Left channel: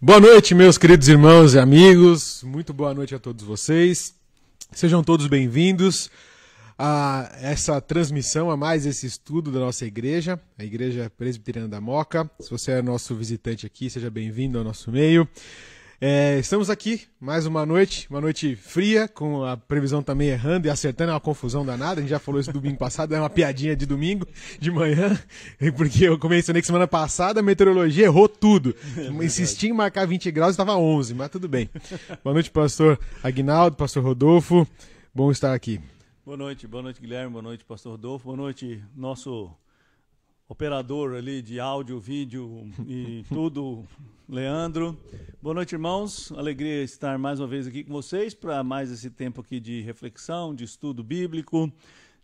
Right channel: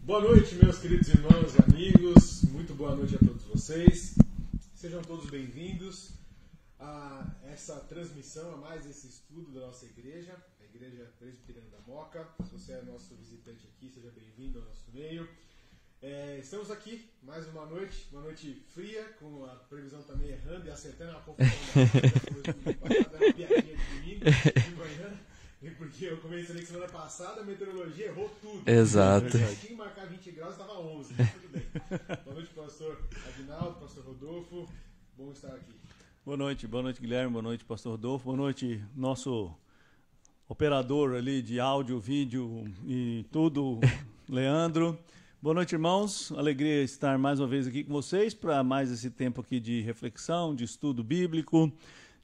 Boa noite, meus queridos irmãos e amigos. Muito boa noite a todos vocês. Sejam todos bem-vindos a essa transmissão, a mais esse estudo da nossa igreja, a Igreja Presbiteriana da Moca. Se você é nosso visitante aqui, seja bem-vindo ao nosso meio. Estamos aqui mais uma noite fria, com a previsão também errando e acertando, é uma confusão danada. A gente já falou isso no domingo passado, é uma piadinha de domingo, de manhã, porque eu mencionei que semana passada a meteorologia errou tudo. Exato. Eu insisti em marcar 20 graus e estava 11, mas tudo bem. Boa noite, pastor Aguinaldo, pastor Rodolfo, bom estar aqui. Boa noite, Guilherme, boa noite, pastor Rodolfo, boa noite, nosso operador ali de áudio, vídeo e tudo, Leandro. Boa noite, irmãos. Alegria estar mais uma vez aqui com vocês para mais esse tempo aqui de reflexão, de estudo bíblico,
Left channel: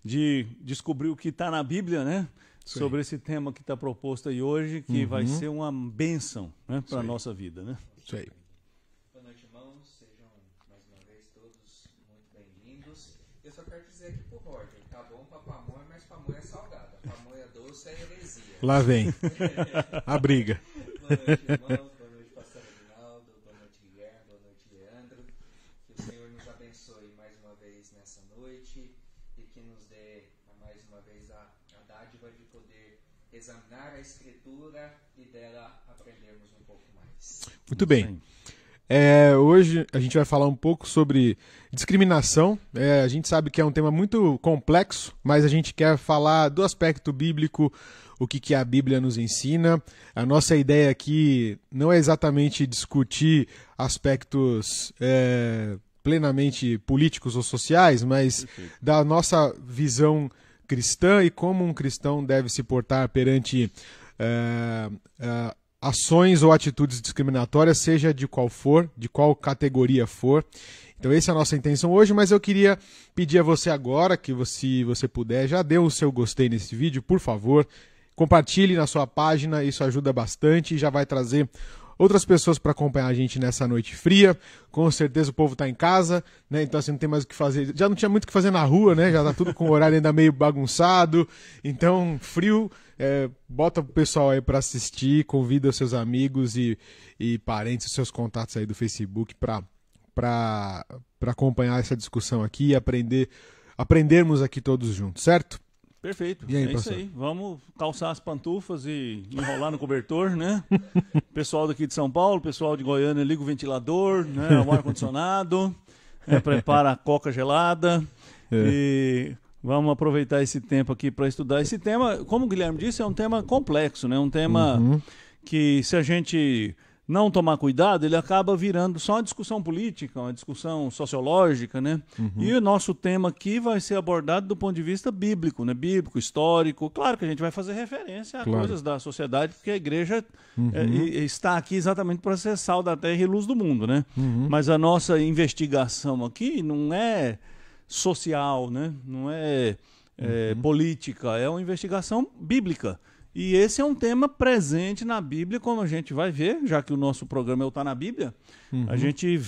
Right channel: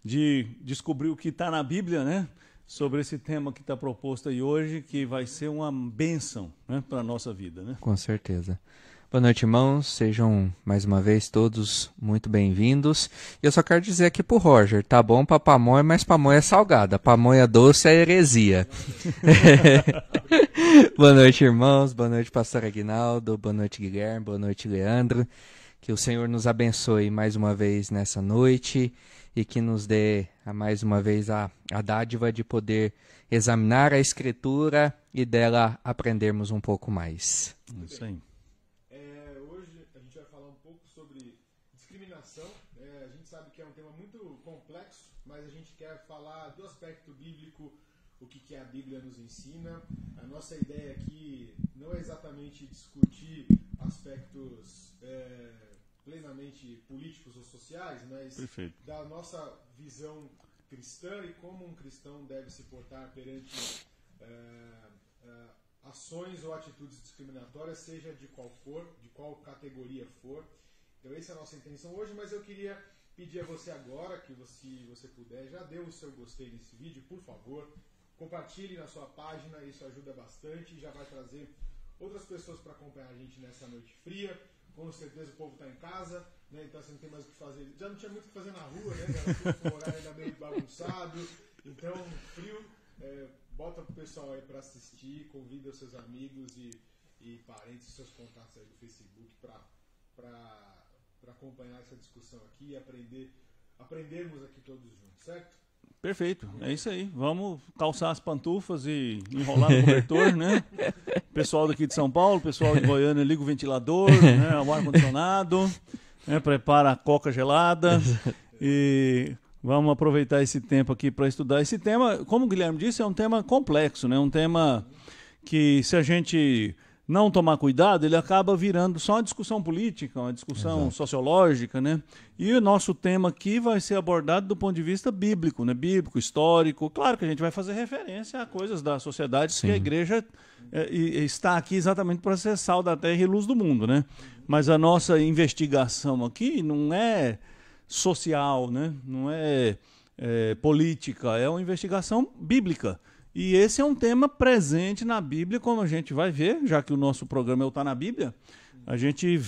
de descobrir o que está na Bíblia, né? Sim. Sobre esse tema que está proposto aí hoje, que vai ser uma bênção, né, para a nossa vida, né? Com certeza. Boa noite, irmãos. Sejam mais uma vez todos muito bem-vindos. Eu só quero dizer aqui pro Roger, tá bom pra pamonha, mas pamonha é salgada. Pamonha doce é heresia. Lá vem. A briga. Boa noite, irmãos. Boa noite, pastor Aguinaldo. Boa noite, Guilherme. Boa noite, Leandro. Que o Senhor nos abençoe mais uma vez nessa noite e que nos dê mais uma vez a dádiva de poder examinar a Escritura e dela aprendermos um pouco mais. Muito bem. Hoje a gente vai falar um pouco sobre discriminação. A gente sabe que é um tema muito complexo, mas a gente quer falar do aspecto bíblico, o que a Bíblia nos ensina. A nossa ideia aqui não é exatamente discutir aspectos plenamente políticos ou sociais, mas da nossa visão cristã e como um cristão deve se portar perante ações ou atitudes discriminatórias, seja de qual for, de qual categoria for. Então essa é a nossa intenção hoje, mas eu queria pedir a você agora, que se você puder, já dê o seu gostei nesse vídeo, por favor. Compartilhe na sua página, isso ajuda bastante e já vai trazer outras pessoas para acompanhar a gente nessa noite fria. Com certeza o povo está em casa, né? Então assim, não tem mais o que fazer. Já não tinha muito o que fazer na rua, né? Já está tudo com o horário ainda meio bagunçado. Então, frio... bota o pessoal aí para assistir, convida os seus amigos e parentes, os seus contatos aí do Facebook para acompanhar essa discussão aqui e aprendermos aqui todos juntos, certo? Perfeito, aí, isso aí. Vamos calçar as pantufas e enrolar no cobertor, né? Pessoal daqui de São Paulo, pessoal de Goiânia, liga o ventilador, né? O ar-condicionado, prepara a coca gelada e... Vamos aproveitar esse tempo aqui para estudar esse tema. Como o Guilherme disse, é um tema complexo, né? Um tema que, se a gente não tomar cuidado, ele acaba virando só uma discussão política, uma discussão sociológica, né? E o nosso tema aqui vai ser abordado do ponto de vista bíblico, né? Bíblico, histórico. Claro que a gente vai fazer referência a coisas da sociedade, que a igreja está aqui exatamente para ser sal da terra e luz do mundo, né? Mas a nossa investigação aqui não é social, né? Não é política, é uma investigação bíblica. E esse é um tema presente na Bíblia, como a gente vai ver, já que o nosso programa é o Tá na Bíblia, a gente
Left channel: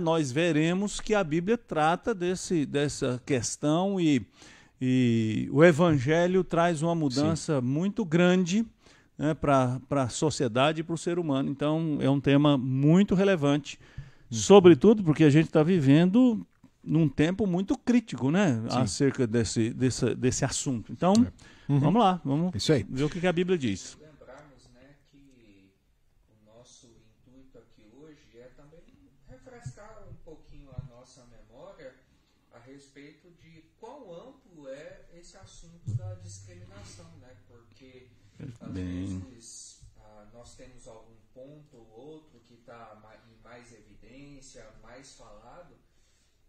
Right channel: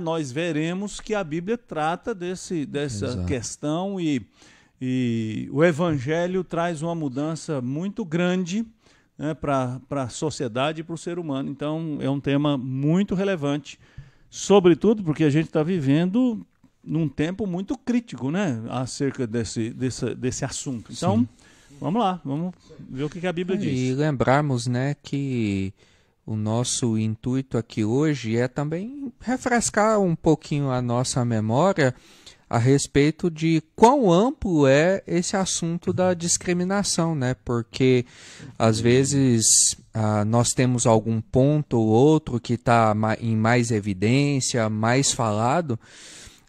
nós veremos que a Bíblia trata dessa questão e o Evangelho traz uma mudança muito grande, né, para a sociedade e para o ser humano. Então, é um tema muito relevante, sobretudo porque a gente está vivendo num tempo muito crítico, né, acerca desse assunto. Então, vamos lá, vamos ver o que a Bíblia diz. E lembrarmos, né, que o nosso intuito aqui hoje é também refrescar um pouquinho a nossa memória a respeito de quão amplo é esse assunto da discriminação, né, porque às vezes nós temos algum ponto ou outro que está em mais evidência, mais falado,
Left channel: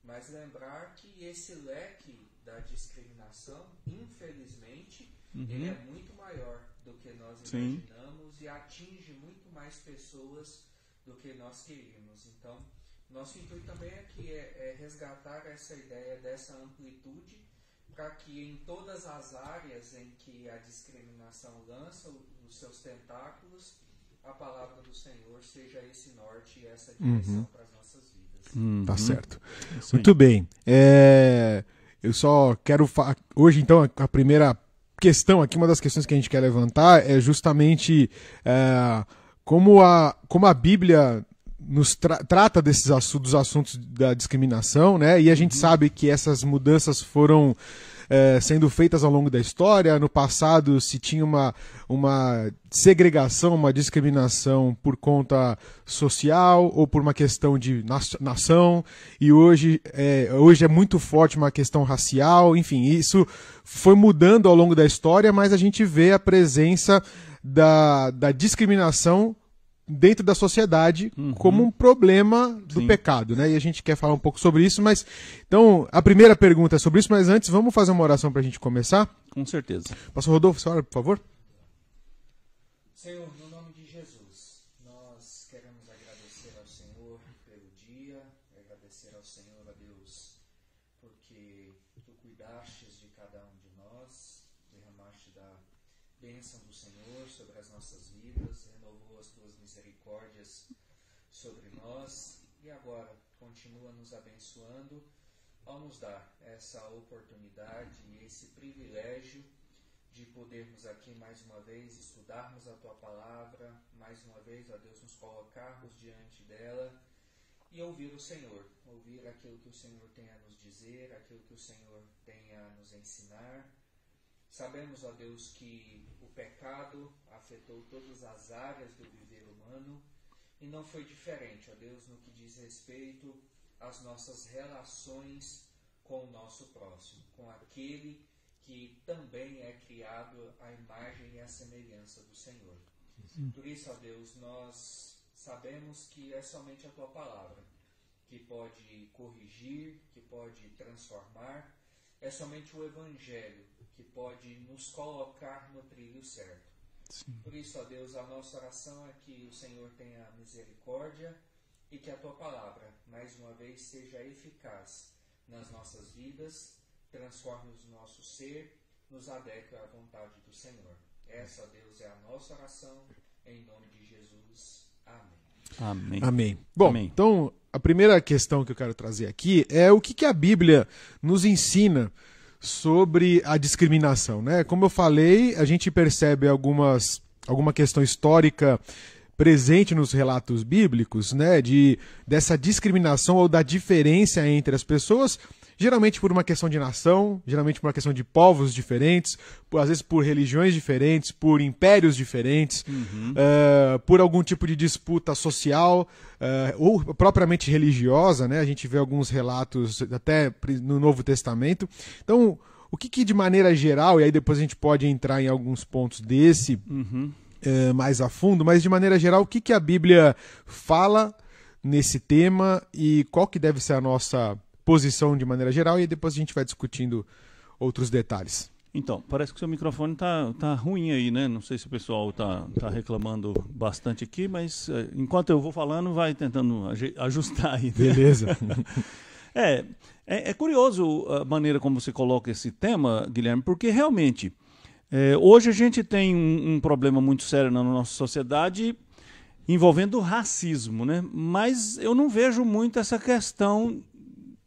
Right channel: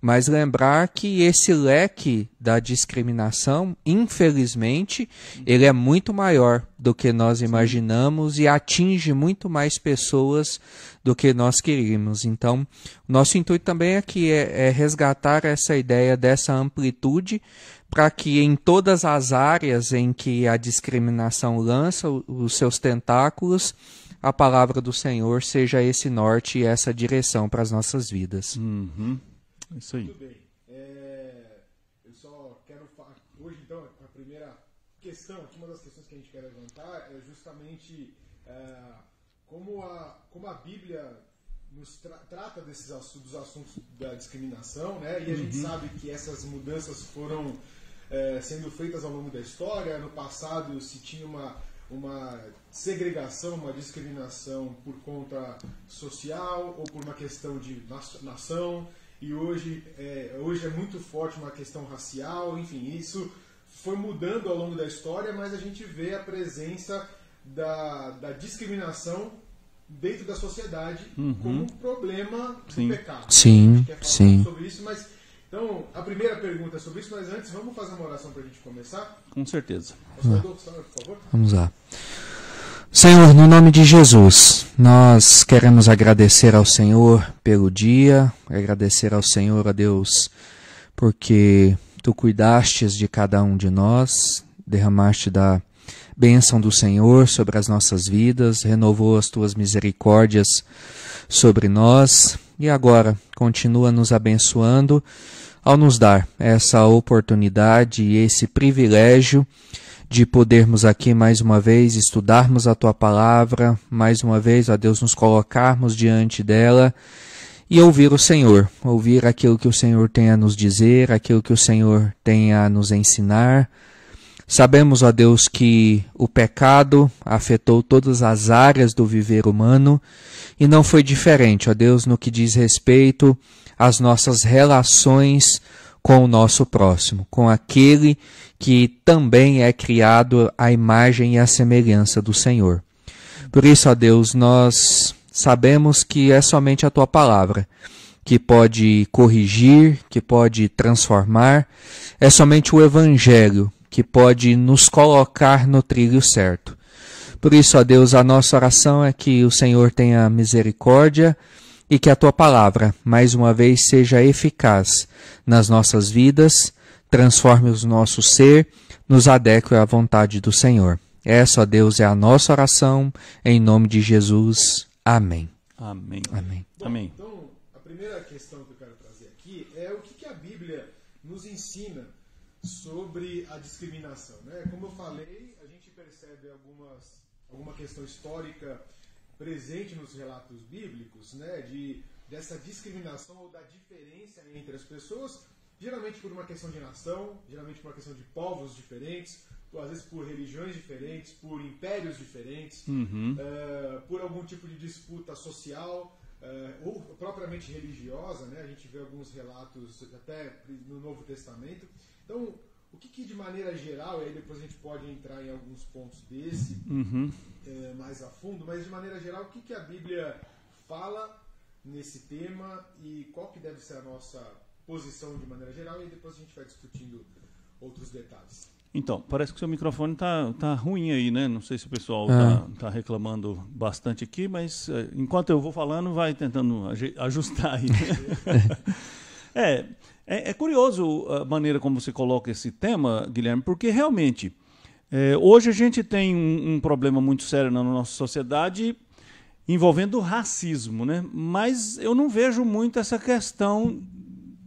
mas lembrar que esse leque da discriminação, infelizmente, ele é muito maior do que nós imaginamos e atinge muito mais pessoas do que nós queríamos. Então, nosso intuito também aqui é resgatar essa ideia dessa amplitude para que em todas as áreas em que a discriminação lança os seus tentáculos, a palavra do Senhor seja esse norte e essa direção para as nossas vidas. Tá certo. Muito bem. Eu só quero... Hoje, então, a primeira questão aqui, uma das questões que a gente quer levantar é justamente como a Bíblia nos trata dos assuntos da discriminação, né? E a gente sabe que essas mudanças foram sendo feitas ao longo da história. No passado se tinha uma segregação, uma discriminação por conta social ou por uma questão de nação, e hoje é muito forte uma questão racial. Enfim, isso foi mudando ao longo da história, mas a gente vê a presença da discriminação dentro da sociedade como um problema do pecado, né? E a gente quer falar um pouco sobre isso, mas então a primeira pergunta é sobre isso, mas antes vamos fazer uma oração para a gente começar? Com certeza. Pastor Rodolfo, senhora, por favor. Vamos lá. Senhor, no nome de Jesus, nós queremos agradecer ao Senhor pelo dia, agradecer ao Senhor, a Deus, porque Tu cuidastes de cada um de nós, derramaste da bênção do Senhor sobre as nossas vidas, renovou as Tuas misericórdias sobre nós e agora continua nos abençoando ao nos dar essa oportunidade e esse privilégio de podermos aqui mais uma vez estudarmos a Tua Palavra, mais uma vez, ó Deus, nos colocarmos diante dela e ouvir o Senhor, ouvir aquilo que o Senhor tem a nos dizer, aquilo que o Senhor tem a nos ensinar. Sabemos, ó Deus, que o pecado afetou todas as áreas do viver humano e não foi diferente, ó Deus, no que diz respeito às nossas relações com o nosso próximo, com aquele que também é criado à imagem e à semelhança do Senhor. Por isso, ó Deus, nós sabemos que é somente a Tua Palavra que pode corrigir, que pode transformar, é somente o Evangelho que pode nos colocar no trilho certo. Por isso, ó Deus, a nossa oração é que o Senhor tenha misericórdia e que a Tua Palavra, mais uma vez, seja eficaz nas nossas vidas, transforme o nosso ser, nos adeque à vontade do Senhor. Essa, ó Deus, é a nossa oração, em nome de Jesus. Amém. Amém. Amém. Bom, Amém. Então, a primeira questão que eu quero trazer aqui é o que a Bíblia nos ensina sobre a discriminação, né? Como eu falei, a gente percebe alguma questão histórica presente nos relatos bíblicos, né? Dessa discriminação ou da diferença entre as pessoas, geralmente por uma questão de nação, geralmente por uma questão de povos diferentes, às vezes por religiões diferentes, por impérios diferentes, por algum tipo de disputa social ou propriamente religiosa, né? A gente vê alguns relatos até no Novo Testamento. Então, o que de maneira geral, e aí depois a gente pode entrar em alguns pontos desse mais a fundo, mas de maneira geral, o que a Bíblia fala nesse tema e qual que deve ser a nossa posição de maneira geral, e depois a gente vai discutindo outros detalhes. Então, parece que o seu microfone tá ruim aí, né? Não sei se o pessoal tá reclamando bastante aqui, mas enquanto eu vou falando, vai tentando ajustar aí. Beleza. É curioso a maneira como você coloca esse tema, Guilherme, porque realmente hoje a gente tem um problema muito sério na nossa sociedade envolvendo o racismo, né? Mas eu não vejo muito essa questão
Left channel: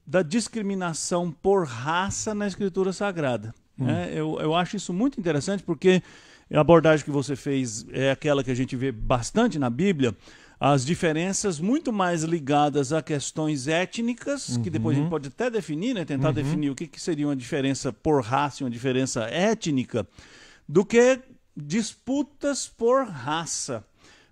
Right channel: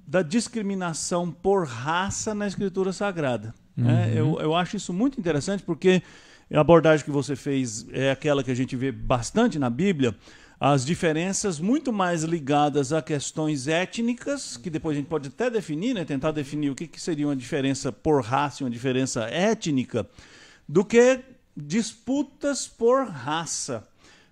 da discriminação por raça na Escritura Sagrada. Eu acho isso muito interessante, porque a abordagem que você fez é aquela que a gente vê bastante na Bíblia, as diferenças muito mais ligadas a questões étnicas, que depois a gente pode até definir, né, tentar definir o que seria uma diferença por raça e uma diferença étnica, do que disputas por raça.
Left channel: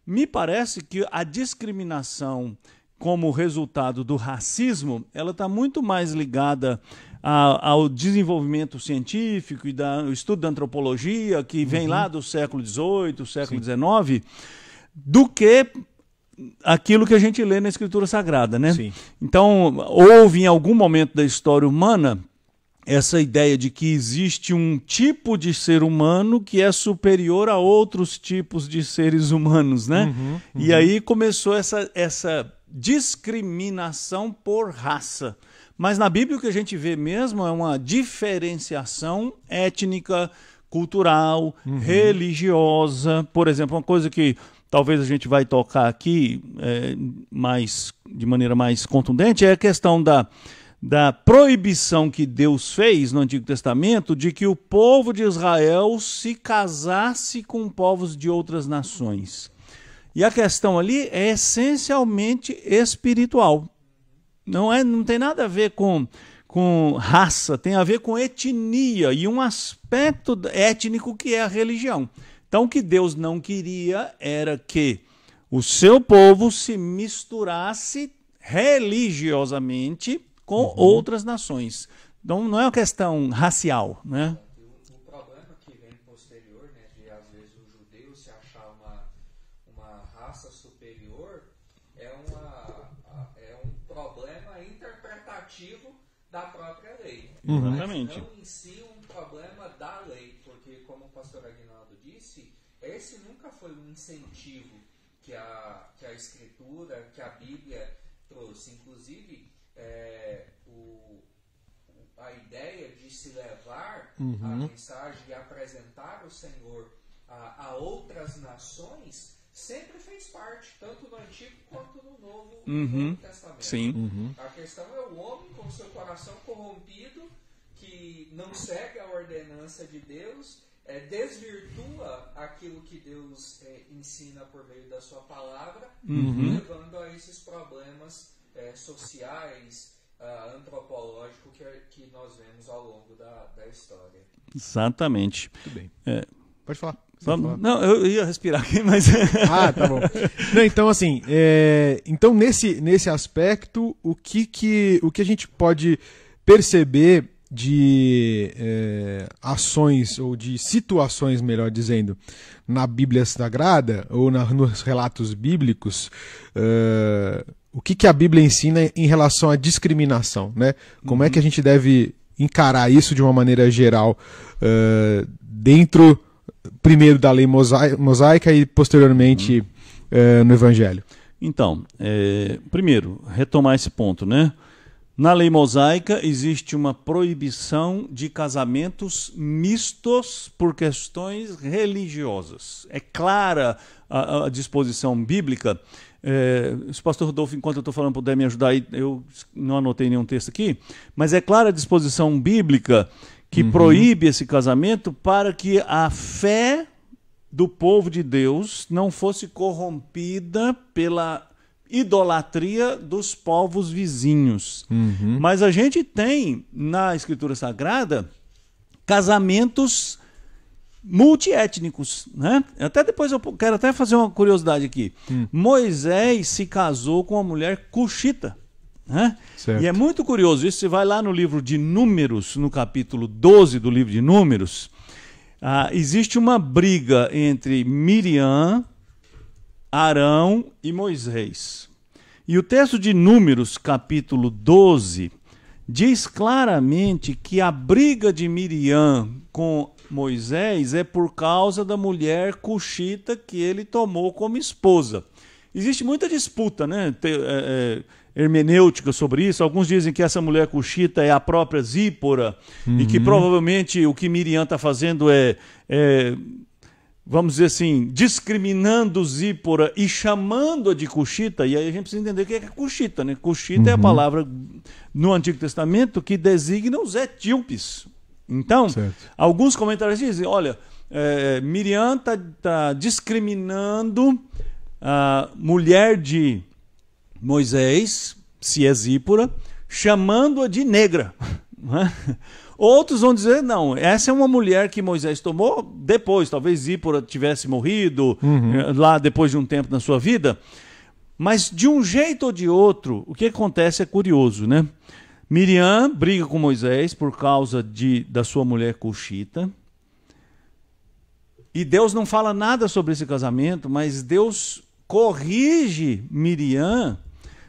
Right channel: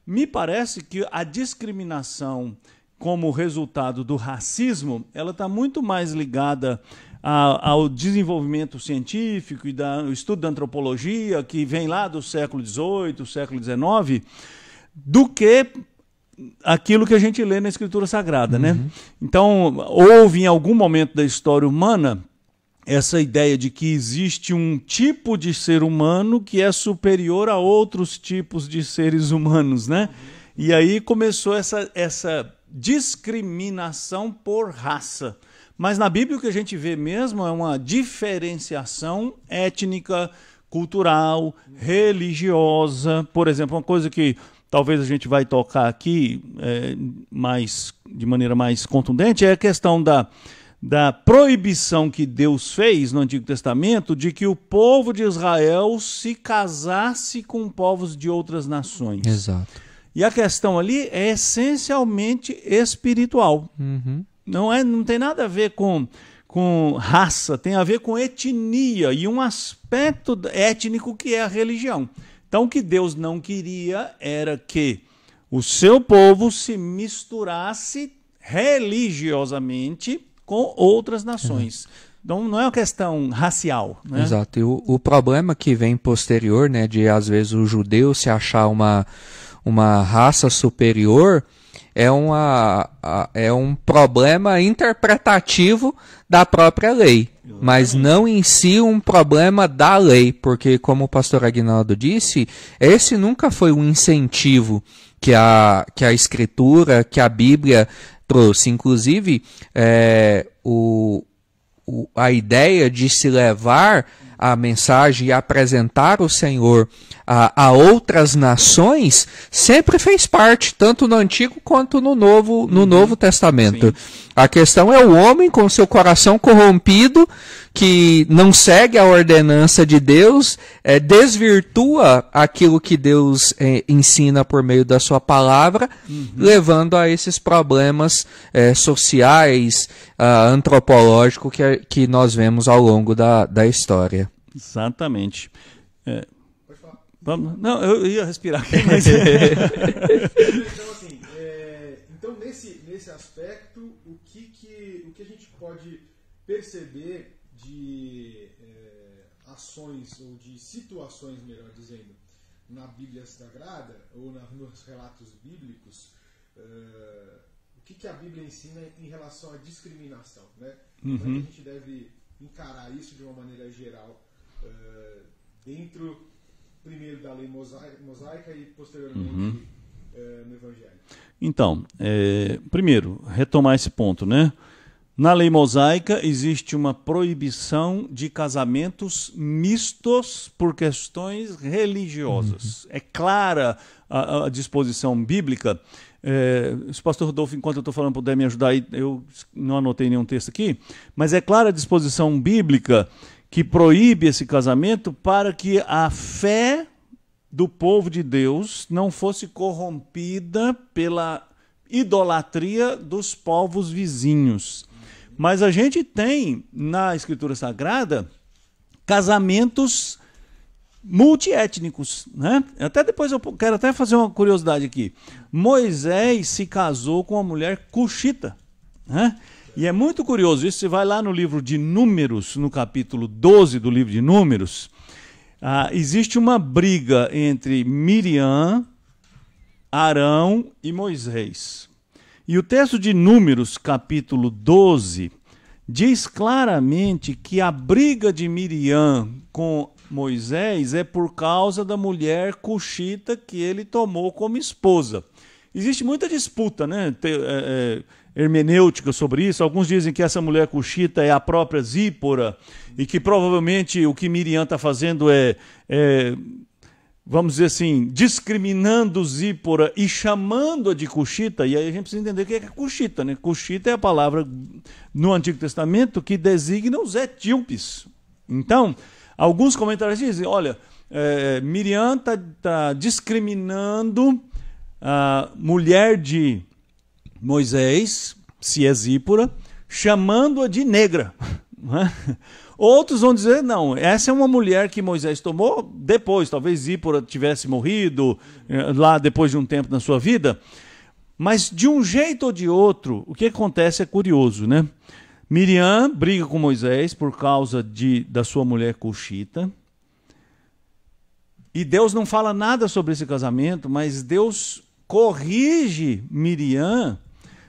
Me parece que a discriminação como resultado do racismo, ela está muito mais ligada ao desenvolvimento científico e do estudo da antropologia, que vem lá do século XVIII, século XIX, do que aquilo que a gente lê na Escritura Sagrada, né? Sim. Então, houve em algum momento da história humana essa ideia de que existe um tipo de ser humano que é superior a outros tipos de seres humanos, né? E aí começou essa discriminação por raça. Mas na Bíblia o que a gente vê mesmo é uma diferenciação étnica, cultural, religiosa. Por exemplo, uma coisa que talvez a gente vai tocar aqui de maneira mais contundente é a questão da proibição que Deus fez no Antigo Testamento de que o povo de Israel se casasse com povos de outras nações. Exato. E a questão ali é essencialmente espiritual. Não tem nada a ver com raça, tem a ver com etnia e um aspecto étnico que é a religião. Então, o que Deus não queria era que o seu povo se misturasse religiosamente com outras nações. Então, não é uma questão racial, né? Exato. E o problema que vem posterior, né, de às vezes o judeu se achar uma raça superior, é um problema interpretativo da própria lei, mas não em si um problema da lei, porque, como o pastor Aguinaldo disse, esse nunca foi um incentivo que a Escritura, que a Bíblia trouxe. Inclusive, a ideia de se levar a mensagem e apresentar o Senhor a outras nações sempre fez parte, tanto no Antigo quanto no Novo Testamento. A questão é o homem com seu coração corrompido, que não segue a ordenança de Deus, desvirtua aquilo que Deus ensina por meio da sua palavra, levando a esses problemas sociais, antropológicos que nós vemos ao longo da história. Exatamente. Pode falar. Vamos? Não, eu ia respirar aqui, mas... Tá bom. Não, então, assim, então nesse aspecto, o que a gente pode perceber de ações, ou de situações, melhor dizendo, na Bíblia Sagrada, ou nos relatos bíblicos, o que a Bíblia ensina em relação à discriminação, né? Como é que a gente deve encarar isso de uma maneira geral, dentro... primeiro da lei mosaica e posteriormente no Evangelho? Então, primeiro, retomar esse ponto, né? Na lei mosaica existe uma proibição de casamentos mistos por questões religiosas. É clara a disposição bíblica. Se o pastor Rodolfo, enquanto eu estou falando, puder me ajudar aí, eu não anotei nenhum texto aqui, mas é clara a disposição bíblica que proíbe esse casamento para que a fé do povo de Deus não fosse corrompida pela idolatria dos povos vizinhos. Mas a gente tem na Escritura Sagrada casamentos multiétnicos, né? Até depois eu quero até fazer uma curiosidade aqui. Moisés se casou com uma mulher cuxita. E é muito curioso isso. Você vai lá no livro de Números, no capítulo 12 do livro de Números, existe uma briga entre Miriam, Arão e Moisés. E o texto de Números, capítulo 12, diz claramente que a briga de Miriam com Moisés é por causa da mulher cuxita que ele tomou como esposa. Existe muita disputa, né? Hermenêutica sobre isso. Alguns dizem que essa mulher cuxita é a própria Zípora e que provavelmente o que Miriam está fazendo vamos dizer assim, discriminando Zípora e chamando-a de cuxita. E aí a gente precisa entender o que é cuxita, né? Cuxita é a palavra no Antigo Testamento que designa os etíopes. Então, alguns comentários dizem, olha, Miriam está discriminando a mulher de Moisés, se é Zípora, chamando-a de negra. Outros vão dizer, não, essa é uma mulher que Moisés tomou depois, talvez Zípora tivesse morrido lá depois de um tempo na sua vida, mas de um jeito ou de outro, o que acontece é curioso, né? Miriam briga com Moisés por causa da sua mulher cuxita, e Deus não fala nada sobre esse casamento, mas Deus corrige Miriam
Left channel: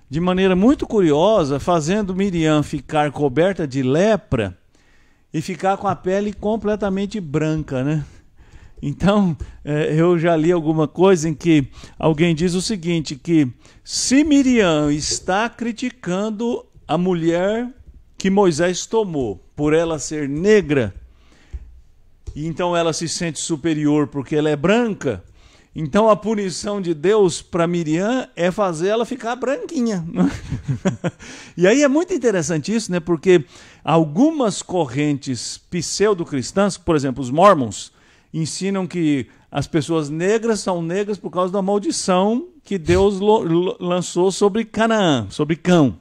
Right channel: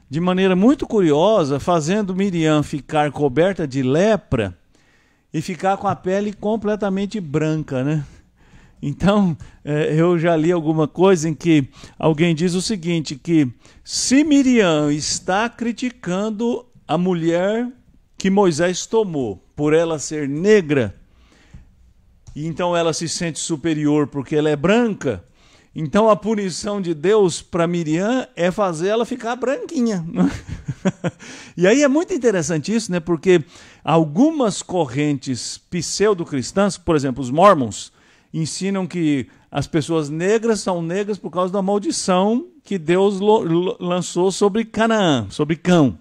de maneira muito curiosa, fazendo Miriam ficar coberta de lepra e ficar com a pele completamente branca, né? Então, eu já li alguma coisa em que alguém diz o seguinte, que se Miriam está criticando a mulher que Moisés tomou por ela ser negra, e então ela se sente superior porque ela é branca, então a punição de Deus para Miriam é fazer ela ficar branquinha. E aí é muito interessante isso, né? Porque algumas correntes pseudo-cristãs, por exemplo, os Mormons, ensinam que as pessoas negras são negras por causa da maldição que Deus lançou sobre Canaã, sobre Cão.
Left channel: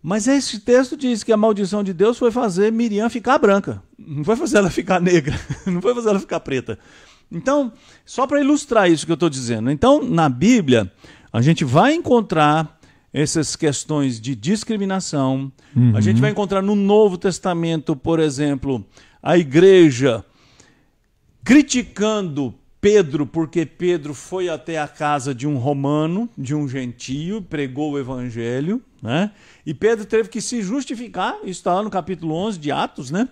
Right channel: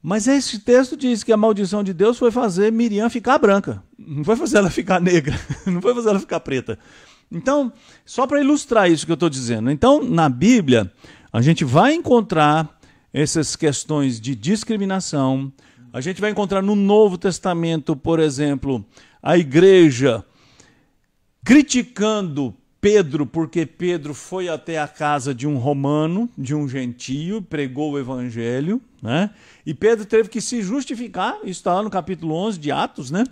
Mas esse texto diz que a maldição de Deus foi fazer Miriam ficar branca. Não foi fazer ela ficar negra. Não foi fazer ela ficar preta. Então, só para ilustrar isso que eu estou dizendo. Então, na Bíblia, a gente vai encontrar essas questões de discriminação. A gente vai encontrar no Novo Testamento, por exemplo, a igreja criticando Pedro, porque Pedro foi até a casa de um romano, de um gentio, pregou o evangelho, né? E Pedro teve que se justificar, isso está lá no capítulo 11 de Atos, né?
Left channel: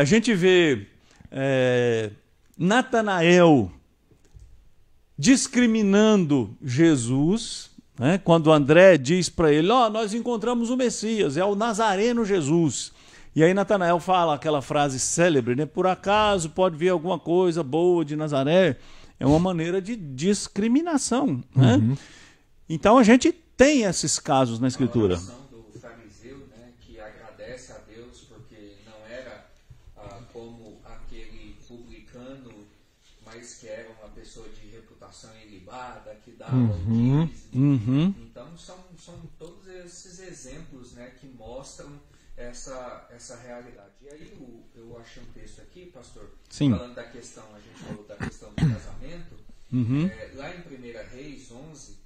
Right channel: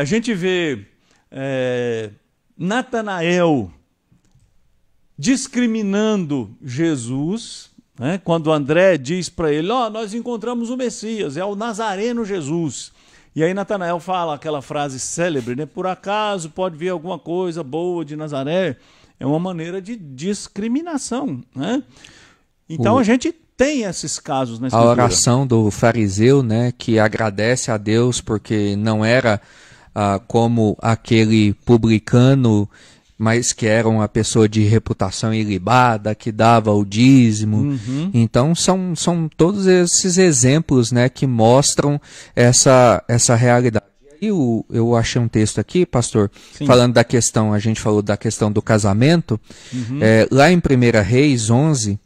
A gente vê Natanael discriminando Jesus, né? Quando André diz para ele, nós encontramos o Messias, é o Nazareno Jesus. E aí Natanael fala aquela frase célebre, né? Por acaso pode vir alguma coisa boa de Nazaré? É uma maneira de discriminação, né? Então a gente tem esses casos na Escritura. A oração do fariseu, né? Que agradece a Deus porque não era como aquele publicano, mas que era uma pessoa de reputação ilibada, que dava o dízimo. Então, são todos esses exemplos, né, que mostram essa realidade. E aí eu achei um texto aqui, pastor, falando da questão, a gente falou da questão do casamento, lá em 1 Reis 11,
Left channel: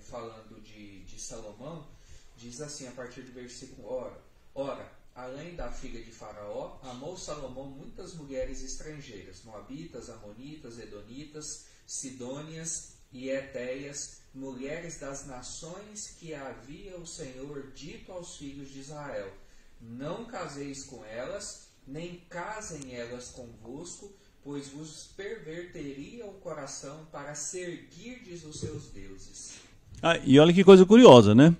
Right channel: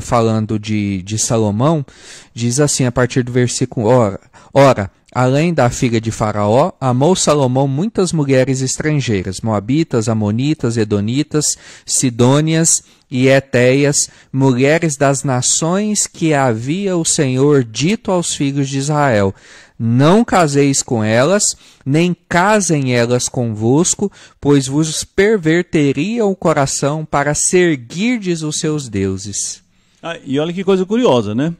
falando de Salomão, diz assim, a partir do versículo, ora, além da filha de Faraó, amou Salomão muitas mulheres estrangeiras, moabitas, amonitas, edonitas, sidônias e etéias, mulheres das nações que havia o Senhor dito aos filhos de Israel. Não caseis com elas, nem casem elas convosco, pois vos perverteria o coração para seguirdes os seus deuses. E olha que coisa curiosa, né?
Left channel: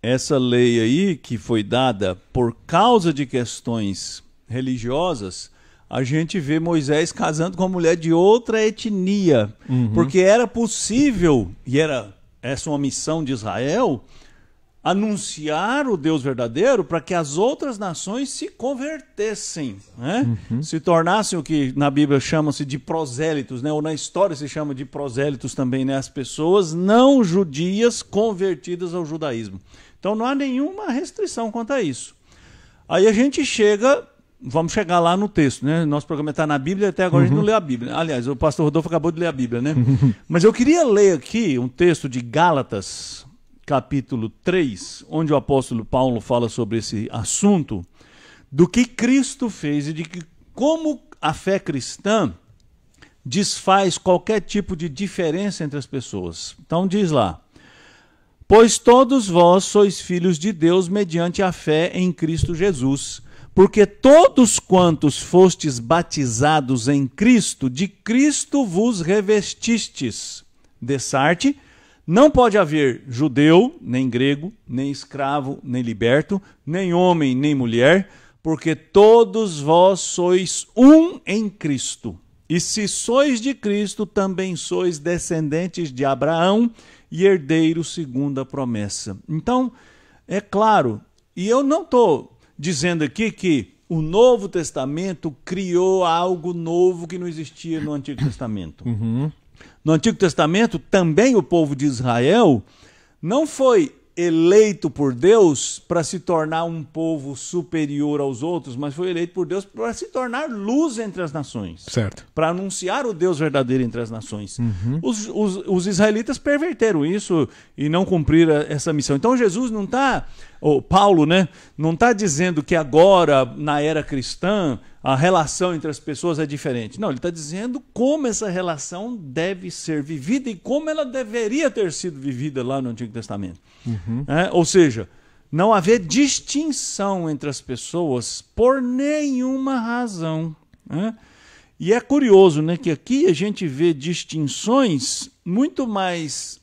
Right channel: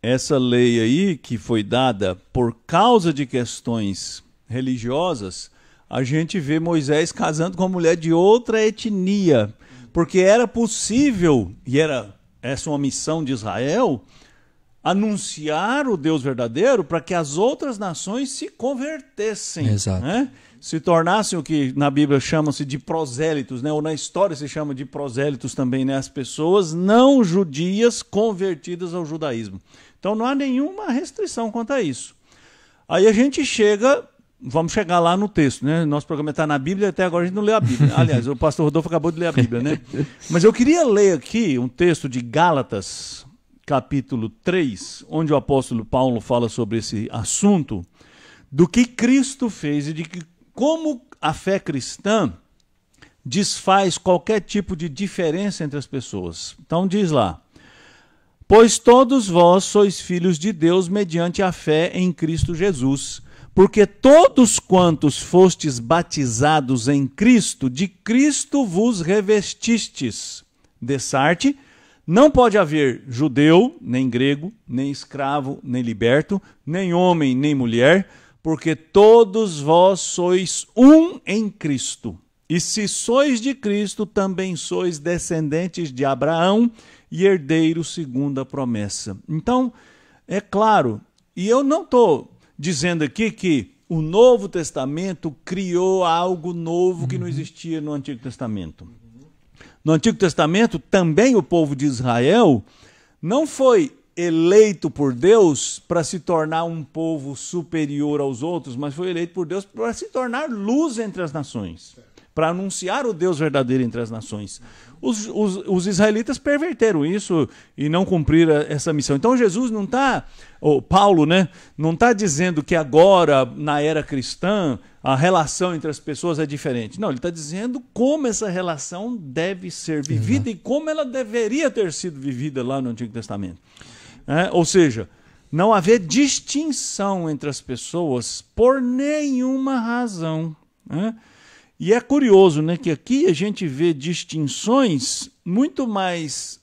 Essa lei aí, que foi dada por causa de questões religiosas, a gente vê Moisés casando com uma mulher de outra etnia, porque era possível, e era essa uma missão de Israel, anunciar o Deus verdadeiro para que as outras nações se convertessem, né? Se tornassem o que na Bíblia chama-se de prosélitos, né? Ou na história se chama de prosélitos também, né? As pessoas não judias convertidas ao judaísmo. Então não há nenhuma restrição quanto a isso. Aí a gente vamos chegar lá no texto, né? Nosso programa está na Bíblia, até agora a gente não lê a Bíblia. Aliás, o pastor Rodolfo acabou de ler a Bíblia, né? Mas eu queria ler aqui um texto de Gálatas, capítulo 3, onde o apóstolo Paulo fala sobre esse assunto, do que Cristo fez e de que como a fé cristã desfaz qualquer tipo de diferença entre as pessoas. Então diz lá, pois todos vós sois filhos de Deus mediante a fé em Cristo Jesus, porque todos quantos fostes batizados em Cristo, de Cristo vos revestistes. Dessarte, não pode haver judeu, nem grego, nem escravo, nem liberto, nem homem, nem mulher, porque todos vós sois um em Cristo. E se sois de Cristo, também sois descendentes de Abraão e herdeiros segundo a promessa. Então, é claro, e eu não estou dizendo aqui que o Novo Testamento criou algo novo que não existia no Antigo Testamento. No Antigo Testamento, também o povo de Israel não foi eleito por Deus para se tornar um povo superior aos outros, mas foi eleito por Deus para se tornar luz entre as nações. Certo. Para anunciar o Deus verdadeiro entre as nações. Os israelitas perverteram isso e não cumpriram essa missão. Então Jesus não está, Paulo, né, não está dizendo que agora, na era cristã, a relação entre as pessoas é diferente. Não, ele está dizendo como essa relação deve ser vivida e como ela deveria ter sido vivida lá no Antigo Testamento. Ou seja, não haver distinção entre as pessoas por nenhuma razão. E é curioso, né, que aqui a gente vê distinções muito mais,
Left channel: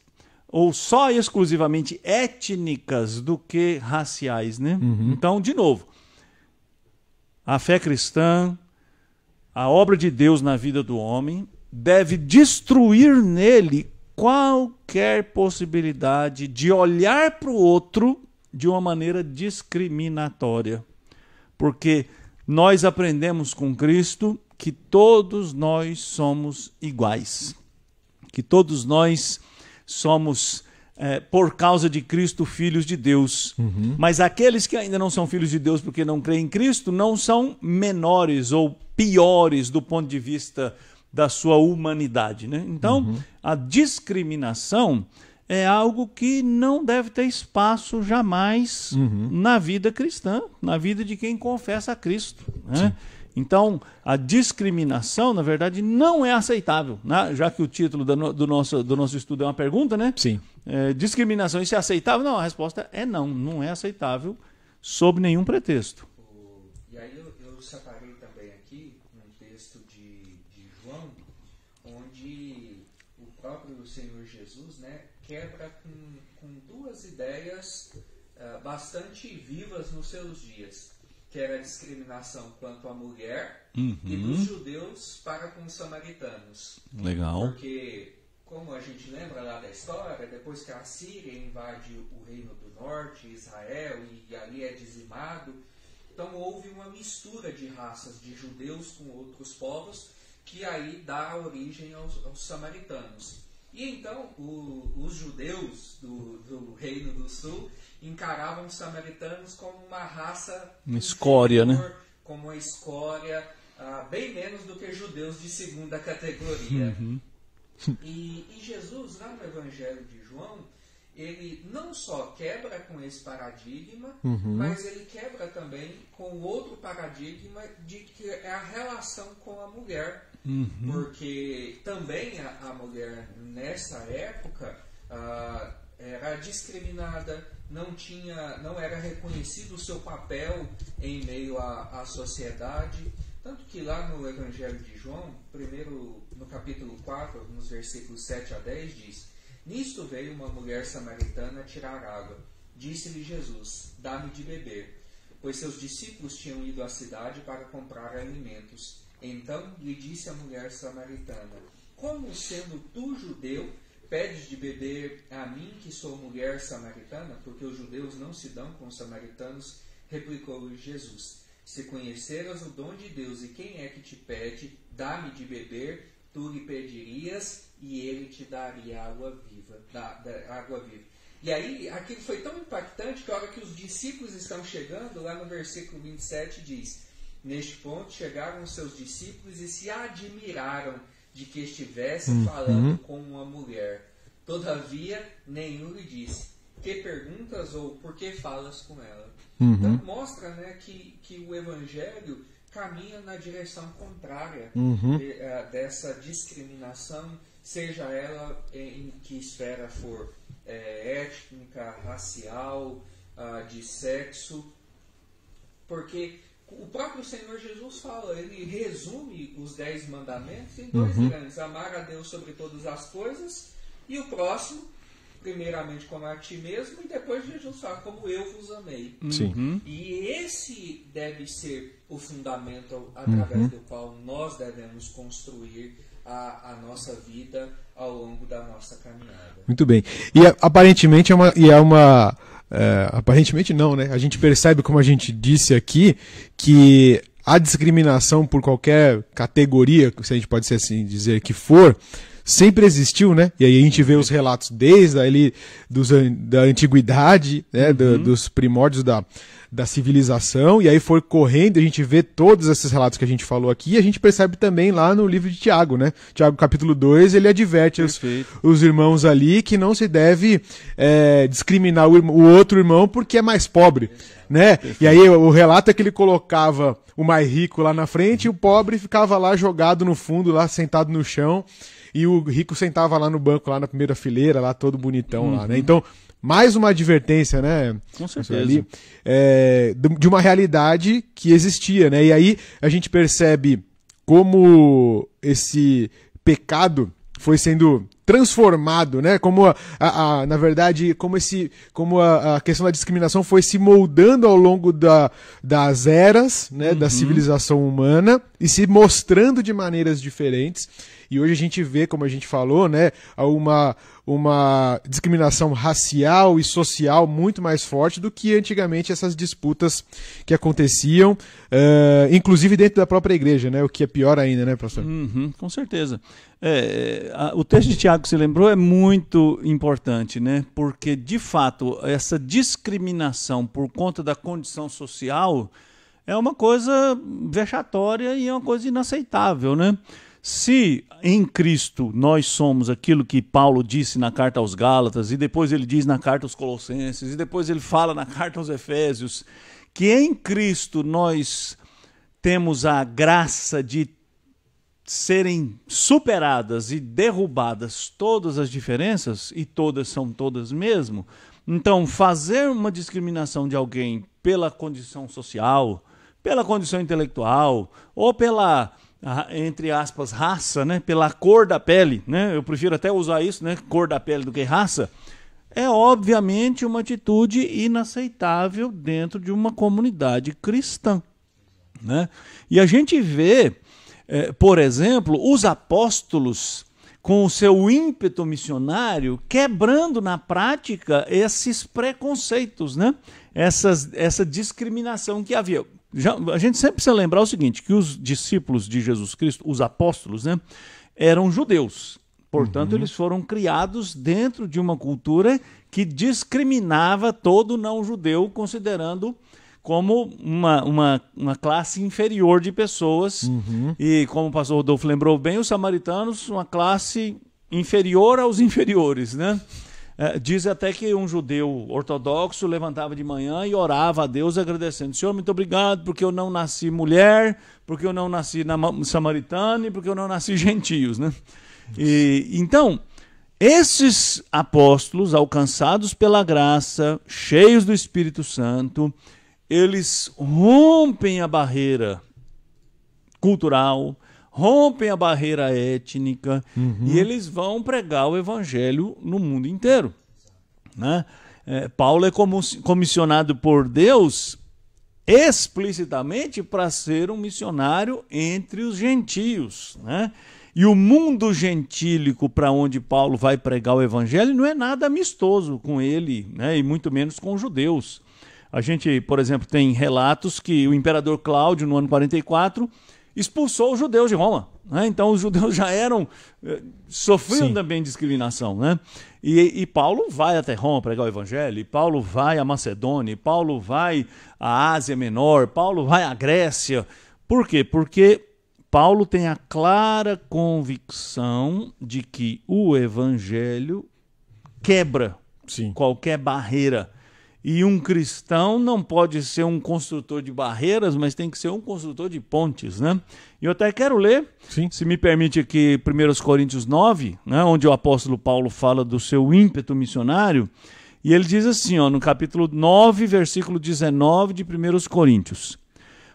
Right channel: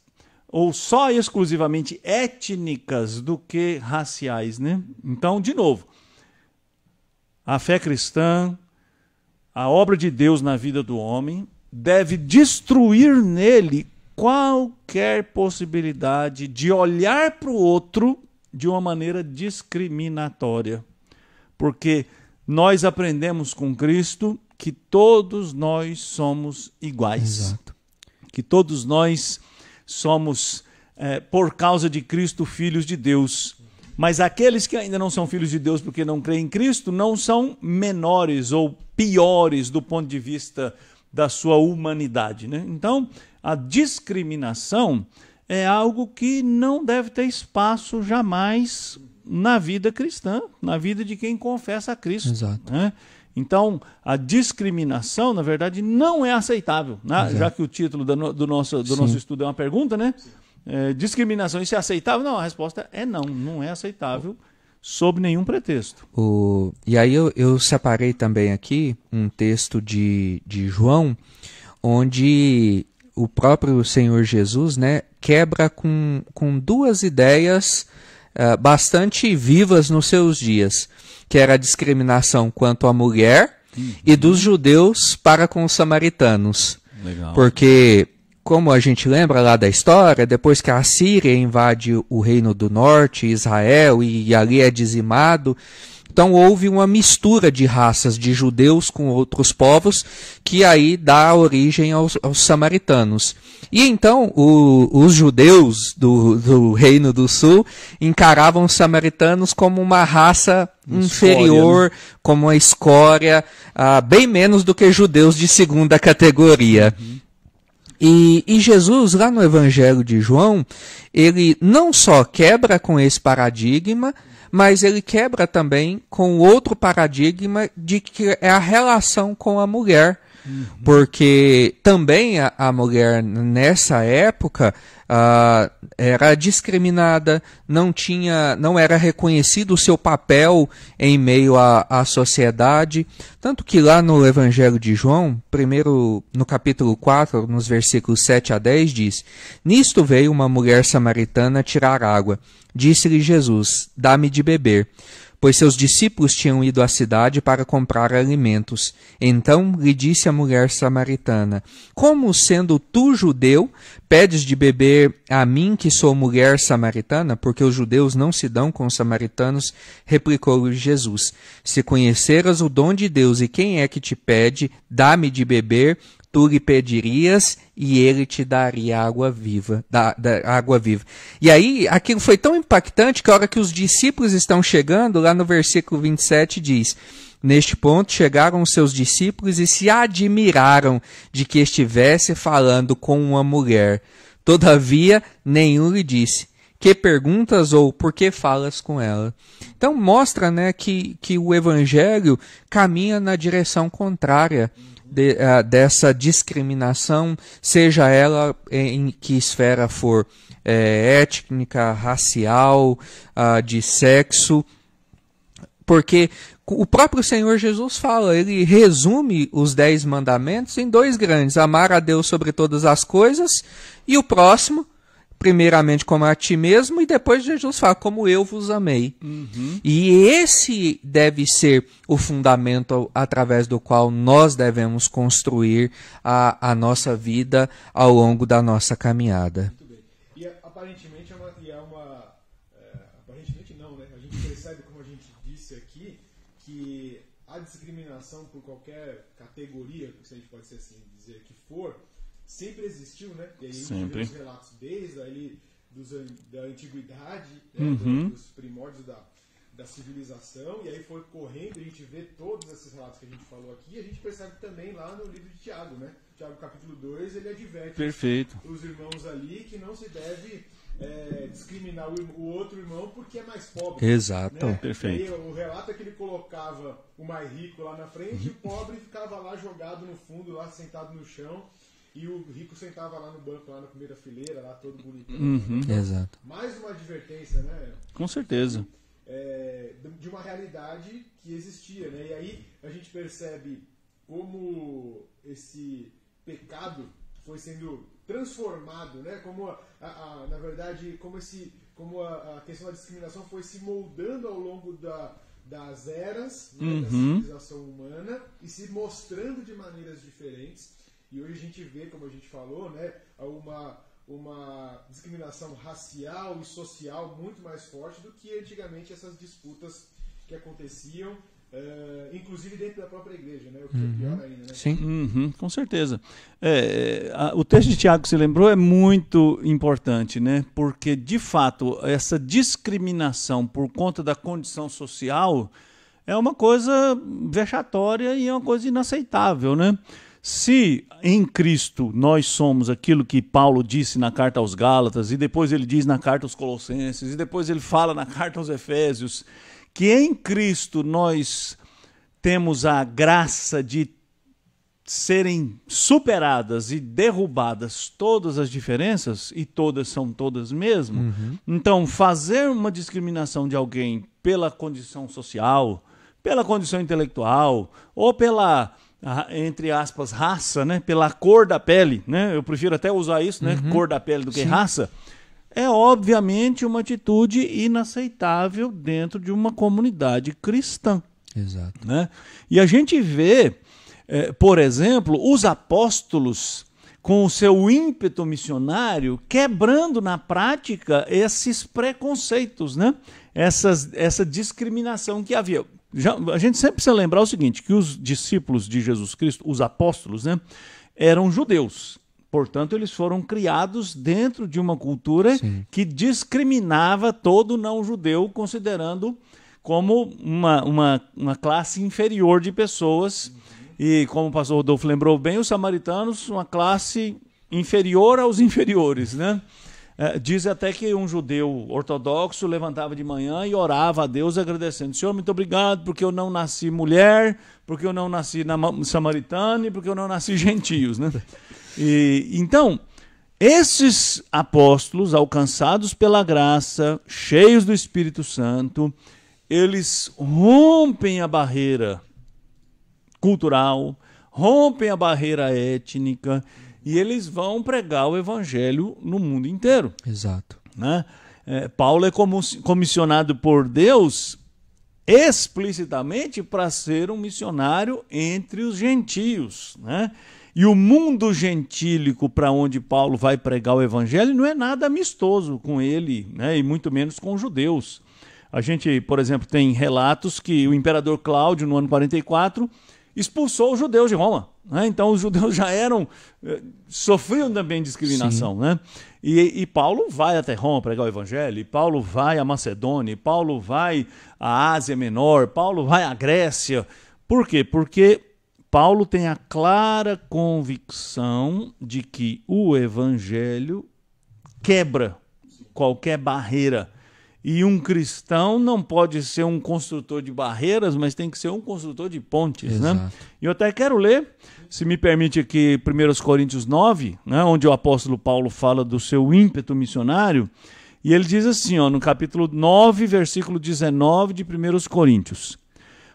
ou só exclusivamente étnicas do que raciais, né? Então, de novo, a fé cristã, a obra de Deus na vida do homem, deve destruir nele qualquer possibilidade de olhar para o outro de uma maneira discriminatória. Porque nós aprendemos com Cristo que todos nós somos iguais. Exato. Que todos nós somos, por causa de Cristo, filhos de Deus. Mas aqueles que ainda não são filhos de Deus porque não creem em Cristo, não são menores ou piores do ponto de vista da sua humanidade, né? Então, a discriminação é algo que não deve ter espaço jamais na vida cristã, na vida de quem confessa a Cristo. Exato, né? Então, a discriminação, na verdade, não é aceitável, né? Já que o título do nosso estudo é uma pergunta, né? Sim. Discriminação, isso é aceitável? Não, a resposta é não, não é aceitável sob nenhum pretexto. E aí eu separei também aqui um texto de João, onde o próprio Senhor Jesus, né, quebra com duas ideias bastante vivas nos seus dias, que era a discriminação quanto à mulher e dos judeus para com os samaritanos. Legal. Porque, como a gente lembra lá da história, depois que a Síria invade o Reino do Norte, Israel, e ali é dizimado, então houve uma mistura de raças de judeus com outros povos, que aí dá origem aos samaritanos. E então os judeus do Reino do Sul encaravam os samaritanos como uma raça inferior, né? Como uma escória, bem menos do que judeus de segunda categoria. E Jesus, lá no Evangelho de João, ele não só quebra com esse paradigma, mas ele quebra também com outro paradigma de que é a relação com a mulher. Porque também a mulher, nessa época, era discriminada, não era reconhecido o seu papel em meio à sociedade. Tanto que lá no Evangelho de João, primeiro no capítulo 4, nos versículos 7 a 10, diz: Nisto veio uma mulher samaritana tirar água. Disse-lhe Jesus: Dá-me de beber. Pois seus discípulos tinham ido à cidade para comprar alimentos. Então lhe disse a mulher samaritana: Como, sendo tu judeu, pedes de beber a mim, que sou mulher samaritana? Porque os judeus não se dão com os samaritanos. Replicou-lhe Jesus: Se conheceras o dom de Deus e quem é que te pede, dá-me de beber, tu lhe pedirias e ele te daria água viva, água viva. E aí, aquilo foi tão impactante que a hora que os discípulos estão chegando, lá no versículo 27 diz: Neste ponto chegaram os seus discípulos e se admiraram de que estivesse falando com uma mulher. Todavia, nenhum lhe disse: Que perguntas ou por que falas com ela? Então mostra, né, que o Evangelho caminha na direção contrária dessa discriminação, seja ela em que esfera for, étnica, racial, de sexo, porque o próprio Senhor Jesus fala, ele resume os 10 mandamentos em 2 grandes: amar a Deus sobre todas as coisas e o próximo primeiramente como a ti mesmo, e depois Jesus fala, como eu vos amei. E esse deve ser o fundamento através do qual nós devemos construir a nossa vida ao longo da nossa caminhada. Muito bem. E aparentemente aparentemente não, né? A gente percebe, como a gente disse aqui, que a discriminação por qualquer categoria, se a gente pode assim dizer que for, sempre existiu, né? E aí a gente vê os relatos desde ali da antiguidade, né? Dos primórdios da civilização, e aí foi correndo, a gente vê todos esses relatos que a gente falou aqui, e a gente percebe também lá no livro de Tiago, né? Tiago capítulo 2, ele adverte os irmãos ali que não se deve discriminar o outro irmão porque é mais pobre. Exato. Né? E aí o relato é que ele colocava o mais rico lá na frente e o pobre ficava lá jogado no fundo, lá sentado no chão. E o rico sentava lá no banco, lá na primeira fileira, lá todo bonitão. Lá, né? Então, mais uma advertência, né? Com certeza. De uma realidade que existia, né? E aí a gente percebe como esse pecado foi sendo transformado, né? Como na verdade, como a questão da discriminação foi se moldando ao longo das eras, né? Da civilização humana e se mostrando de maneiras diferentes. E hoje a gente vê, como a gente falou, né, uma discriminação racial e social muito mais forte do que antigamente essas disputas que aconteciam, inclusive dentro da própria igreja, né, o que é pior ainda, né, pastor? Com certeza. O texto de Tiago que você lembrou é muito importante, né, porque, de fato, essa discriminação por conta da condição social é uma coisa vexatória e é uma coisa inaceitável, né? Se em Cristo nós somos aquilo que Paulo disse na carta aos Gálatas, e depois ele diz na carta aos Colossenses, e depois ele fala na carta aos Efésios, que em Cristo nós temos a graça de serem superadas e derrubadas todas as diferenças, e todas são todas mesmo, então fazer uma discriminação de alguém pela condição social, pela condição intelectual, ou pela, entre aspas, raça, né? Pela cor da pele, né? Eu prefiro até usar isso, né? Cor da pele do que raça. É obviamente uma atitude inaceitável dentro de uma comunidade cristã. Exato. Né? E a gente vê, por exemplo, os apóstolos com o seu ímpeto missionário quebrando na prática esses preconceitos, né? Essa discriminação que havia. A gente sempre precisa lembrar o seguinte, que os discípulos de Jesus Cristo, os apóstolos, né, eram judeus. Portanto, eles foram criados dentro de uma cultura que discriminava todo não-judeu, considerando como uma classe inferior de pessoas. E, como o pastor Rodolfo lembrou bem, os samaritanos, uma classe inferior aos inferiores, né? Diz até que um judeu ortodoxo levantava de manhã e orava a Deus agradecendo: Senhor, muito obrigado porque eu não nasci mulher, porque eu não nasci samaritana e porque eu não nasci gentios, né? E, então, esses apóstolos alcançados pela graça, cheios do Espírito Santo, eles rompem a barreira cultural, rompem a barreira étnica e eles vão pregar o evangelho no mundo inteiro. Exato. Né? Paulo é comissionado por Deus explicitamente para ser um missionário entre os gentios. Né? E o mundo gentílico para onde Paulo vai pregar o evangelho não é nada amistoso com ele, né? E muito menos com os judeus. A gente, por exemplo, tem relatos que o imperador Cláudio, no ano 44, expulsou os judeus de Roma. Né? Então os judeus já sofriam também discriminação. Né? E Paulo vai até Roma pregar o evangelho, e Paulo vai à Macedônia, e Paulo vai à Ásia Menor, Paulo vai à Grécia. Por quê? Porque Paulo tem a clara convicção de que o evangelho quebra qualquer barreira. E um cristão não pode ser um construtor de barreiras, mas tem que ser um construtor de pontes. Né? E eu até quero ler, se me permite aqui, 1 Coríntios 9, né, onde o apóstolo Paulo fala do seu ímpeto missionário. E ele diz assim, no capítulo 9, versículo 19 de 1 Coríntios:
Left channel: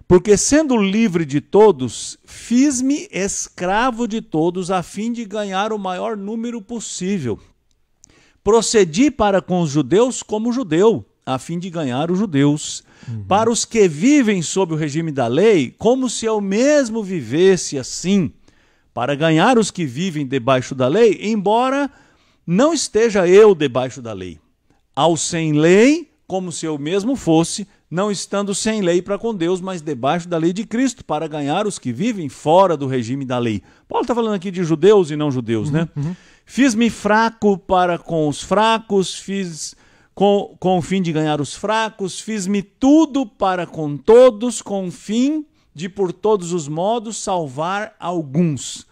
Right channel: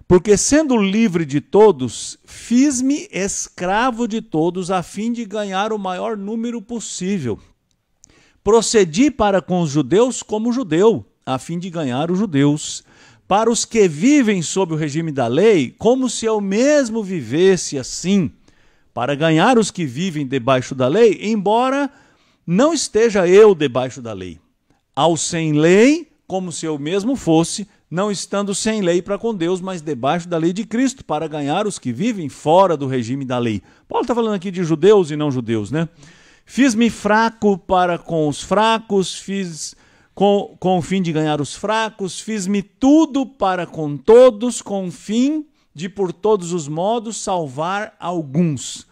Porque sendo livre de todos, fiz-me escravo de todos a fim de ganhar o maior número possível. Procedi para com os judeus como judeu, a fim de ganhar os judeus. Para os que vivem sob o regime da lei, como se eu mesmo vivesse assim, para ganhar os que vivem debaixo da lei, embora não esteja eu debaixo da lei. Ao sem lei, como se eu mesmo fosse, não estando sem lei para com Deus, mas debaixo da lei de Cristo, para ganhar os que vivem fora do regime da lei. Paulo está falando aqui de judeus e não judeus, né? Fiz-me fraco para com os fracos, fiz com o fim de ganhar os fracos, fiz-me tudo para com todos, com o fim de, por todos os modos, salvar alguns.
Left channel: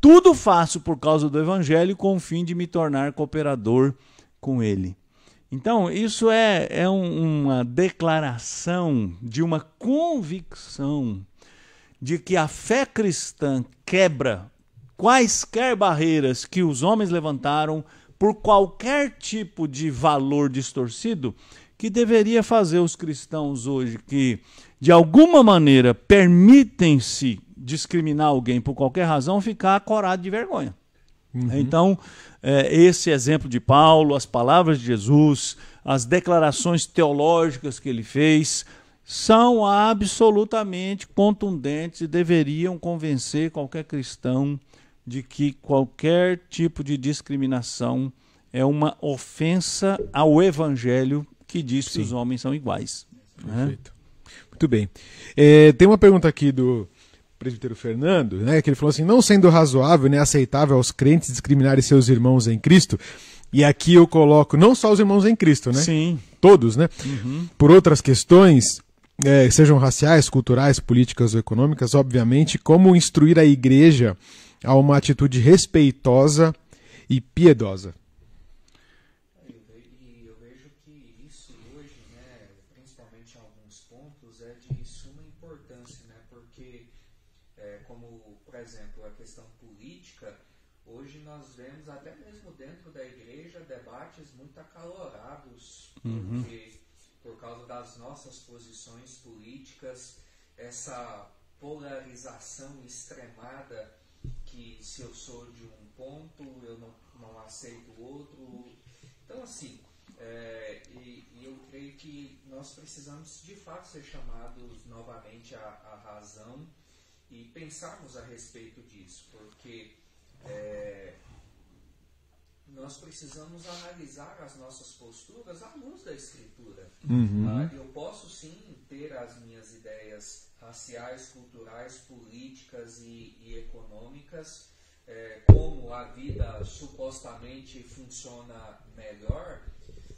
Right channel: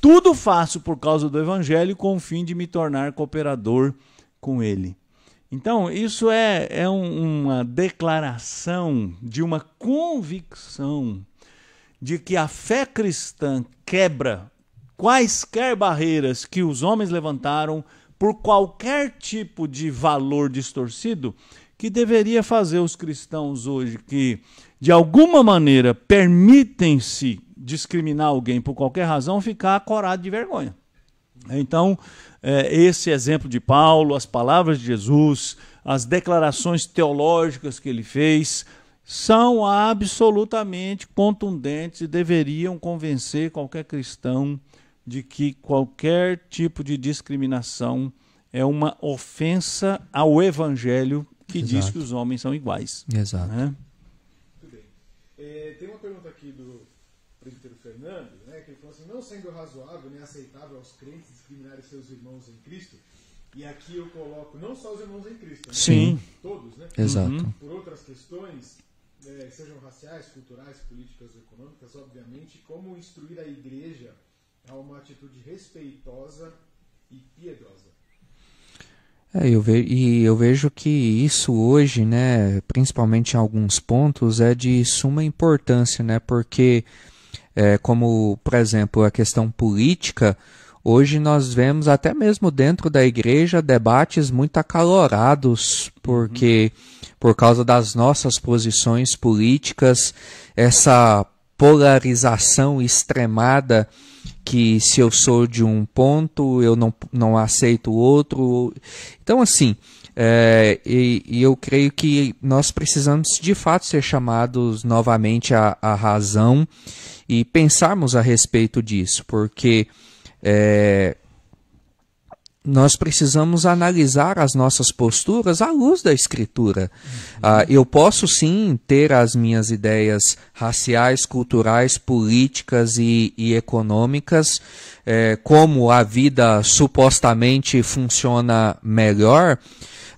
Tudo faço por causa do evangelho, com o fim de me tornar cooperador com ele. Então, isso é uma declaração de uma convicção de que a fé cristã quebra quaisquer barreiras que os homens levantaram por qualquer tipo de valor distorcido, que deveria fazer os cristãos hoje que, de alguma maneira, permitem-se discriminar alguém por qualquer razão, ficar acorado de vergonha. Então, esse exemplo de Paulo, as palavras de Jesus, as declarações teológicas que ele fez, são absolutamente contundentes e deveriam convencer qualquer cristão de que qualquer tipo de discriminação é uma ofensa ao Evangelho que diz que os homens são iguais. Exato. Né? Muito bem. Tem uma pergunta aqui do presbítero Fernando, né, que ele falou assim: não sendo razoável nem aceitável aos crentes discriminarem seus irmãos em Cristo, e aqui eu coloco não só os irmãos em Cristo, né? Sim. Todos, né? Exato. Por outras questões, sejam raciais, culturais, políticas ou econômicas, obviamente, como instruir a igreja a uma atitude respeitosa e piedosa. Eu vejo que isso hoje, né, principalmente em alguns pontos, é de suma importância, né, porque, como, por exemplo, a questão política, hoje nós vemos até mesmo dentro da igreja debates muito acalorados, porque por causa das nossas posições políticas, essa polarização extremada, que se eu sou de um ponto, eu não aceito o outro. Então, assim, eu creio que nós precisamos, de fato, ser chamados novamente à razão e pensarmos a respeito disso, porque nós precisamos analisar as nossas posturas à luz da Escritura. Eu posso sim ter as minhas ideias raciais, culturais, políticas e econômicas, como a vida supostamente funciona melhor,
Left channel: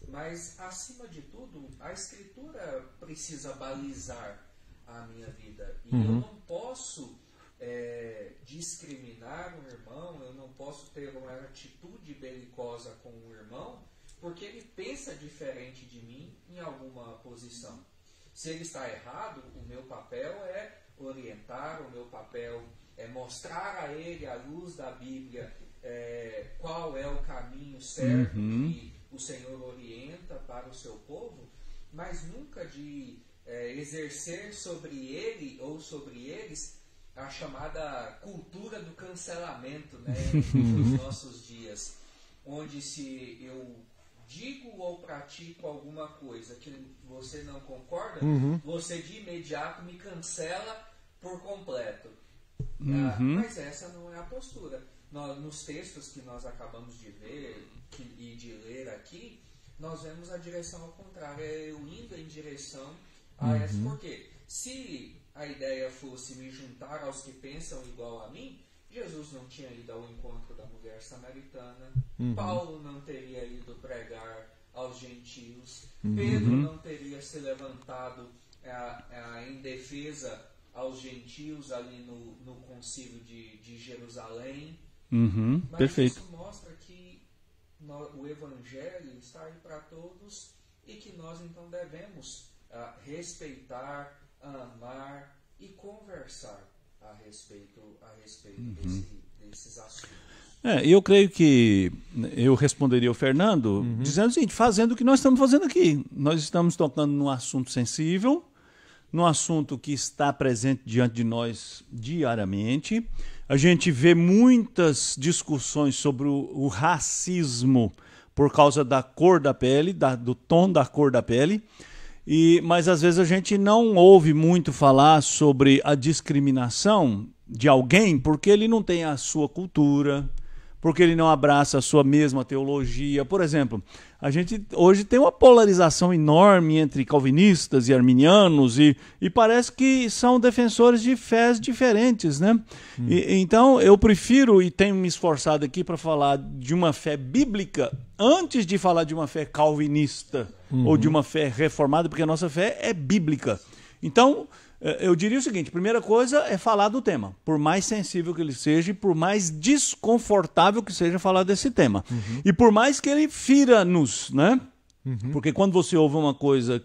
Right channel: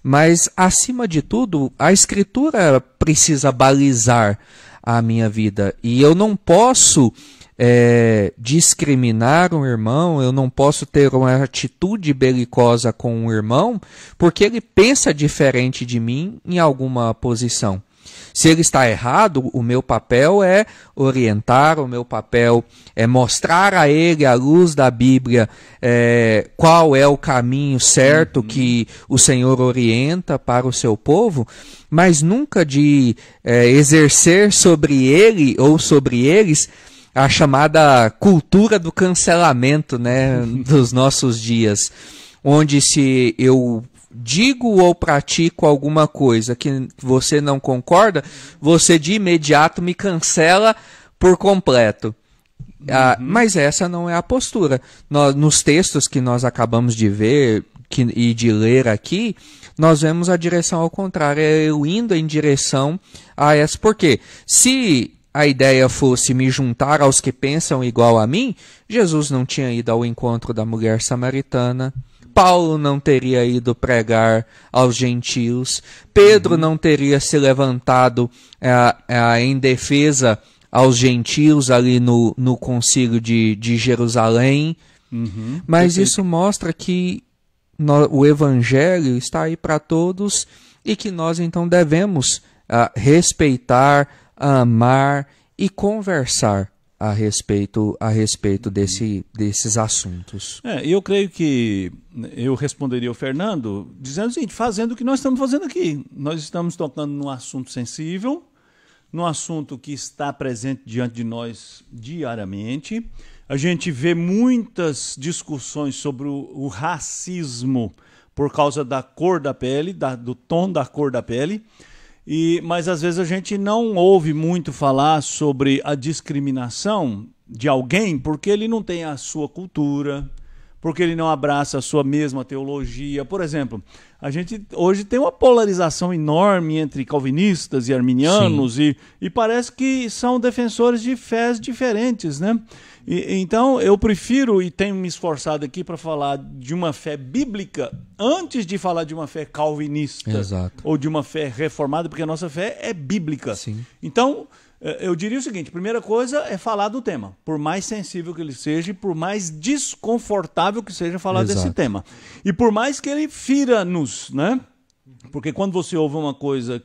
mas, acima de tudo, a Escritura precisa balizar a minha vida. E eu não posso discriminar um irmão, eu não posso ter uma atitude belicosa com um irmão porque ele pensa diferente de mim em alguma posição. Se ele está errado, o meu papel é orientar, o meu papel é mostrar a ele, à luz da Bíblia, qual é o caminho certo que o Senhor orienta para o seu povo, mas nunca de exercer sobre ele ou sobre eles a chamada cultura do cancelamento, né, dos nossos dias, onde se eu digo ou pratico alguma coisa que você não concorda, você de imediato me cancela por completo. Mas essa não é a postura. Nos textos que nós acabamos de ver e de ler aqui, nós vemos a direção ao contrário, eu indo em direção a essa. Porque se a ideia fosse me juntar aos que pensam igual a mim, Jesus não tinha ido ao encontro da mulher samaritana, Paulo não teria ido pregar aos gentios, Pedro não teria se levantado em defesa aos gentios ali no concílio de Jerusalém. Mas perfeito. Isso mostra que o evangelho está aí para todos e que nós então devemos respeitar, amar e conversar a respeito desses assuntos. Eu creio que eu responderia ao Fernando dizendo o seguinte: fazendo o que nós estamos fazendo aqui. Nós estamos tocando num assunto sensível, num assunto que está presente diante de nós diariamente. A gente vê muitas discussões sobre o racismo por causa da cor da pele, do tom da cor da pele. Mas às vezes a gente não ouve muito falar sobre a discriminação de alguém porque ele não tem a sua cultura, porque ele não abraça a sua mesma teologia. Por exemplo, a gente hoje tem uma polarização enorme entre calvinistas e arminianos e parece que são defensores de fés diferentes, né? Então eu prefiro e tenho me esforçado aqui para falar de uma fé bíblica antes de falar de uma fé calvinista. Exato. Ou de uma fé reformada, porque a nossa fé é bíblica. Sim. Então, eu diria o seguinte: a primeira coisa é falar do tema, por mais sensível que ele seja e por mais desconfortável que seja falar desse tema. E por mais que ele fira-nos, né? Porque quando você ouve uma coisa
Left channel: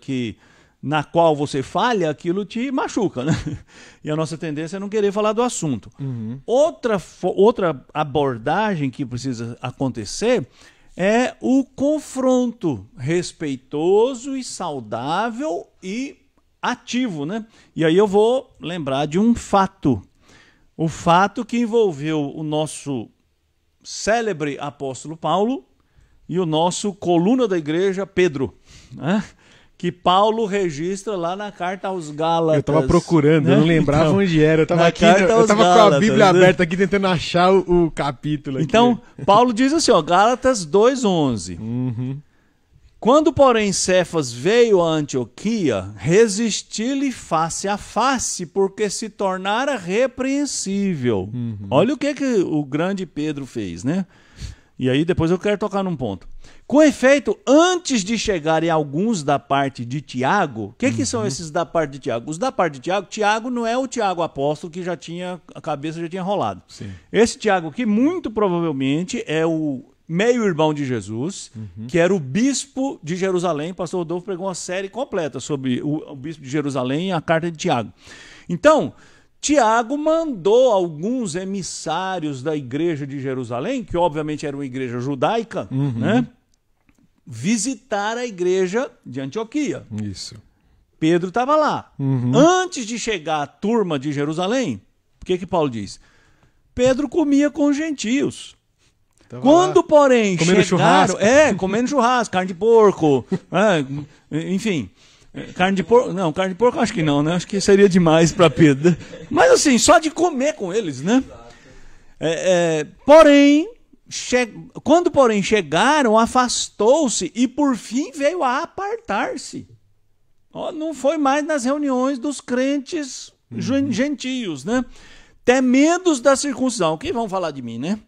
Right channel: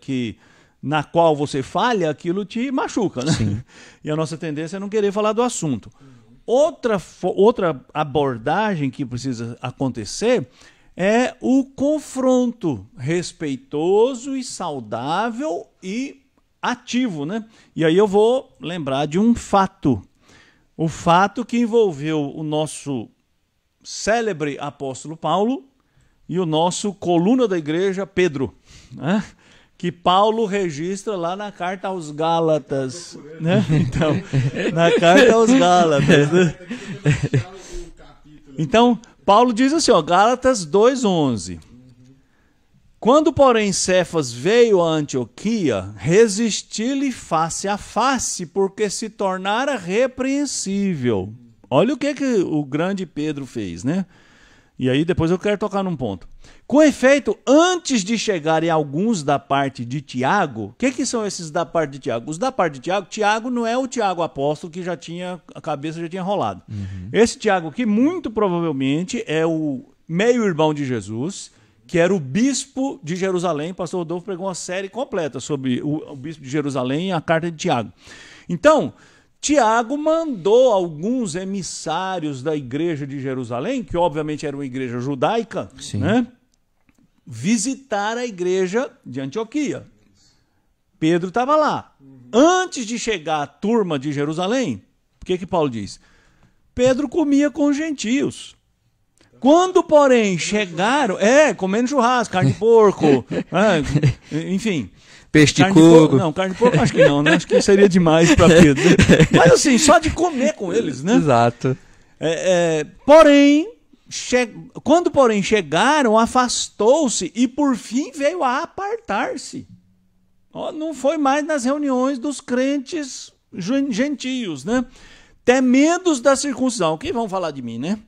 na qual você falha, aquilo te machuca, né? E a nossa tendência é não querer falar do assunto. Outra abordagem que precisa acontecer é o confronto respeitoso e saudável e ativo, né? E aí eu vou lembrar de um fato. O fato que envolveu o nosso célebre apóstolo Paulo e o nosso coluna da igreja, Pedro, né? que Paulo registra lá na carta aos Gálatas. Eu estava procurando, né? eu não lembrava Então, onde era. Eu tava na aqui, carta eu aos tava com a Gálatas, Bíblia né? aberta aqui tentando achar o capítulo. Então, Paulo diz assim, ó, Gálatas 2:11. Quando, porém, Cefas veio a Antioquia, resisti-lhe face a face, porque se tornara repreensível. Olha o que o grande Pedro fez, né? E aí depois eu quero tocar num ponto. Com efeito, antes de chegarem alguns da parte de Tiago, o que são esses da parte de Tiago? Os da parte de Tiago, Tiago não é o Tiago apóstolo que a cabeça já tinha rolado. Esse Tiago aqui, muito provavelmente, é o meio-irmão de Jesus, que era o bispo de Jerusalém. Pastor Rodolfo pregou uma série completa sobre o bispo de Jerusalém e a carta de Tiago. Então, Tiago mandou alguns emissários da igreja de Jerusalém, que obviamente era uma igreja judaica, né, visitar a igreja de Antioquia. Isso. Pedro estava lá. Antes de chegar a turma de Jerusalém, o que Paulo diz? Pedro comia com os gentios. Quando, porém, chegaram... comendo churrasco, carne de porco, enfim... Peixe de carne de porco, não, carne de porco acho que não, né? Acho que seria demais para Pedro. Mas assim, só de comer com eles, né? Exato. Porém, quando porém chegaram, afastou-se e por fim veio a apartar-se. Não foi mais nas reuniões dos crentes gentios, né? Temedos da circuncisão. O que vão falar de mim, né?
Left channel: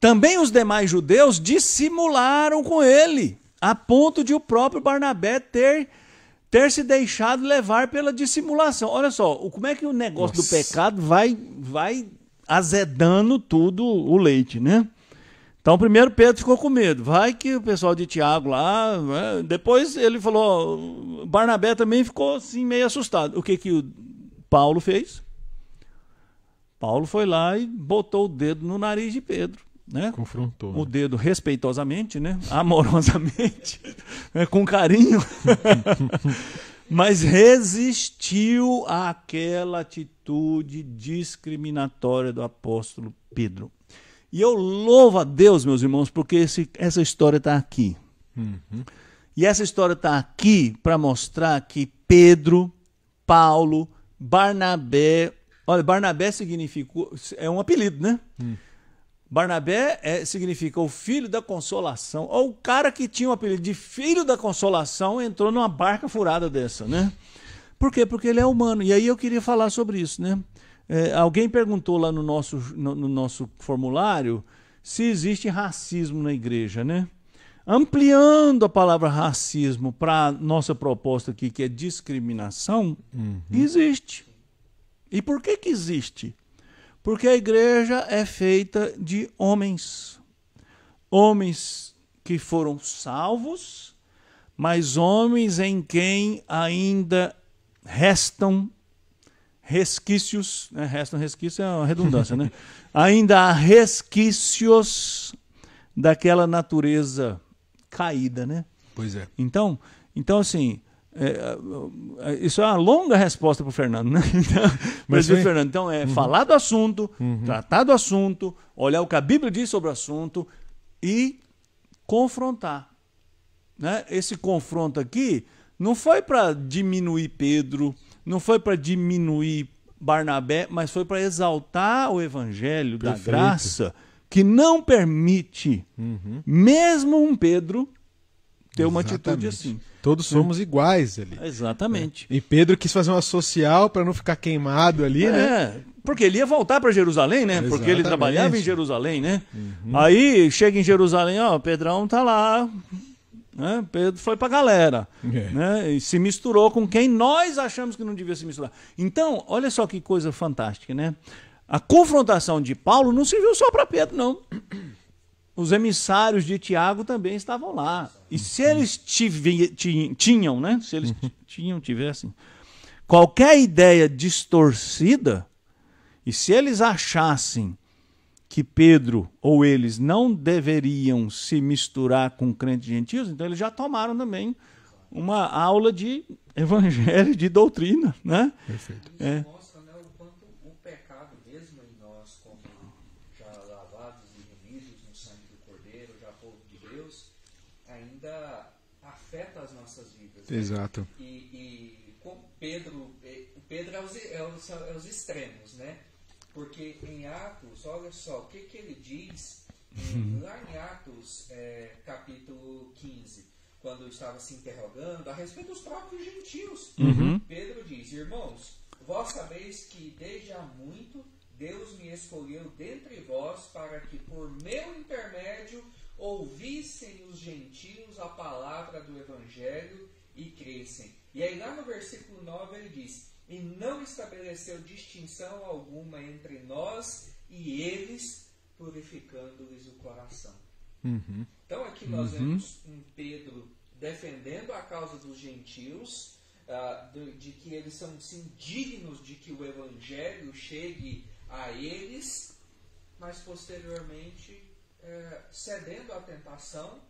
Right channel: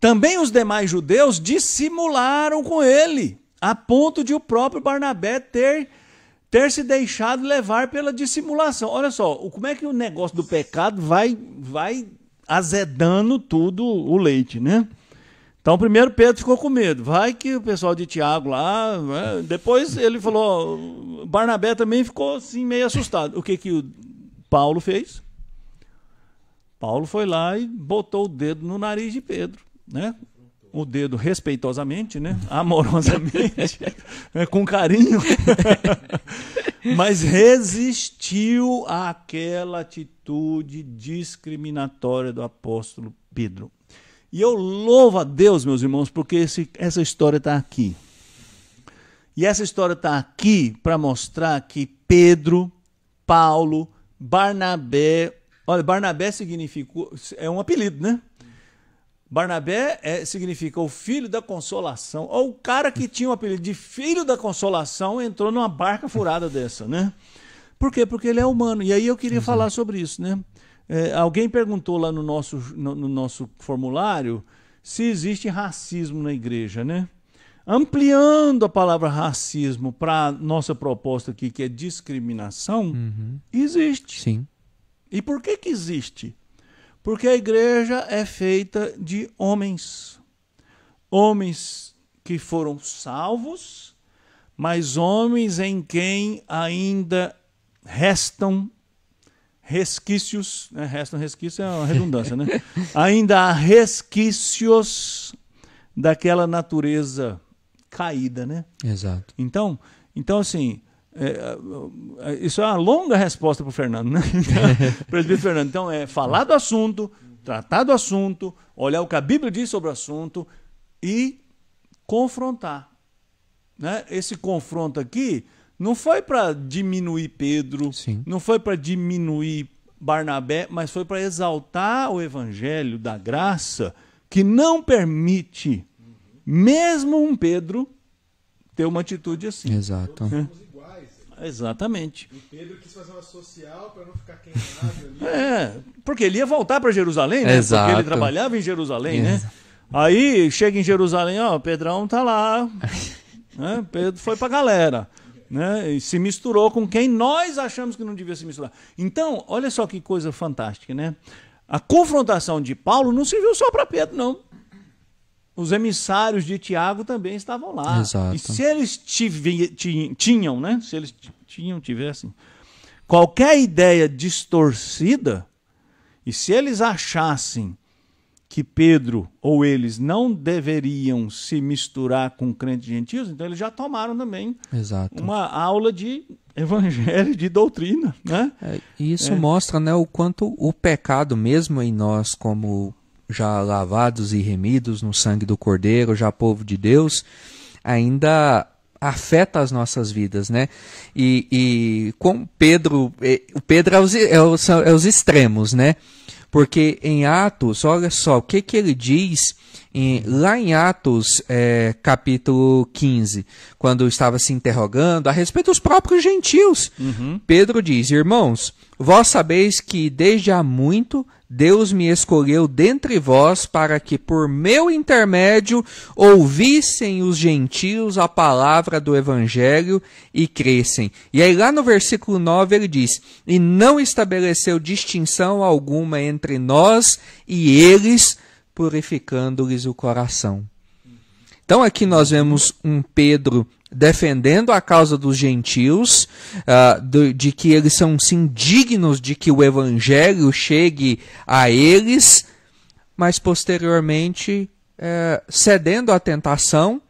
Também os demais judeus dissimularam com ele, a ponto de o próprio Barnabé ter se deixado levar pela dissimulação. Olha só, como é que o negócio do pecado vai azedando tudo o leite, né? Então, primeiro Pedro ficou com medo. Vai que o pessoal de Tiago lá... Né? Depois ele falou... Barnabé também ficou assim meio assustado. O que o Paulo fez? Paulo foi lá e botou o dedo no nariz de Pedro. Né? Confrontou. O dedo respeitosamente, né? Amorosamente, né? Com carinho, mas resistiu àquela atitude discriminatória do apóstolo Pedro. E eu louvo a Deus, meus irmãos, porque essa história está aqui. E essa história está aqui para mostrar que Pedro, Paulo, Barnabé... Olha, Barnabé é um apelido, né? Barnabé significa o filho da consolação. Ou o cara que tinha o apelido de filho da consolação entrou numa barca furada dessa, né? Por quê? Porque ele é humano. E aí eu queria falar sobre isso, né? Alguém perguntou lá no nosso formulário se existe racismo na igreja, né? Ampliando a palavra racismo para a nossa proposta aqui, que é discriminação, existe. Sim. E por que existe? Porque a igreja é feita de homens. Homens que foram salvos, mas homens em quem ainda restam resquícios. Né? Restam resquícios é uma redundância, né? Ainda há resquícios daquela natureza caída, né? Exato. Então assim... isso é uma longa resposta para o Fernando, né? Presbítero Fernando. Então, falar do assunto, tratar do assunto, olhar o que a Bíblia diz sobre o assunto e confrontar. Né? Esse confronto aqui não foi para diminuir Pedro, não foi para diminuir Barnabé, mas foi para exaltar o evangelho da graça, que não permite, mesmo um Pedro, ter uma atitude assim. Exato. Todos somos iguais ali. Exatamente. E Pedro quis fazer uma social para não ficar queimado ali, né? Porque ele ia voltar para Jerusalém, né? Exato. Porque ele trabalhava em Jerusalém, né? Aí chega em Jerusalém, Pedrão tá lá. Né? Pedro foi para a galera. Né? E se misturou com quem nós achamos que não devia se misturar. Então, olha só que coisa fantástica, né? A confrontação de Paulo não serviu só para Pedro, não. Os emissários de Tiago também estavam lá. Exato. E se eles tinham, né? Se eles tivessem qualquer ideia distorcida, e se eles achassem que Pedro ou eles não deveriam se misturar com crentes gentios, então eles já tomaram também uma aula de evangelho, de doutrina, né? Isso mostra, né, o quanto o pecado, mesmo em nós como já lavados e remidos no sangue do Cordeiro, já povo de Deus, ainda afeta as nossas vidas, né? Exato. E com Pedro, o Pedro é os extremos, né? Porque em Atos, olha só, o que ele diz lá em Atos, capítulo 15, quando estava se interrogando a respeito dos próprios gentios. Pedro diz: irmãos, vós sabeis que desde há muito Deus me escolheu dentre vós para que por meu intermédio ouvissem os gentios a palavra do evangelho e crescem. E aí lá no versículo 9 ele diz: e não estabeleceu distinção alguma entre nós e eles, purificando-lhes o coração. Então aqui nós vemos um Pedro defendendo a causa dos gentios, de que eles são sim dignos de que o evangelho chegue a eles, mas posteriormente cedendo à tentação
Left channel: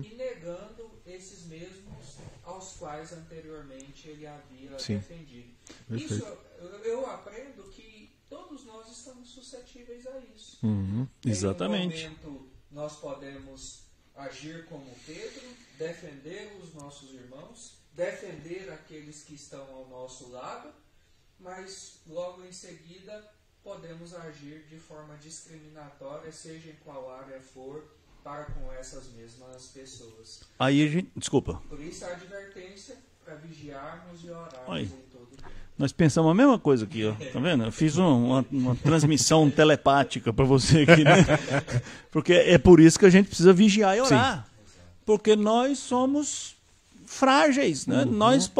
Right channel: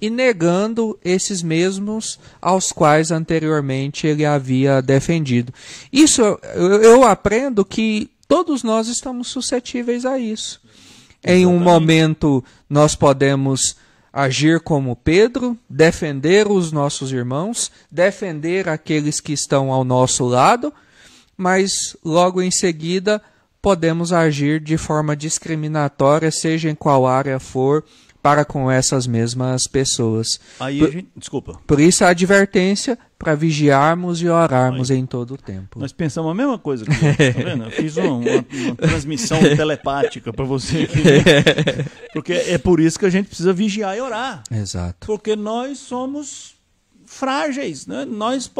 e negando esses mesmos aos quais anteriormente ele havia defendido. Isso eu aprendo que todos nós estamos suscetíveis a isso. Em um momento nós podemos agir como Pedro, defender os nossos irmãos, defender aqueles que estão ao nosso lado, mas logo em seguida podemos agir de forma discriminatória, seja em qual área for, para com essas mesmas pessoas. Aí desculpa. Por isso a advertência para vigiarmos e orarmos em todo o tempo. Nós pensamos a mesma coisa aqui, tá vendo? Eu fiz uma transmissão telepática para você aqui, né? Porque é por isso que a gente precisa vigiar e orar. Sim, exato. Porque nós somos frágeis, né? Nós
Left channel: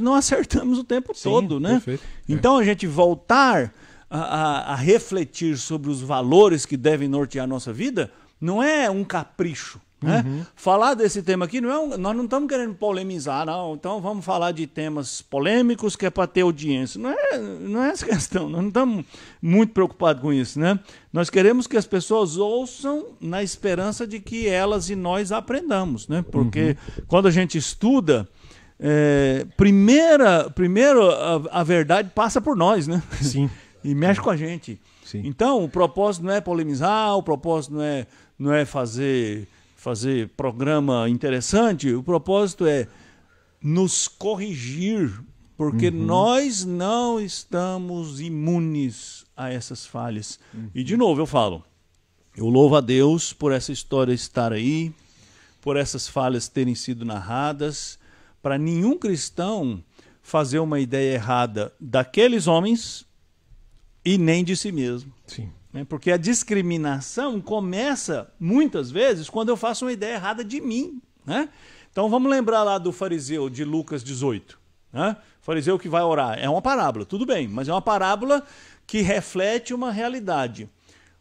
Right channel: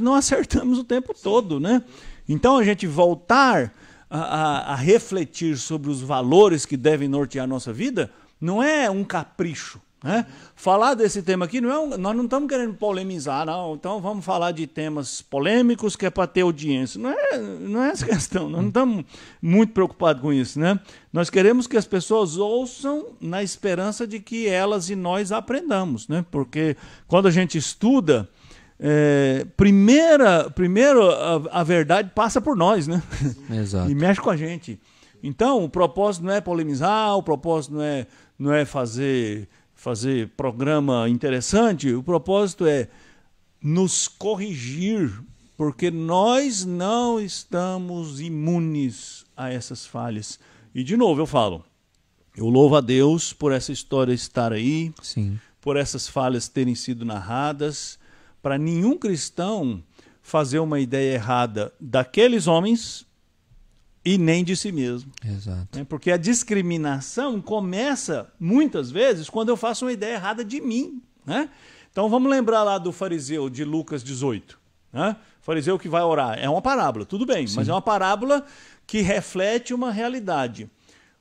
não acertamos o tempo todo, né? Perfeito. Então a gente voltar a refletir sobre os valores que devem nortear a nossa vida não é um capricho. Né? Falar desse tema aqui, nós não estamos querendo polemizar, não. Então vamos falar de temas polêmicos que é para ter audiência. Não é essa questão, nós não estamos muito preocupados com isso. Né? Nós queremos que as pessoas ouçam na esperança de que elas e nós aprendamos. Né? Porque quando a gente estuda, primeiro a verdade passa por nós, né? Sim. Exato. E mexe com a gente. Sim. Então o propósito não é polemizar, o propósito não é fazer programa interessante, o propósito é nos corrigir, porque nós não estamos imunes a essas falhas. E de novo eu falo, eu louvo a Deus por essa história estar aí, Sim. por essas falhas terem sido narradas, para nenhum cristão fazer uma ideia errada daqueles homens e nem de si mesmo. Exato. Porque a discriminação começa, muitas vezes, quando eu faço uma ideia errada de mim. Né? Então vamos lembrar lá do fariseu de Lucas 18. Né? O fariseu que vai orar. É uma parábola, tudo bem, mas é uma parábola que reflete uma realidade.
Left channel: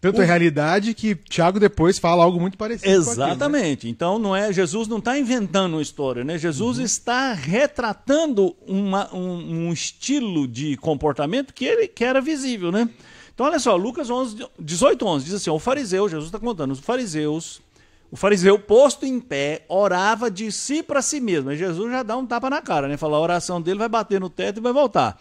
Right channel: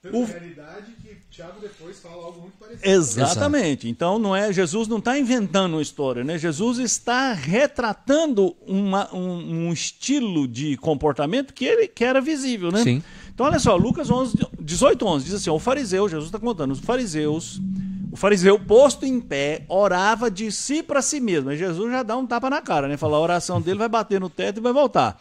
Tanto a realidade que Tiago depois fala algo muito parecido. Exatamente. Então Jesus não está inventando uma história, né? Jesus está retratando um estilo de comportamento que era visível, né? Sim. Então olha só, Lucas 18:11 diz assim, o fariseu, Jesus está contando, o fariseu posto em pé orava de si para si mesmo. Aí Jesus já dá um tapa na cara, né? Fala, a oração dele vai bater no teto e vai voltar.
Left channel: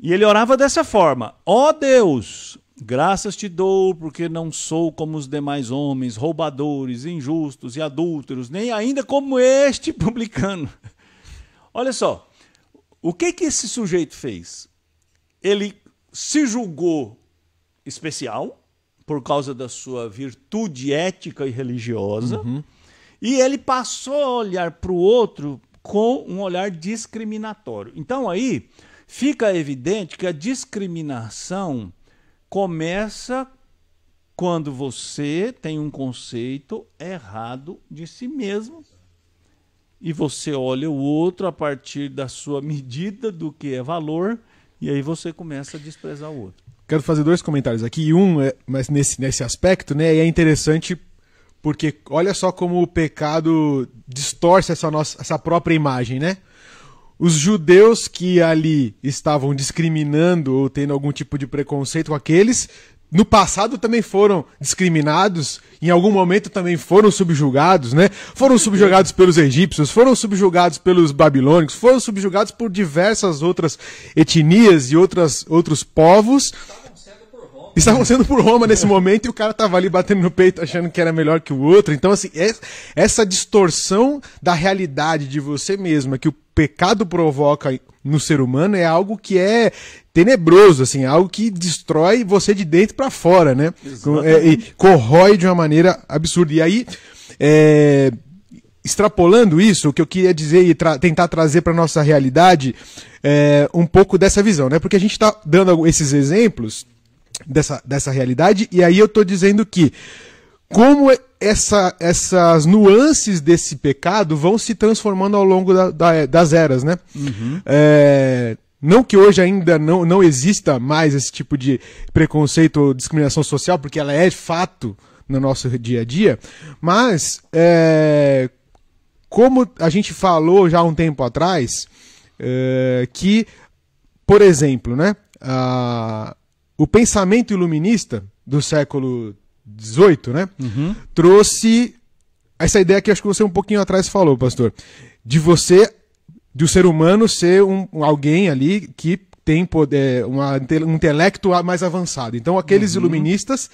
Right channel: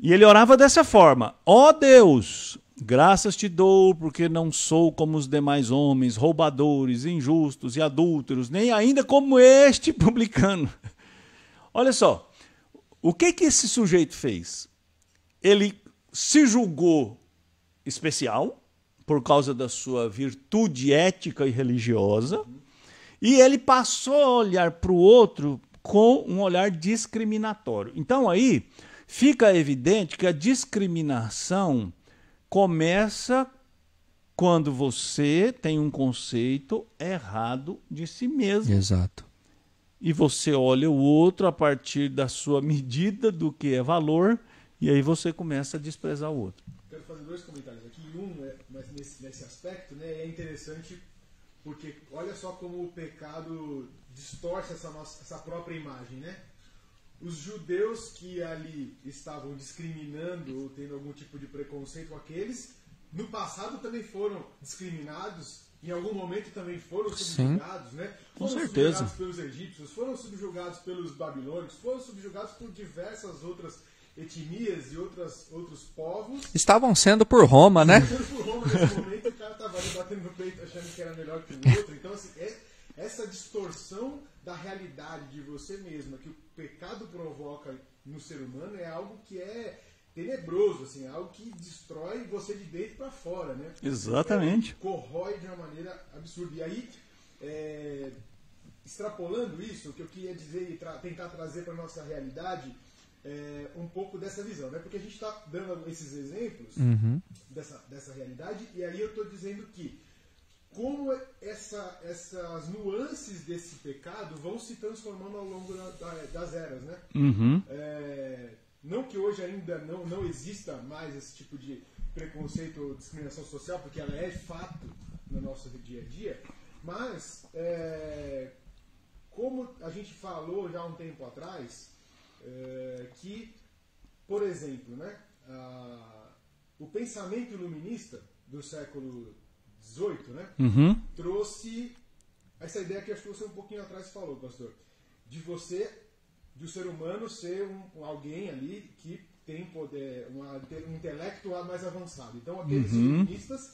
E ele orava dessa forma: ó Deus, graças te dou, porque não sou como os demais homens, roubadores, injustos e adúlteros, nem ainda como este publicano. Olha só, o que esse sujeito fez? Ele se julgou especial, por causa da sua virtude ética e religiosa, e ele passou a olhar para o outro com um olhar discriminatório. Então aí fica evidente que a discriminação começa quando você tem um conceito errado de si mesmo. Exato. E você olha o outro a partir da sua medida do que é valor, e aí você começa a desprezar o outro. Quero fazer dois comentários aqui. Mas nesse aspecto, né, é interessante porque olha só como o pecado distorce essa própria imagem, né? Os judeus que ali estavam discriminando ou tendo algum tipo de preconceito com aqueles no passado também foram discriminados, em algum momento também foram subjugados, né? Foram subjugados pelos egípcios, foram subjugados pelos babilônicos, foram subjugados por diversas outras etnias e outros povos. Estavam sendo por Roma, Estavam né? sendo por Roma nesse momento e o cara tava ali batendo no peito achando que era melhor que o outro. Então, assim, essa distorção da realidade de você mesma que o pecado provoca no ser humano é algo que é tenebroso, assim, algo que destrói você de dentro para fora, né? Exatamente. E corrói de uma maneira absurda. E aí, extrapolando isso, o que eu queria dizer e tentar trazer para nossa realidade um pouco dessa visão, né? Porque a gente está dando esses exemplos dessa realidade, e aí eu estou dizendo que como essas nuances desse pecado vão se transformando ao longo das eras, né? Não que hoje ainda não exista mais esse tipo de preconceito ou discriminação social, porque ela é fato no nosso dia a dia, mas como a gente falou já há um tempo atrás, que, por exemplo, né, o pensamento iluminista do século XVIII, né, trouxe essa ideia que acho que você um pouquinho atrás falou, pastor, de o ser humano ser alguém ali que tem poder, um intelecto mais avançado. Então aqueles iluministas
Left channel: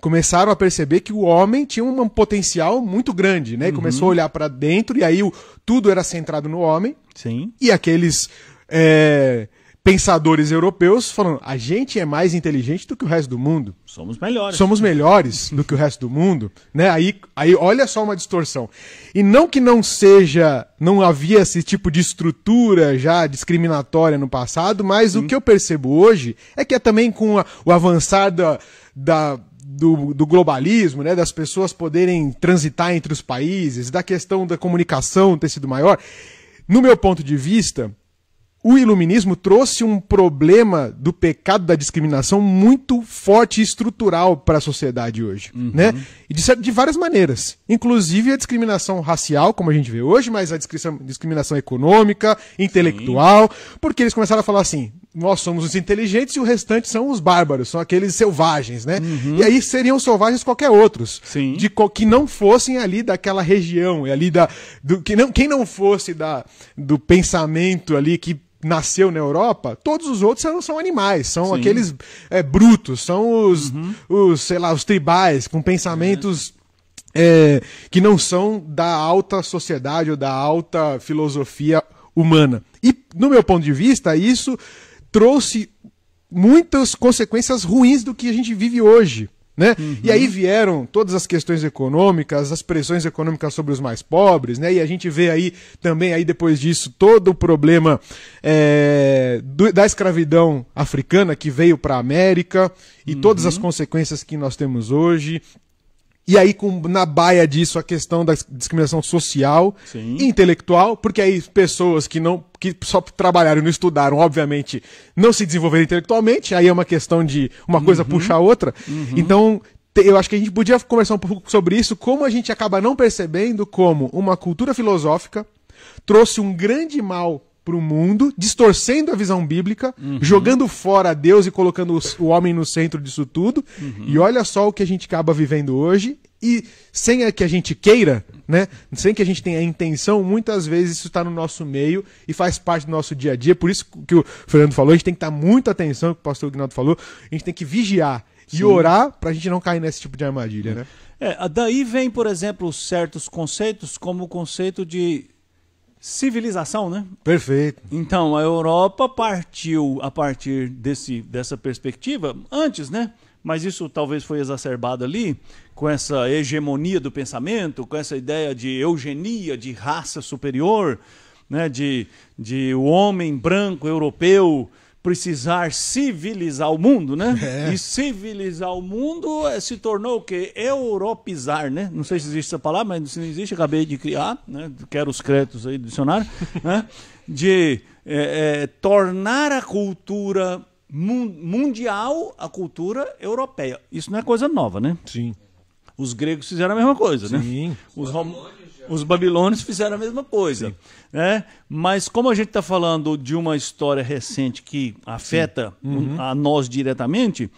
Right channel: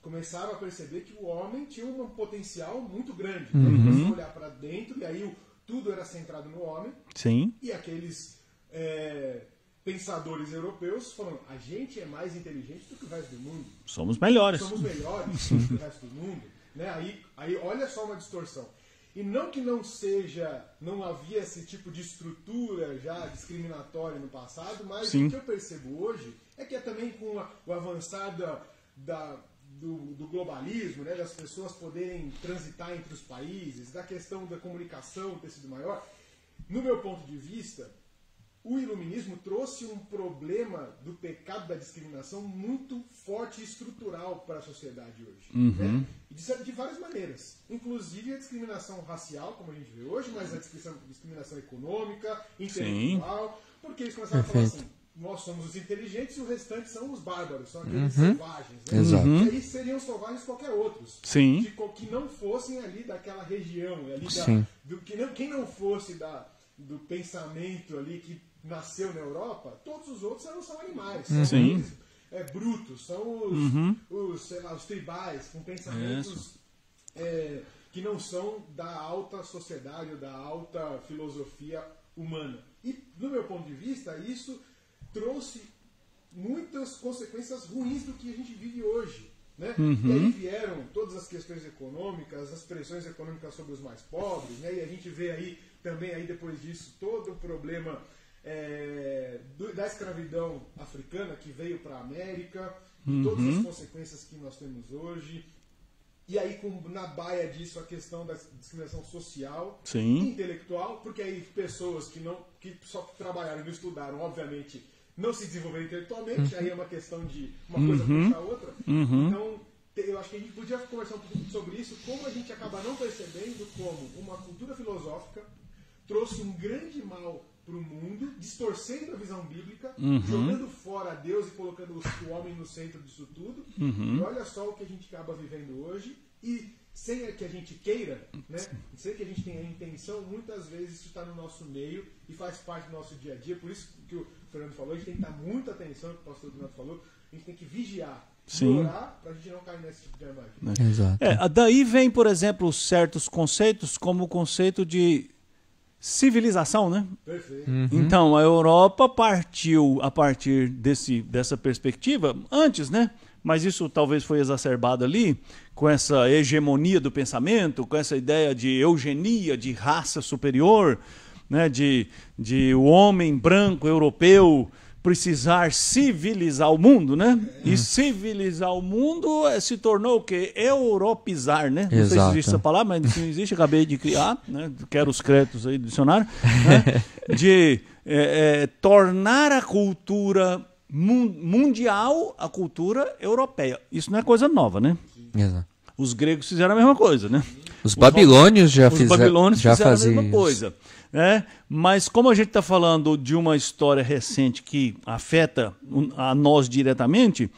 começaram a perceber que o homem tinha um potencial muito grande, né? E começou a olhar para dentro e aí tudo era centrado no homem. Sim. E aqueles pensadores europeus falando, a gente é mais inteligente do que o resto do mundo. Somos melhores. Somos melhores do que o resto do mundo, né? Aí olha só uma distorção. E não que não havia esse tipo de estrutura já discriminatória no passado, mas o que eu percebo hoje é que também com o avançar do globalismo, né, das pessoas poderem transitar entre os países, da questão da comunicação ter sido maior, no meu ponto de vista, o iluminismo trouxe um problema do pecado da discriminação muito forte e estrutural para a sociedade hoje, né? E de várias maneiras, inclusive a discriminação racial, como a gente vê hoje, mas a discriminação econômica, intelectual, porque eles começaram a falar assim, nós somos os inteligentes e o restante são os bárbaros, são aqueles selvagens, né? E aí seriam selvagens qualquer outros, que não fossem ali daquela região, ali quem não fosse do pensamento ali que nasceu na Europa, todos os outros são animais, são aqueles brutos, são os, sei lá, os tribais, com pensamentos que não são da alta sociedade ou da alta filosofia humana. E, no meu ponto de vista, isso trouxe muitas consequências ruins do que a gente vive hoje, né? E aí vieram todas as questões econômicas, as pressões econômicas sobre os mais pobres, né? E a gente vê aí também, aí depois disso, todo o problema da escravidão africana que veio para a América e todas as consequências que nós temos hoje. E aí, na baia disso, a questão da discriminação social e intelectual, porque aí pessoas que só trabalharam e não estudaram, obviamente, não se desenvolveram intelectualmente, aí é uma questão de uma coisa puxar a outra. Então, eu acho que a gente podia conversar um pouco sobre isso, como a gente acaba não percebendo como uma cultura filosófica trouxe um grande mal para o mundo, distorcendo a visão bíblica, jogando fora Deus e colocando o homem no centro disso tudo. E olha só o que a gente acaba vivendo hoje. E sem que a gente queira, né? Sem que a gente tenha a intenção, muitas vezes isso está no nosso meio e faz parte do nosso dia a dia. Por isso que o Fernando falou, a gente tem que dar muita atenção, que o pastor Aguinaldo falou, a gente tem que vigiar e orar para a gente não cair nesse tipo de armadilha. Né? Daí vem, por exemplo, certos conceitos, como o conceito de civilização, né? Perfeito. Então, a Europa partiu a partir dessa perspectiva, antes, né? Mas isso talvez foi exacerbado ali, com essa hegemonia do pensamento, com essa ideia de eugenia, de raça superior, né? de o homem branco europeu precisar civilizar o mundo, né? E civilizar o mundo se tornou o quê? Europeizar, né? Não sei se existe essa palavra, mas se não existe, acabei de criar, né? Quero os créditos aí do dicionário, né? De tornar a cultura mundial a cultura europeia. Isso não é coisa nova, né? Sim. Exato. Os gregos fizeram a mesma coisa, né? Os babilônios já fizeram. Os babilônios fizeram a mesma coisa. Né? Mas como a gente está falando de uma história recente que afeta a nós diretamente,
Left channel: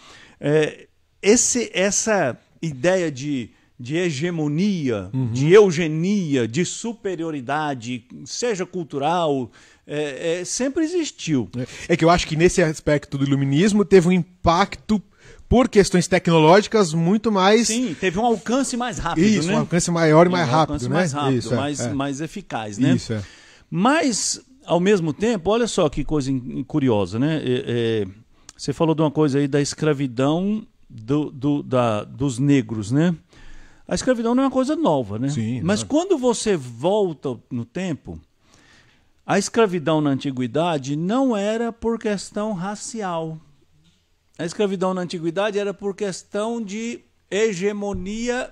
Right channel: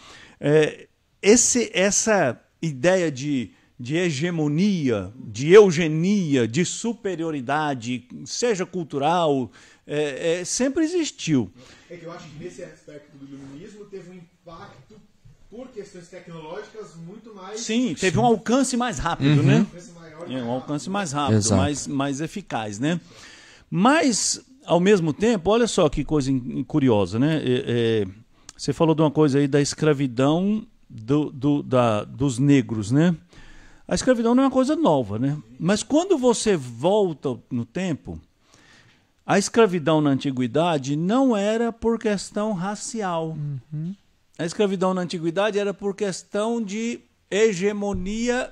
essa ideia de hegemonia, de eugenia, de superioridade, seja cultural, sempre existiu. É que eu acho que nesse aspecto do iluminismo teve um impacto por questões tecnológicas muito mais... Sim, teve um alcance mais rápido, Isso, né? um alcance maior e mais rápido. Um alcance mais rápido, Exato, mais eficaz, né? Isso, Mas, ao mesmo tempo, olha só que coisa curiosa, né? Você falou de uma coisa aí da escravidão dos negros, né? A escravidão não é uma coisa nova, né? Sim, mas quando você volta no tempo, a escravidão na antiguidade não era por questão racial. A escravidão na antiguidade era por questão de hegemonia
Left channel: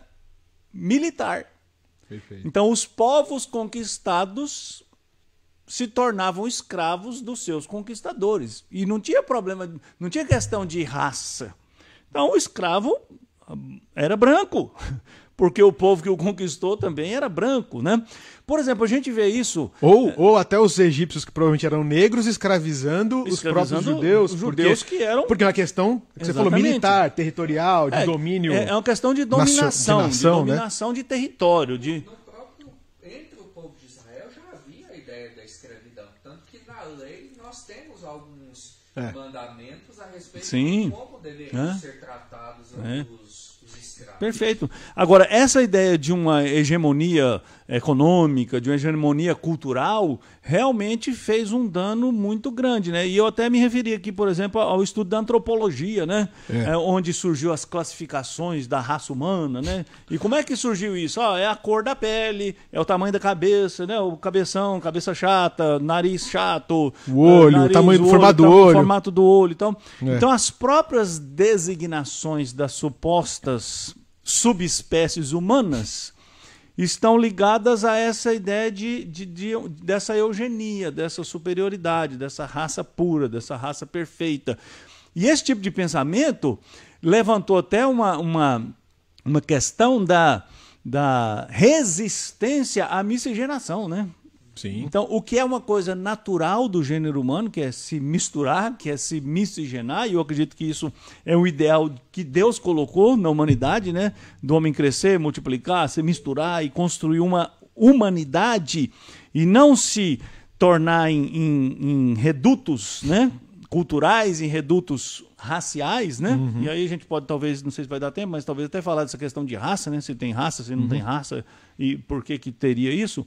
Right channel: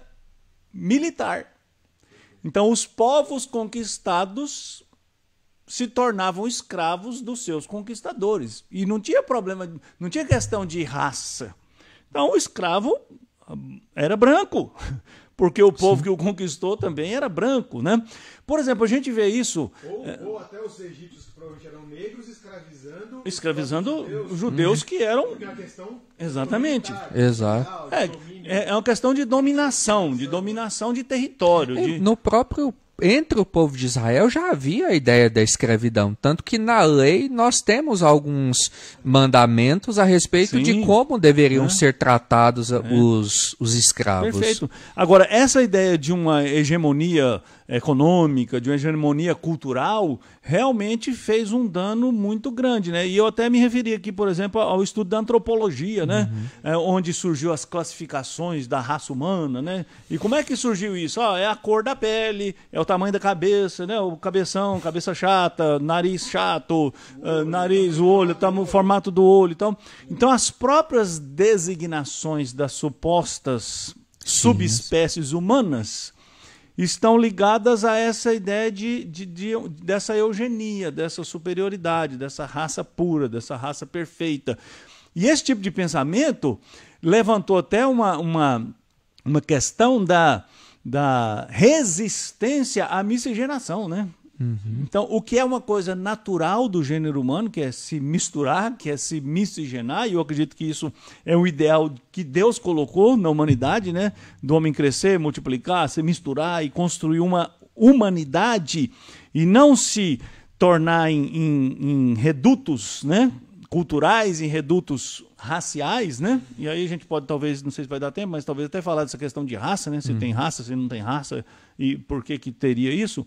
militar. Perfeito. Então, os povos conquistados se tornavam escravos dos seus conquistadores. E não tinha problema, não tinha questão de raça. Então, o escravo era branco, porque o povo que o conquistou também era branco, né? Por exemplo, a gente vê isso... Ou até os egípcios, que provavelmente eram negros, escravizando os próprios judeus que eram... Porque é uma questão, você falou, Exatamente. militar, territorial, de domínio... É uma questão de dominação, de território. Entre o povo de Israel já havia a ideia da escravidão, tanto que na lei nós temos alguns mandamentos a respeito de como deveriam ser tratados os escravos. Perfeito. Agora, essa ideia de uma hegemonia econômica, de uma hegemonia cultural, realmente fez um dano muito grande, né? E eu até me referi aqui, por exemplo, ao estudo da antropologia, né? Onde surgiu as classificações da raça humana, né? E como é que surgiu isso? É a cor da pele, é o tamanho da cabeça, né? O cabeção, cabeça chata, nariz chato, o olho, nariz, tamanho, o formato do olho. Então, as próprias designações das supostas subespécies humanas estão ligadas a essa ideia dessa eugenia, dessa superioridade, dessa raça pura, dessa raça perfeita. E esse tipo de pensamento levantou até uma questão da resistência à miscigenação, né? Sim. Então, o que é uma coisa natural do gênero humano, que é se misturar, que é se miscigenar, e eu acredito que isso é o ideal que Deus colocou na humanidade, né? Do homem crescer, multiplicar, se misturar e construir uma humanidade e não se tornar em redutos, né? Culturais, em redutos raciais, né? E aí a gente pode, talvez, não sei se vai dar tempo, mas talvez até falar dessa questão de raça, né? Se tem raça, se não tem raça, e por que teria isso.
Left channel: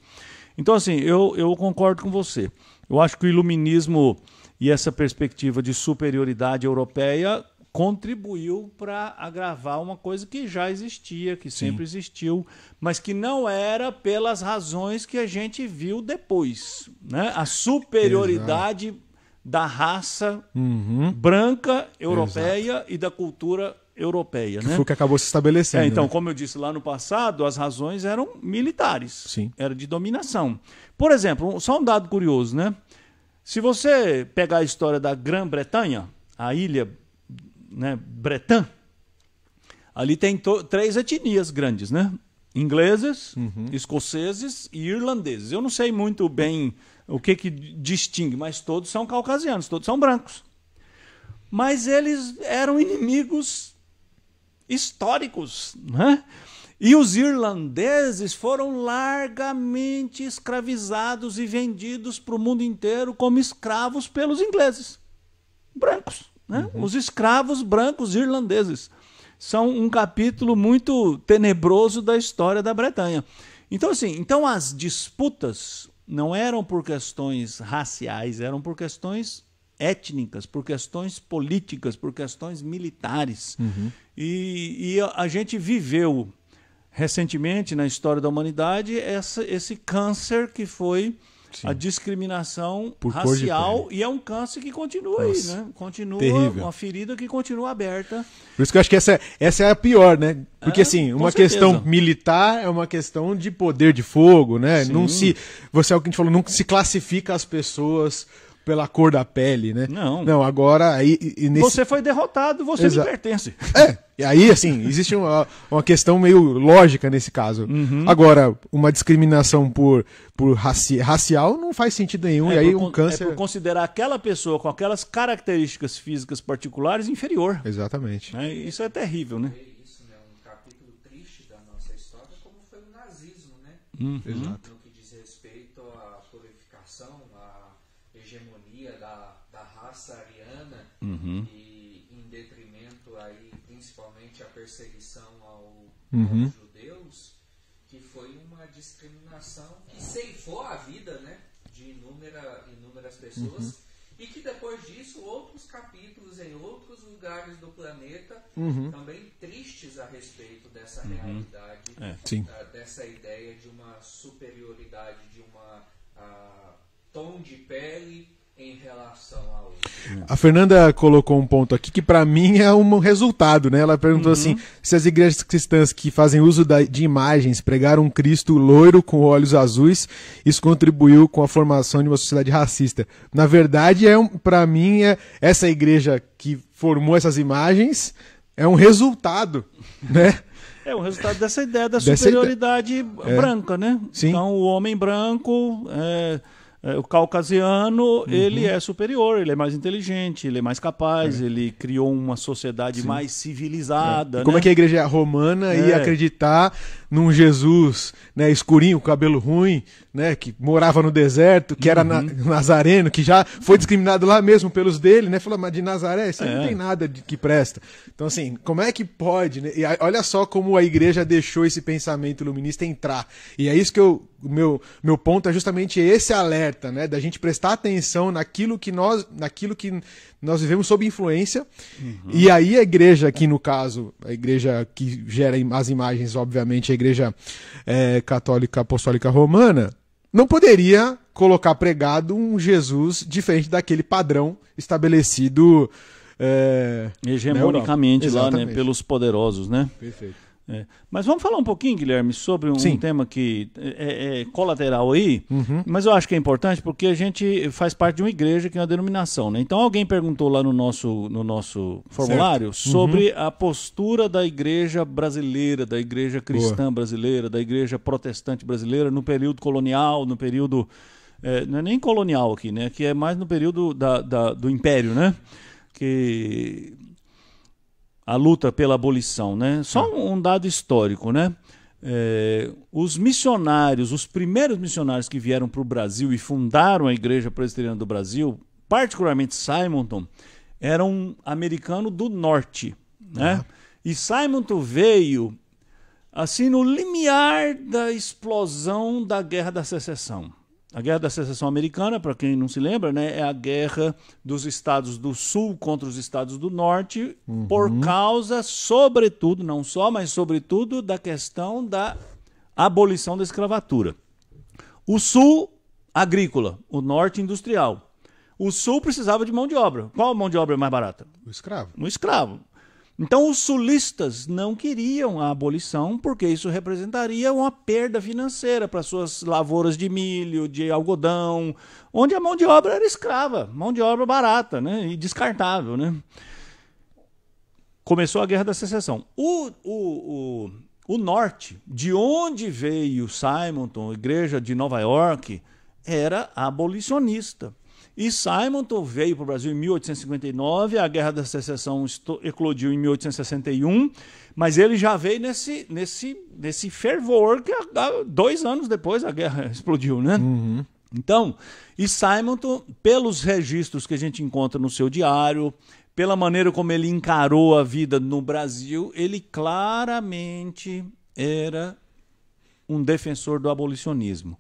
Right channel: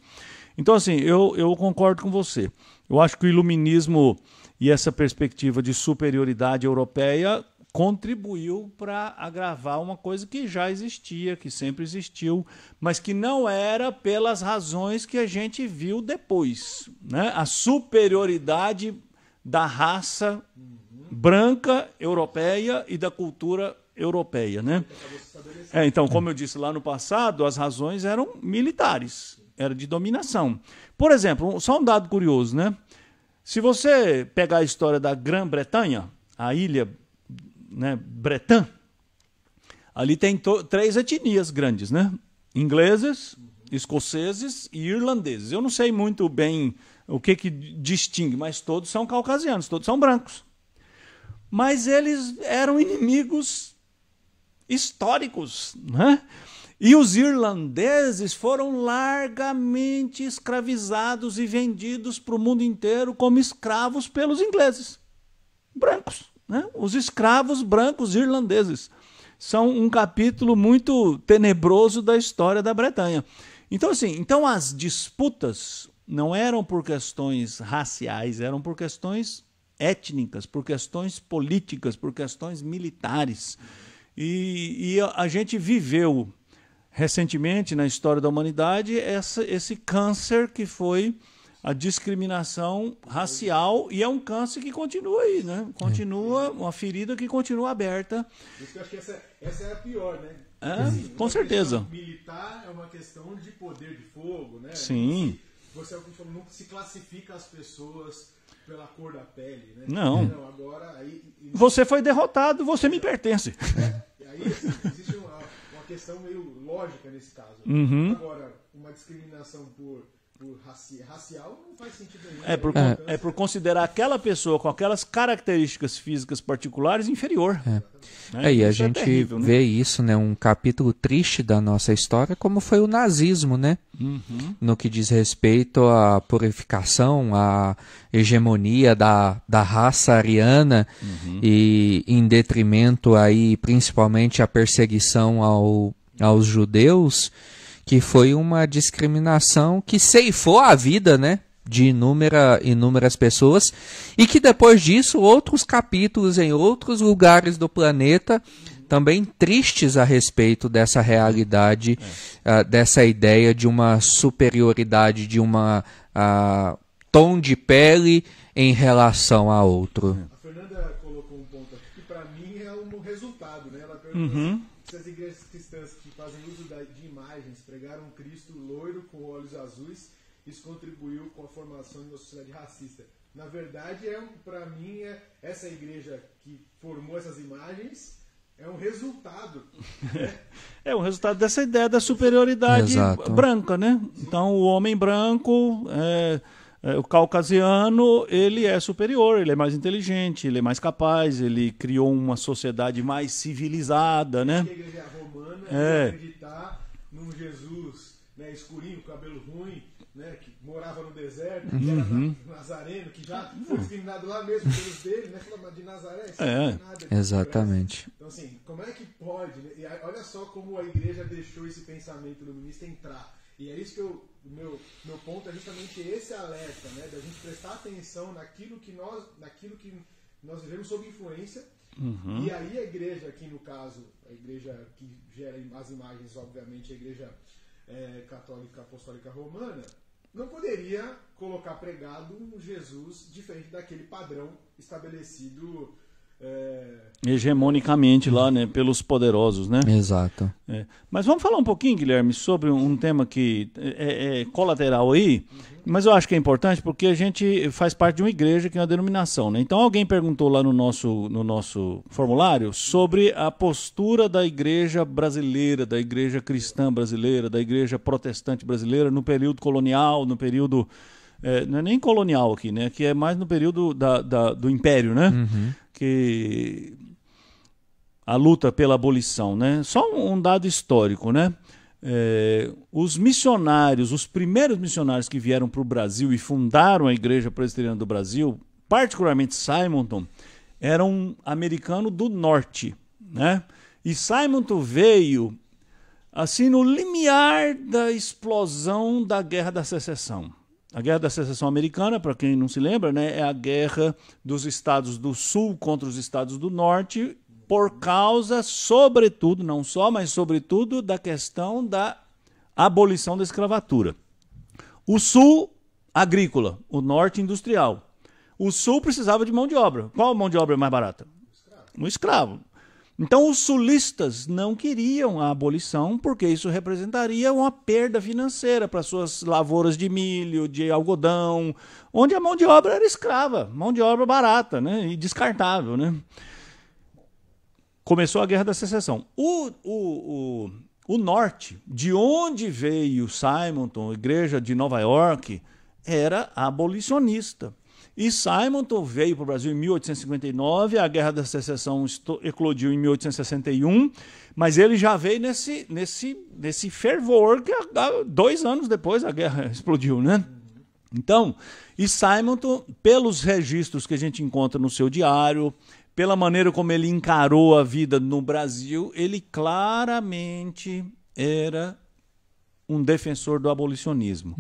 Então, assim, eu concordo com você. Eu acho que o iluminismo e essa perspectiva de superioridade europeia contribuiu para agravar uma coisa que já existia, que sempre existiu, mas que não era pelas razões que a gente viu depois, né? A superioridade da raça branca europeia e da cultura europeia, né? Foi o que acabou se estabelecendo. Então, como eu disse lá no passado, as razões eram militares. Sim. Era de dominação. Por exemplo, só um dado curioso, né? Se você pegar a história da Grã-Bretanha, a ilha, né, Bretã, ali tem 3 etnias grandes, né? Ingleses, escoceses e irlandeses. Eu não sei muito bem o que distingue, mas todos são caucasianos, todos são brancos. Mas eles eram inimigos históricos, né? E os irlandeses foram largamente escravizados e vendidos para o mundo inteiro como escravos pelos ingleses brancos, né? Os escravos brancos irlandeses são um capítulo muito tenebroso da história da Bretanha. Então, assim, as disputas não eram por questões raciais, eram por questões étnicas, por questões políticas, por questões militares. E a gente viveu recentemente na história da humanidade esse câncer que foi a discriminação racial, e é um câncer que continua aí, né? Continua uma ferida que continua aberta. Por isso que eu acho que essa é a pior, né? Porque assim, uma questão certeza. militar é uma questão de poder de fogo, né? Sim. Não se, você é o que a gente falou, não se classifica as pessoas pela cor da pele, né? Não. Agora aí Você foi derrotado, você me pertence. Aí, assim, existe uma questão meio lógica nesse caso. Agora, uma discriminação por racial não faz sentido nenhum. E aí o câncer... É por considerar aquela pessoa com aquelas características físicas particulares inferior. Exatamente. E a Isso gente terrível, né? vê isso, né? Um capítulo triste da nossa história, como foi o nazismo, né? No que diz respeito à purificação, à hegemonia da raça ariana e em detrimento aí, principalmente a perseguição aos judeus, que foi uma discriminação que ceifou a vida, né, de inúmeras pessoas, e que depois disso outros capítulos em outros lugares do planeta também tristes a respeito dessa realidade, dessa ideia de uma superioridade, de uma tom de pele em relação a outro. A Fernanda colocou um ponto aqui que para mim é um resultado, né? Ela perguntou assim, se as igrejas cristãs que fazem uso de imagens pregaram um Cristo loiro com olhos azuis, isso contribuiu com a formação de uma sociedade racista. Na verdade, para mim, essa igreja que formou essas imagens é um resultado, né? É um resultado dessa ideia da superioridade branca, né? Sim. Então, o homem branco... o caucasiano, ele é superior, ele é mais inteligente, ele é mais capaz, ele criou uma sociedade mais civilizada. Como né? é que a igreja romana ia acreditar num Jesus, né, escurinho, com cabelo ruim, né, que morava no deserto, que era nazareno, que já foi discriminado lá mesmo pelos dele, né? Falou, mas de Nazaré, isso não tem nada que presta. Então, assim, como é que pode, né? E olha só como a igreja deixou esse pensamento iluminista entrar. E é isso que o meu ponto é justamente esse alerta, né? Da gente prestar atenção naquilo que nós vivemos sob influência. E aí a igreja, aqui no caso, a igreja que gera as imagens, obviamente, a igreja católica apostólica romana, não poderia colocar pregado um Jesus diferente daquele padrão estabelecido hegemonicamente lá, né, pelos poderosos, né? Exato. Mas vamos falar um pouquinho, Guilherme, sobre um tema que é colateral aí, mas eu acho que é importante porque a gente faz parte de uma igreja que é uma denominação, né? Então alguém perguntou lá no nosso formulário sobre a postura da igreja brasileira, da igreja cristã brasileira, da igreja protestante brasileira no período colonial, no período... não é nem colonial aqui, né? Que é mais no período do Império, né? Que a luta pela abolição, né? Só um dado histórico, né? Os missionários, os primeiros missionários que vieram para o Brasil e fundaram a Igreja Presbiteriana do Brasil, particularmente Simonton, era um americano do norte, né? E Simonton veio assim no limiar da explosão da Guerra da Secessão. A Guerra da Secessão Americana, para quem não se lembra, né, é a guerra dos estados do sul contra os estados do norte, por causa, sobretudo, não só, mas sobretudo, da questão da abolição da escravatura. O sul, agrícola, o norte, industrial. O sul precisava de mão de obra. Qual mão de obra é mais barata? O escravo. O escravo. Então os sulistas não queriam a abolição porque isso representaria uma perda financeira para suas lavouras de milho, de algodão, onde a mão de obra era escrava, mão de obra barata, né, e descartável, né? Começou a Guerra da Secessão. O norte, de onde veio Simonton, a igreja de Nova York, era abolicionista. E Simonton veio para o Brasil em 1859, a Guerra da Secessão eclodiu em 1861, mas ele já veio nesse fervor que 2 anos depois a guerra explodiu, né? Então, e Simonton, pelos registros que a gente encontra no seu diário, pela maneira como ele encarou a vida no Brasil, ele claramente era um defensor do abolicionismo.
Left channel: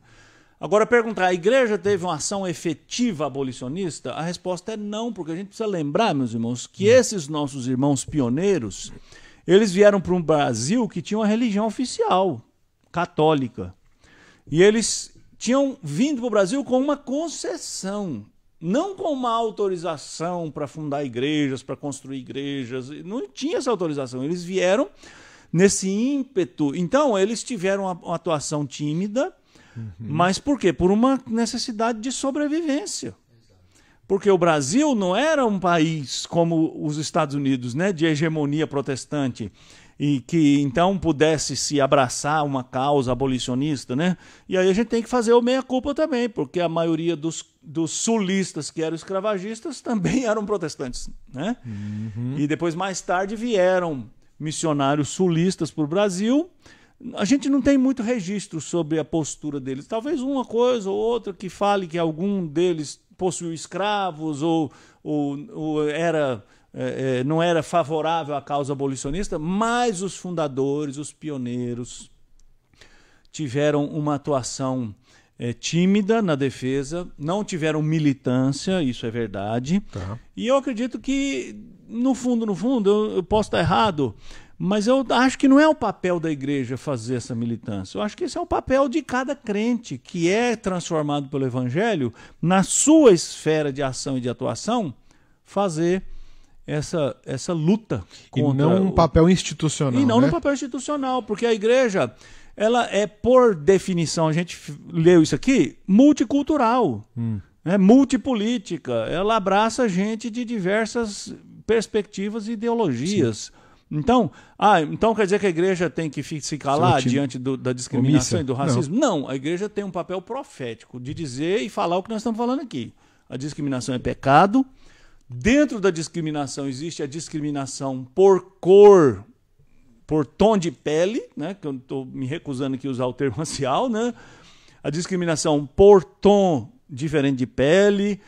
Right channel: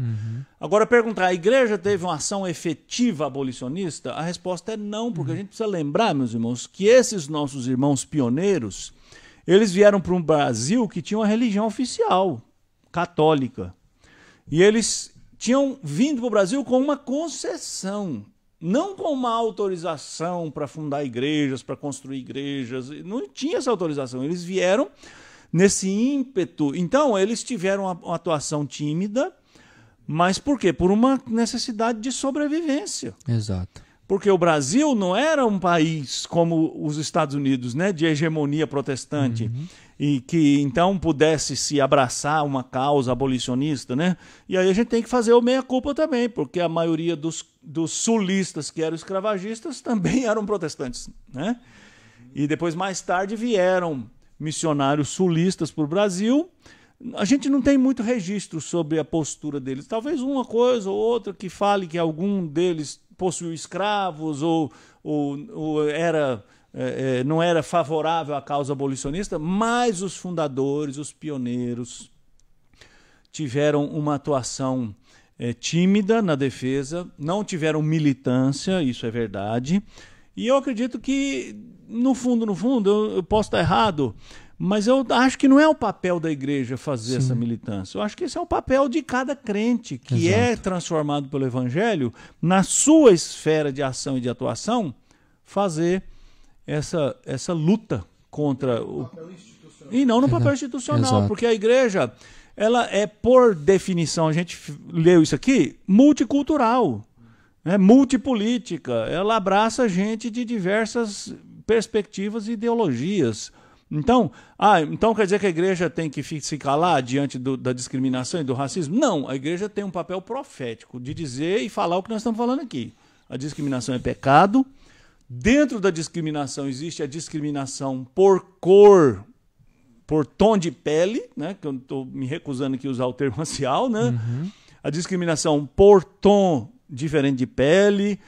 Agora, perguntar, a igreja teve uma ação efetiva abolicionista? A resposta é não, porque a gente precisa lembrar, meus irmãos, que esses nossos irmãos pioneiros, eles vieram para um Brasil que tinha uma religião oficial, católica. E eles tinham vindo para o Brasil com uma concessão, não com uma autorização para fundar igrejas, para construir igrejas. Não tinha essa autorização. Eles vieram nesse ímpeto. Então, eles tiveram uma atuação tímida, mas por quê? Por uma necessidade de sobrevivência. Exato. Porque o Brasil não era um país como os Estados Unidos, né, de hegemonia protestante, e que então pudesse se abraçar uma causa abolicionista, né? E aí a gente tem que fazer o meia-culpa também, porque a maioria dos sulistas que eram escravagistas também eram protestantes, né? E depois, mais tarde, vieram missionários sulistas para o Brasil. A gente não tem muito registro sobre a postura deles. Talvez uma coisa ou outra que fale que algum deles possuiu escravos ou não era favorável à causa abolicionista, mas os fundadores, os pioneiros, tiveram uma atuação tímida na defesa, não tiveram militância, isso é verdade. Tá. E eu acredito que, no fundo, eu posso estar errado, mas eu acho que não é o papel da igreja fazer essa militância. Eu acho que esse é o papel de cada crente que é transformado pelo Evangelho, na sua esfera de ação e de atuação, fazer essa luta contra... E não um papel institucional. E não né? no papel institucional, Exato. porque a igreja, ela é, por definição, a gente leu isso aqui, multicultural, multipolítica. Ela abraça gente de diversas perspectivas e ideologias. Então quer dizer que a igreja tem que se calar diante da discriminação e do racismo? Não, a igreja tem um papel profético de dizer e falar o que nós estamos falando aqui. A discriminação é pecado. Dentro da discriminação existe a discriminação por cor, por tom de pele, né? Que eu estou me recusando aqui a usar o termo racial, né? A discriminação por tom diferente de pele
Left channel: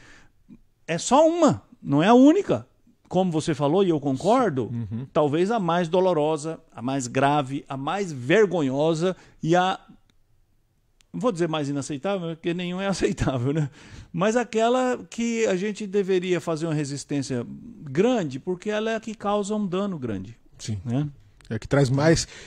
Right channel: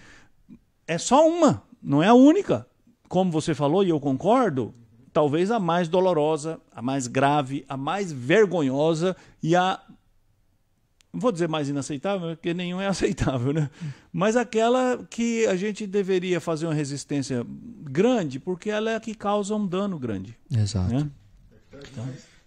é só uma, não é a única. Como você falou, e eu concordo, talvez a mais dolorosa, a mais grave, a mais vergonhosa e não vou dizer mais inaceitável, porque nenhum é aceitável, né? Mas aquela que a gente deveria fazer uma resistência grande, porque ela é a que causa um dano grande. Exato. Né? É que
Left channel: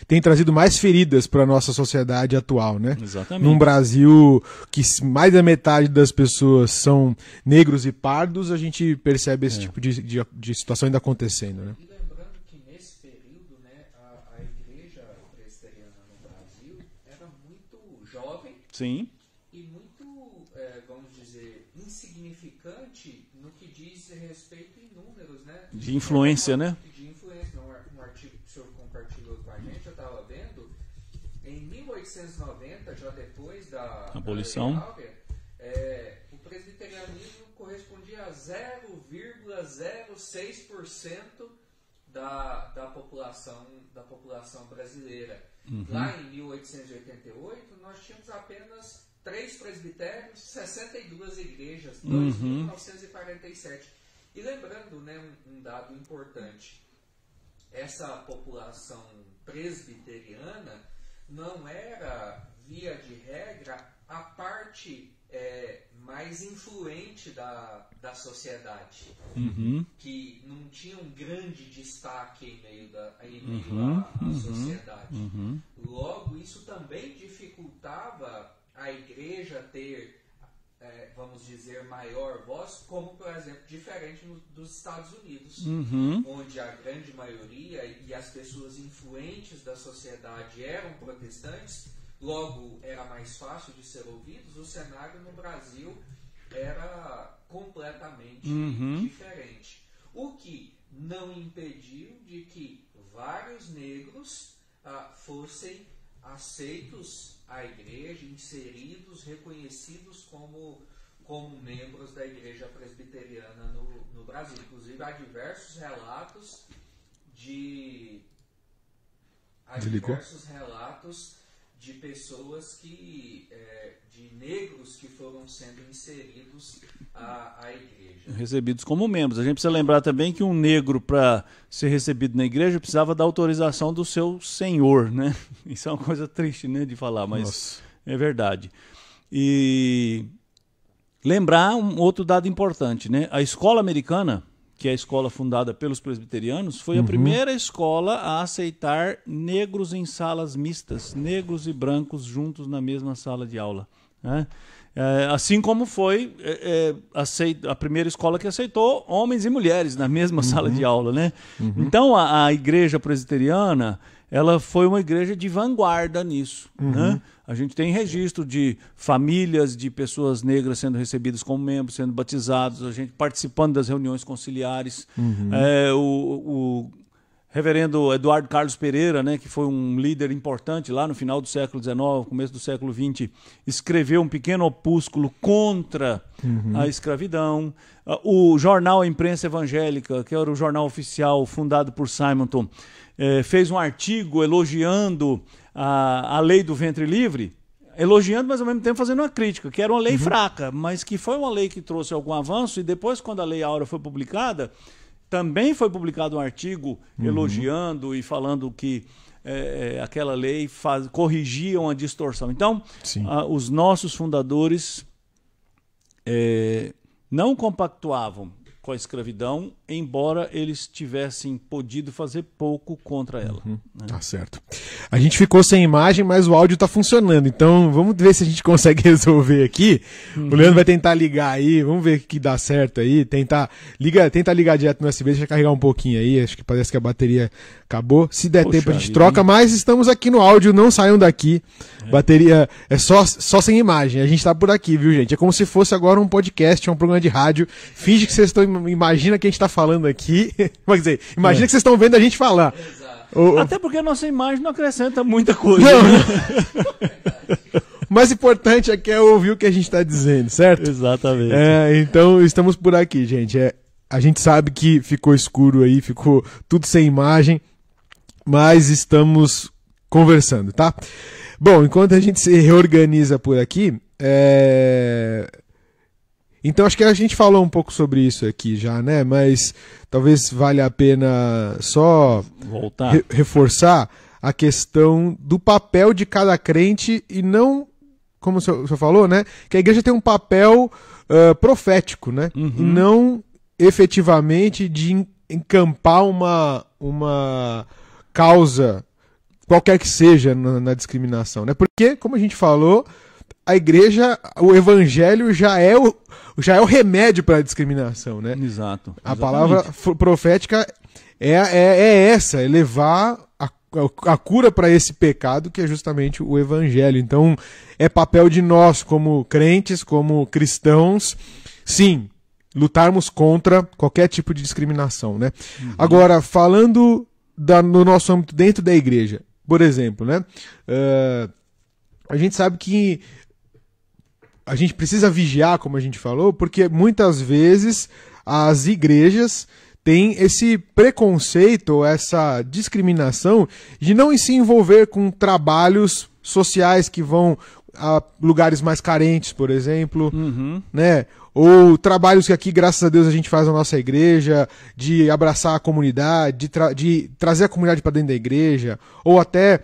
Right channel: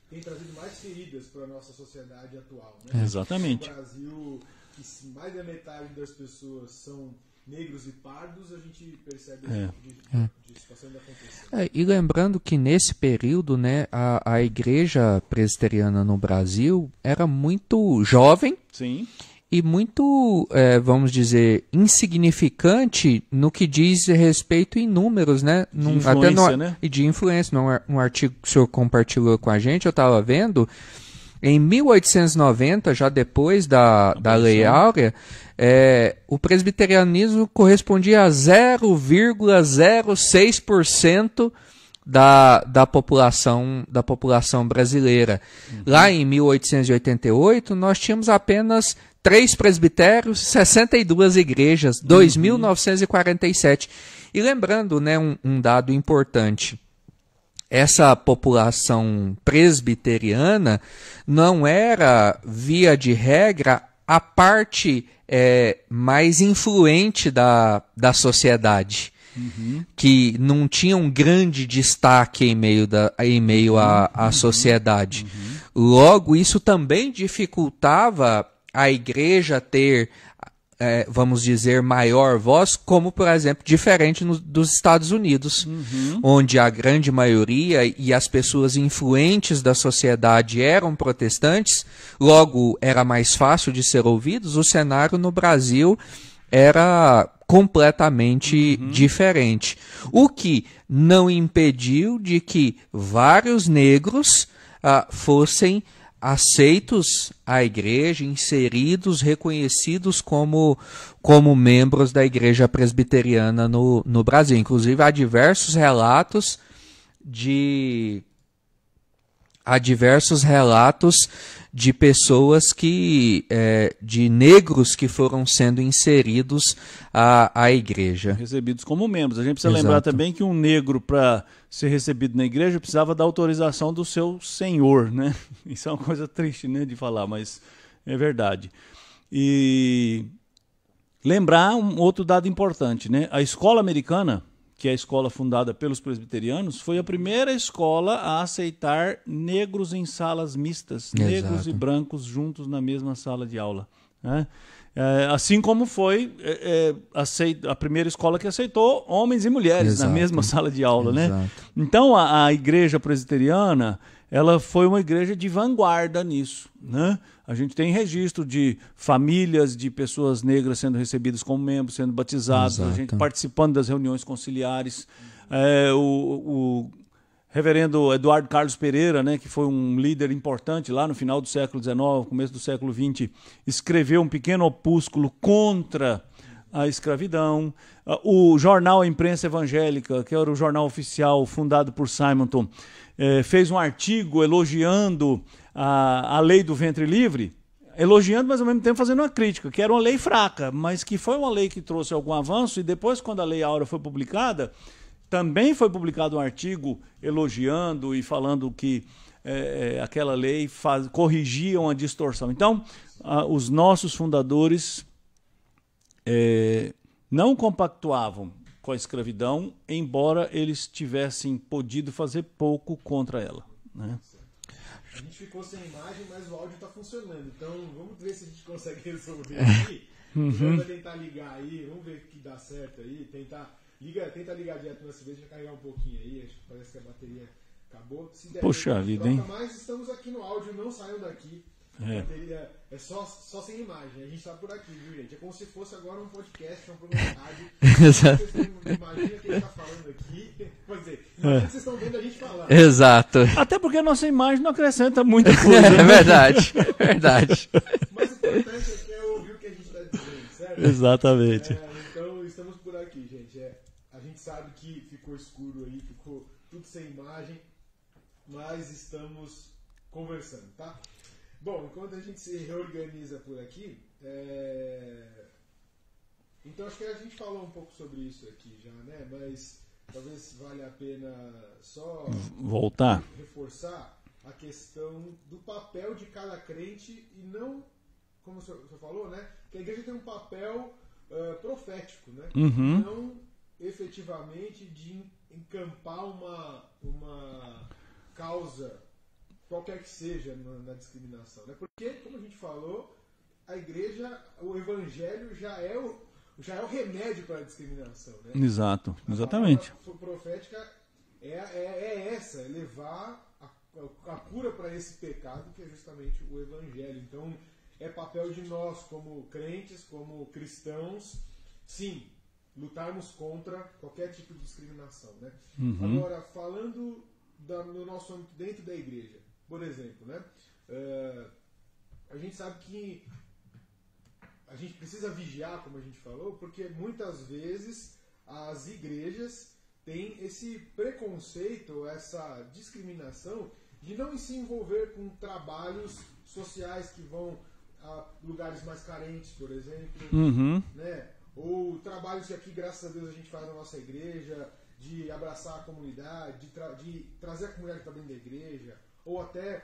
tem trazido mais feridas para a nossa sociedade atual, né? Exatamente. Num Brasil que mais da metade das pessoas são negros e pardos, a gente percebe esse tipo de situação ainda acontecendo. Né? E lembrando que nesse período, né, a igreja presbiteriana no Brasil era muito jovem. Sim. E muito, vamos dizer, insignificante no que diz respeito em números, né? De influência, né? E de influência. Um artigo que o senhor compartilhou com a gente, eu estava vendo, em 1890, já depois da Lei Áurea, o presbiterianismo correspondia a 0,06% da população brasileira. Lá em 1888, nós tínhamos apenas 3 presbitérios, 62 igrejas, 2.947. E lembrando, né, um dado importante, essa população presbiteriana não era, via de regra, a parte mais influente da sociedade. Que não tinha um grande destaque em meio à sociedade. Logo, isso também dificultava a igreja ter, vamos dizer, maior voz, como, por exemplo, diferente dos Estados Unidos, onde a grande maioria e as pessoas influentes da sociedade eram protestantes, logo era mais fácil de ser ouvidos. O cenário no Brasil era completamente diferente. O que não impediu de que vários negros fossem aceitos à igreja, inseridos, reconhecidos como membros da igreja presbiteriana no Brasil. Inclusive, há diversos relatos de pessoas de negros que foram sendo inseridos à igreja. Recebidos como membros. A gente precisa lembrar também que um negro, para ser recebido na igreja, precisava da autorização do seu senhor, né? Isso é uma coisa triste, né, de falar, mas é verdade. E lembrar um outro dado importante, né? A escola americana, que é a escola fundada pelos presbiterianos, foi a primeira escola a aceitar negros em salas mistas, negros e brancos juntos na mesma sala de aula. Né? Assim como foi a primeira escola que aceitou homens e mulheres na mesma sala de aula. Né? Então, a igreja presbiteriana, ela foi uma igreja de vanguarda nisso, né? A gente tem registro de famílias de pessoas negras sendo recebidas como membros, sendo batizados, Exato. a gente participando das reuniões conciliares. O reverendo Eduardo Carlos Pereira, né, que foi um líder importante lá no final do século XIX, começo do século XX, escreveu um pequeno opúsculo contra a escravidão. O jornal A Imprensa Evangélica, que era o jornal oficial fundado por Simonton, fez um artigo elogiando a lei do ventre livre, elogiando, mas ao mesmo tempo fazendo uma crítica, que era uma lei fraca, mas que foi uma lei que trouxe algum avanço, e depois, quando a Lei Áurea foi publicada, também foi publicado um artigo elogiando e falando que aquela lei corrigia uma distorção. Então, os nossos fundadores não compactuavam com a escravidão, embora eles tivessem podido fazer pouco contra ela. Né? Tá certo. A gente ficou sem imagem, mas o áudio tá funcionando. Então, vamos ver se a gente consegue resolver aqui. O Leandro vai tentar ligar aí, vamos ver o que dá certo aí. Tenta ligar direto no USB, deixa eu carregar um pouquinho aí. Acho que parece que a bateria acabou. Se der tempo, a gente troca, mas estamos aqui no áudio, não saiam daqui. Bateria é só sem imagem. A gente tá por aqui, viu, gente? É como se fosse agora um podcast, um programa de rádio. Finge que vocês estão. Imagina que a gente tá falando aqui. Quer dizer, imagina que vocês estão vendo a gente falar. Exato. Até porque a nossa imagem não acrescenta muita coisa. É verdade, verdade. O mais importante aqui é ouvir o que a gente tá dizendo, certo? Exatamente. Então, estamos por aqui, gente. A gente sabe que ficou escuro aí, ficou tudo sem imagem, mas estamos conversando, tá? Bom, enquanto a gente se reorganiza por aqui, então acho que a gente falou um pouco sobre isso aqui já, né? Mas talvez valha a pena só voltar, reforçar a questão do papel de cada crente e não, como o senhor falou, né? Que a igreja tem um papel profético, né? E não efetivamente de encampar uma causa, qualquer que seja, na discriminação, né? Porque, como a gente falou, a igreja, o evangelho já é o remédio para a discriminação, né? Exato. A palavra profética é essa, é levar a cura para esse pecado que é justamente o evangelho. Então, é papel de nós, como crentes, como cristãos, sim, lutarmos contra qualquer tipo de discriminação, né? Agora, falando no nosso âmbito dentro da igreja, por exemplo, né? A gente sabe que a gente precisa vigiar, como a gente falou, porque muitas vezes as igrejas têm esse preconceito ou essa discriminação de não se envolver com trabalhos sociais que vão a lugares mais carentes, por exemplo, né? Ou trabalhos que aqui, graças a Deus, a gente faz na nossa igreja, de abraçar a comunidade, de trazer a comunidade para dentro da igreja, ou até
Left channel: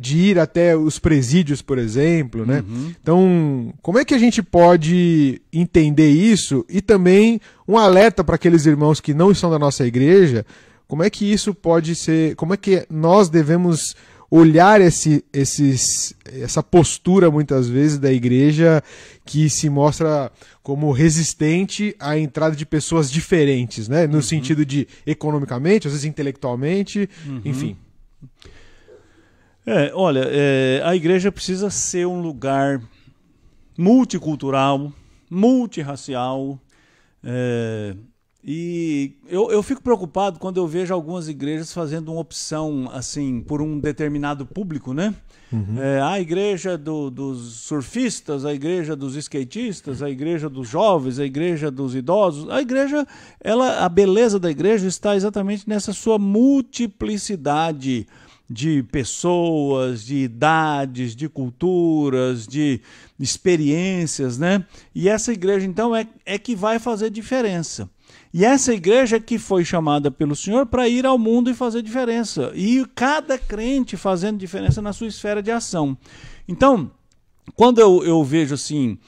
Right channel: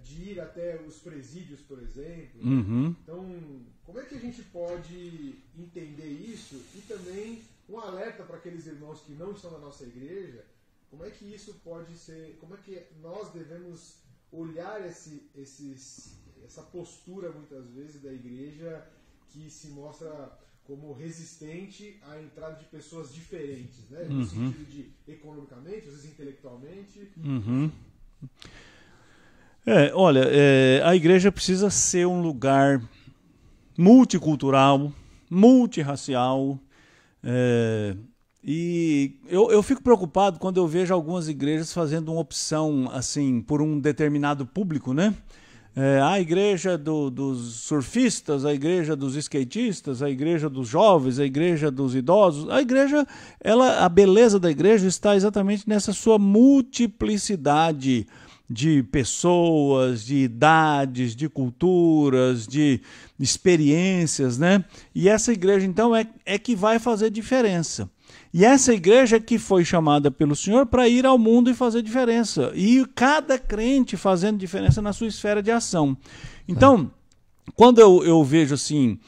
de ir até os presídios, por exemplo, né? Então, como é que a gente pode entender isso? E também um alerta para aqueles irmãos que não estão da nossa igreja, como é que isso pode ser, como é que nós devemos olhar essa postura, muitas vezes, da igreja que se mostra como resistente à entrada de pessoas diferentes, né? No sentido de economicamente, às vezes intelectualmente, enfim. Olha, a igreja precisa ser um lugar multicultural, multirracial, e eu fico preocupado quando eu vejo algumas igrejas fazendo uma opção assim por um determinado público, né? A igreja dos surfistas, a igreja dos skatistas, a igreja dos jovens, a igreja dos idosos. A igreja, a beleza da igreja está exatamente nessa sua multiplicidade de pessoas, de idades, de culturas, de experiências, né? E essa igreja, então, é que vai fazer diferença. E essa igreja que foi chamada pelo Senhor para ir ao mundo e fazer diferença. E cada crente fazendo diferença na sua esfera de ação. Então, quando eu vejo assim,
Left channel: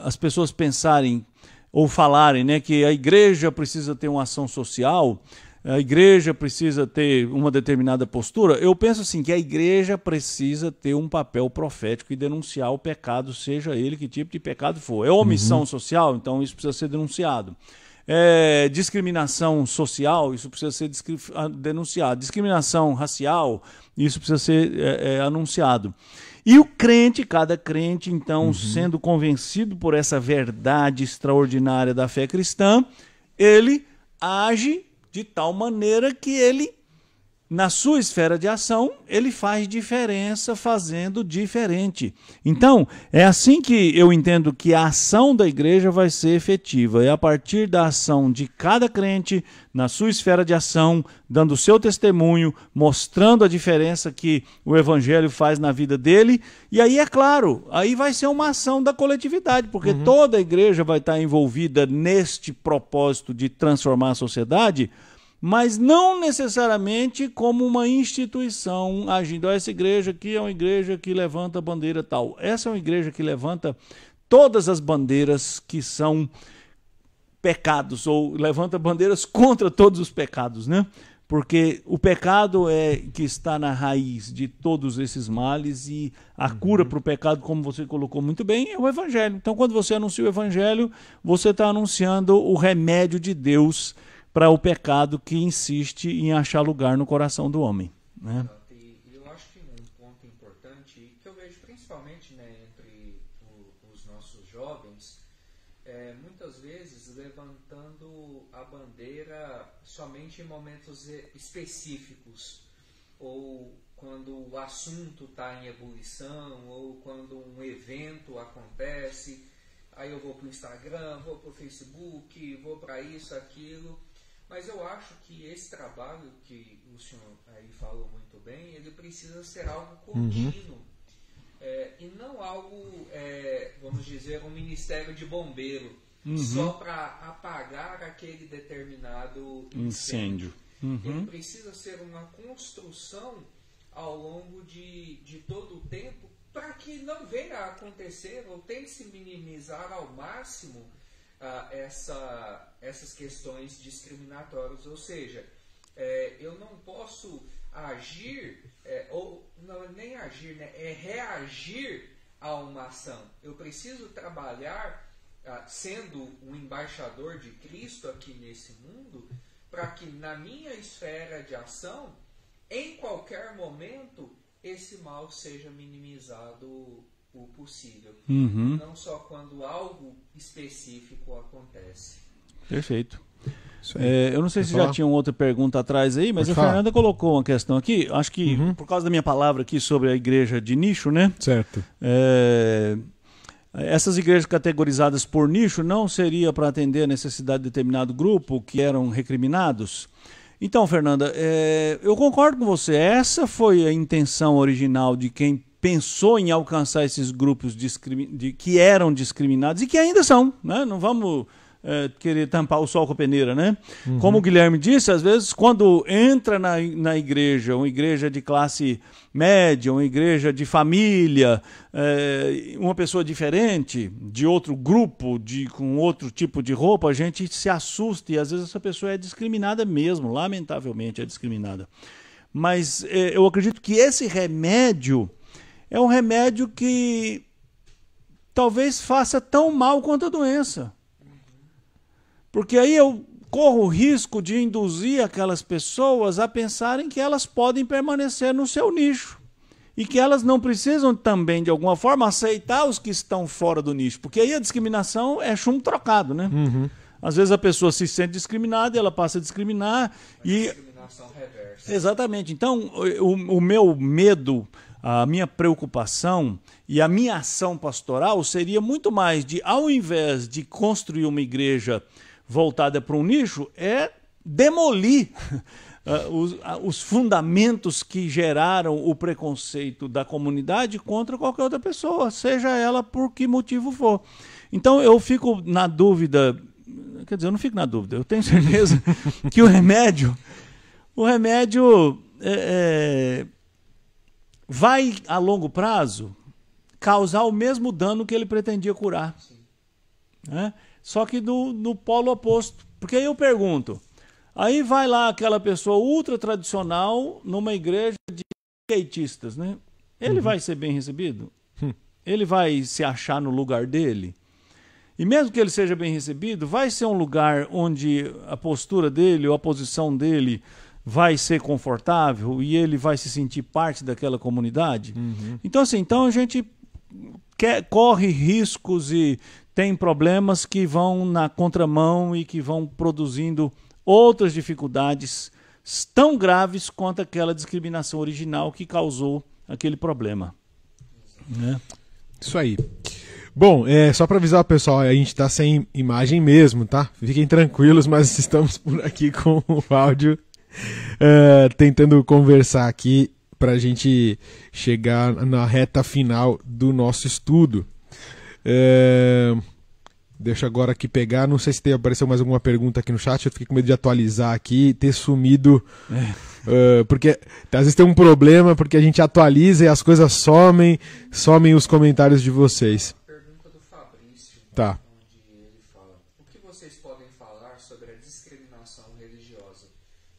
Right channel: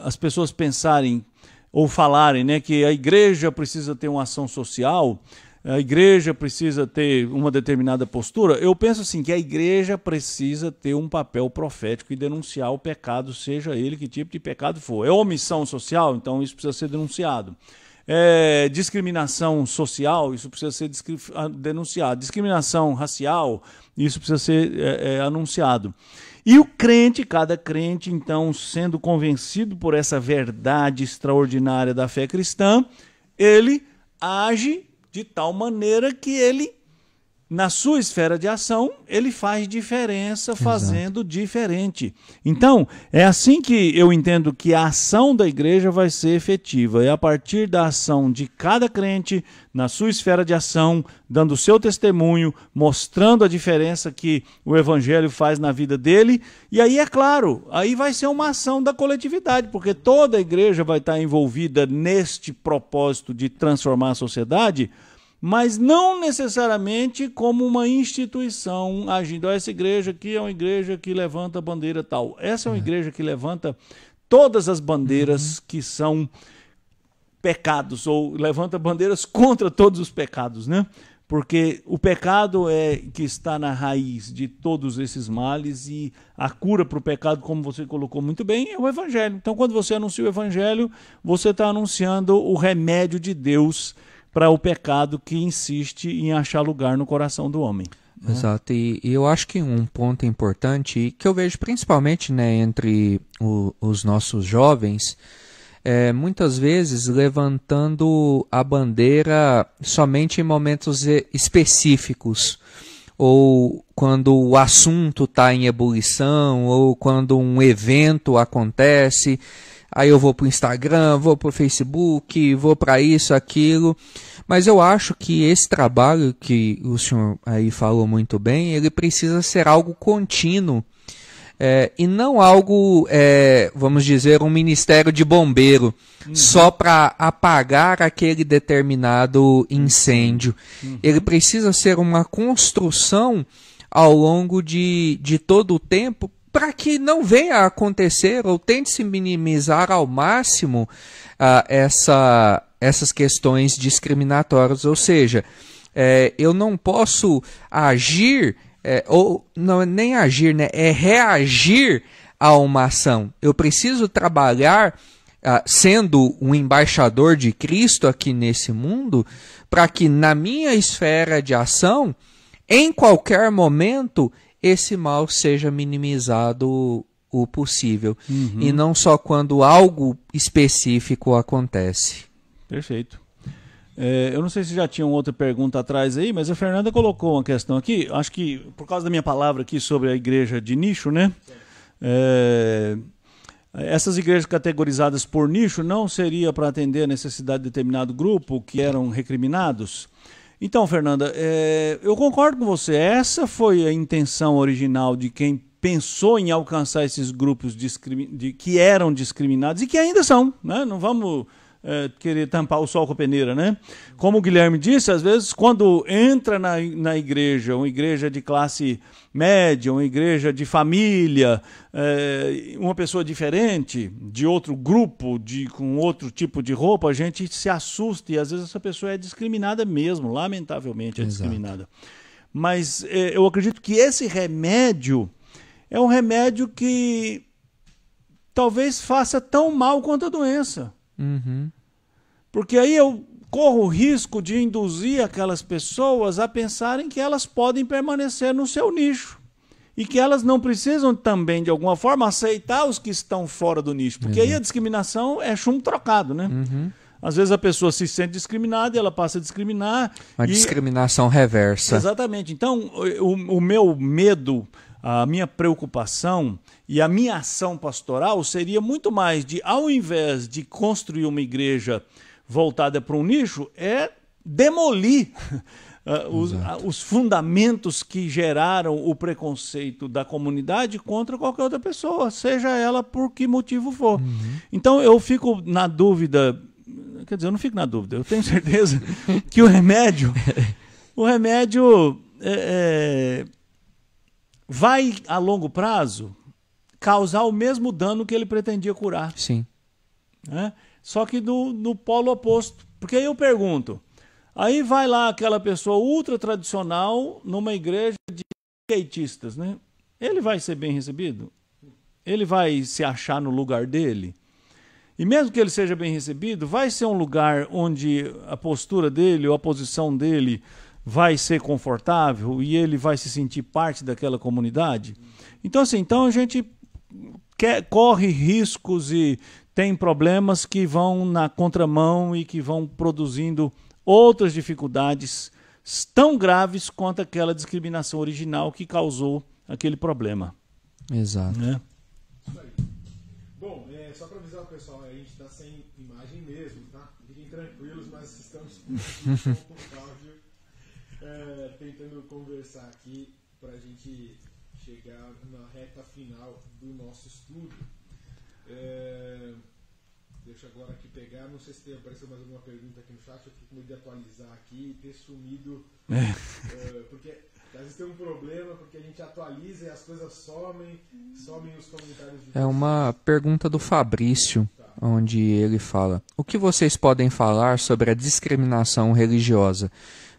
as pessoas pensarem ou falarem, né, que a igreja precisa ter uma ação social, a igreja precisa ter uma determinada postura, eu penso assim, que a igreja precisa ter um papel profético e denunciar o pecado, seja ele que tipo de pecado for. É omissão social, então isso precisa ser denunciado. discriminação social, isso precisa ser denunciado. Discriminação racial, isso precisa ser anunciado. E o crente, cada crente, então, sendo convencido por essa verdade extraordinária da fé cristã, ele age de tal maneira que ele, na sua esfera de ação, ele faz diferença fazendo diferente. Então, é assim que eu entendo que a ação da igreja vai ser efetiva. É a partir da ação de cada crente, na sua esfera de ação, dando o seu testemunho, mostrando a diferença que o evangelho faz na vida dele. E aí, é claro, aí vai ser uma ação da coletividade, porque toda a igreja vai estar envolvida neste propósito de transformar a sociedade, mas não necessariamente como uma instituição agindo. Essa igreja aqui é uma igreja que levanta a bandeira tal. Essa é uma igreja que levanta todas as bandeiras que são pecados, ou levanta bandeiras contra todos os pecados, né? Porque o pecado é que está na raiz de todos esses males, e a cura para o pecado, como você colocou muito bem, é o evangelho. Então, quando você anuncia o evangelho, você está anunciando o remédio de Deus para o pecado que insiste em achar lugar no coração do homem. Né? Exato, e eu acho que um ponto importante, que eu vejo principalmente, né, entre os nossos jovens, muitas vezes levantando a bandeira somente em momentos específicos, ou quando o assunto está em ebulição, ou quando um evento acontece. Aí eu vou para o Instagram, vou para o Facebook, vou para isso, aquilo. Mas eu acho que esse trabalho que o senhor aí falou muito bem, ele precisa ser algo contínuo. E não algo, vamos dizer, um ministério de bombeiro, só para apagar aquele determinado incêndio. Ele precisa ser uma construção ao longo de todo o tempo, para que não venha a acontecer, ou tente se minimizar ao máximo essas questões discriminatórias. Ou seja, eu não posso agir, ou não, nem agir, né? É reagir a uma ação. Eu preciso trabalhar, sendo um embaixador de Cristo aqui nesse mundo, para que na minha esfera de ação, em qualquer momento, esse mal seja minimizado o possível. E não só quando algo específico acontece. Perfeito. Eu não sei se já tinha outra pergunta atrás aí, mas a Fernanda colocou uma questão aqui, acho que por causa da minha palavra aqui sobre a igreja de nicho, né? Certo. Essas igrejas categorizadas por nicho não seria para atender a necessidade de determinado grupo que eram recriminados? Então, Fernanda, eu concordo com você. Essa foi a intenção original de quem pensou em alcançar esses grupos que eram discriminados e que ainda são, né? Não vamos querer tampar o sol com a peneira, né? Como o Guilherme disse, às vezes quando entra na igreja, uma igreja de classe média, uma igreja de família, uma pessoa diferente, de outro grupo, com outro tipo de roupa, a gente se assusta e às vezes essa pessoa é discriminada mesmo, lamentavelmente é discriminada. Mas eu acredito que esse remédio é um remédio que talvez faça tão mal quanto a doença. Porque aí eu corro o risco de induzir aquelas pessoas a pensarem que elas podem permanecer no seu nicho e que elas não precisam também, de alguma forma, aceitar os que estão fora do nicho. Porque aí a discriminação é chumbo trocado, né? Às vezes a pessoa se sente discriminada e ela passa a discriminar. Uma discriminação reversa. Exatamente. Então, o meu medo, a minha preocupação e a minha ação pastoral seria muito mais de, ao invés de construir uma igreja voltada para um nicho, demolir os fundamentos que geraram o preconceito da comunidade contra qualquer outra pessoa, seja ela por que motivo for. Então eu fico na dúvida, quer dizer, eu não fico na dúvida, eu tenho certeza que o remédio vai, a longo prazo, causar o mesmo dano que ele pretendia curar. Sim. Né? Só que no polo oposto. Porque aí eu pergunto, aí vai lá aquela pessoa ultra tradicional numa igreja de skatistas, né? Ele vai ser bem recebido? Ele vai se achar no lugar dele? E mesmo que ele seja bem recebido, vai ser um lugar onde a postura dele ou a posição dele vai ser confortável e ele vai se sentir parte daquela comunidade? Então, assim, a gente corre riscos e tem problemas que vão na contramão e que vão produzindo outras dificuldades tão graves quanto aquela discriminação original que causou aquele problema. Exato. Né? Isso aí. Bom, só para avisar o pessoal, a gente está sem imagem mesmo, tá? Fiquem tranquilos, mas estamos por aqui com o áudio, tentando conversar aqui para a gente chegar na reta final do nosso estudo. Deixa eu agora aqui pegar, não sei se apareceu mais alguma pergunta aqui no chat, eu fiquei com medo de atualizar aqui e ter sumido, porque às vezes tem um problema, porque a gente atualiza e as coisas somem os comentários de vocês. Uma pergunta do Fabrício, Tá. onde ele fala: o que vocês podem falar sobre a discriminação religiosa?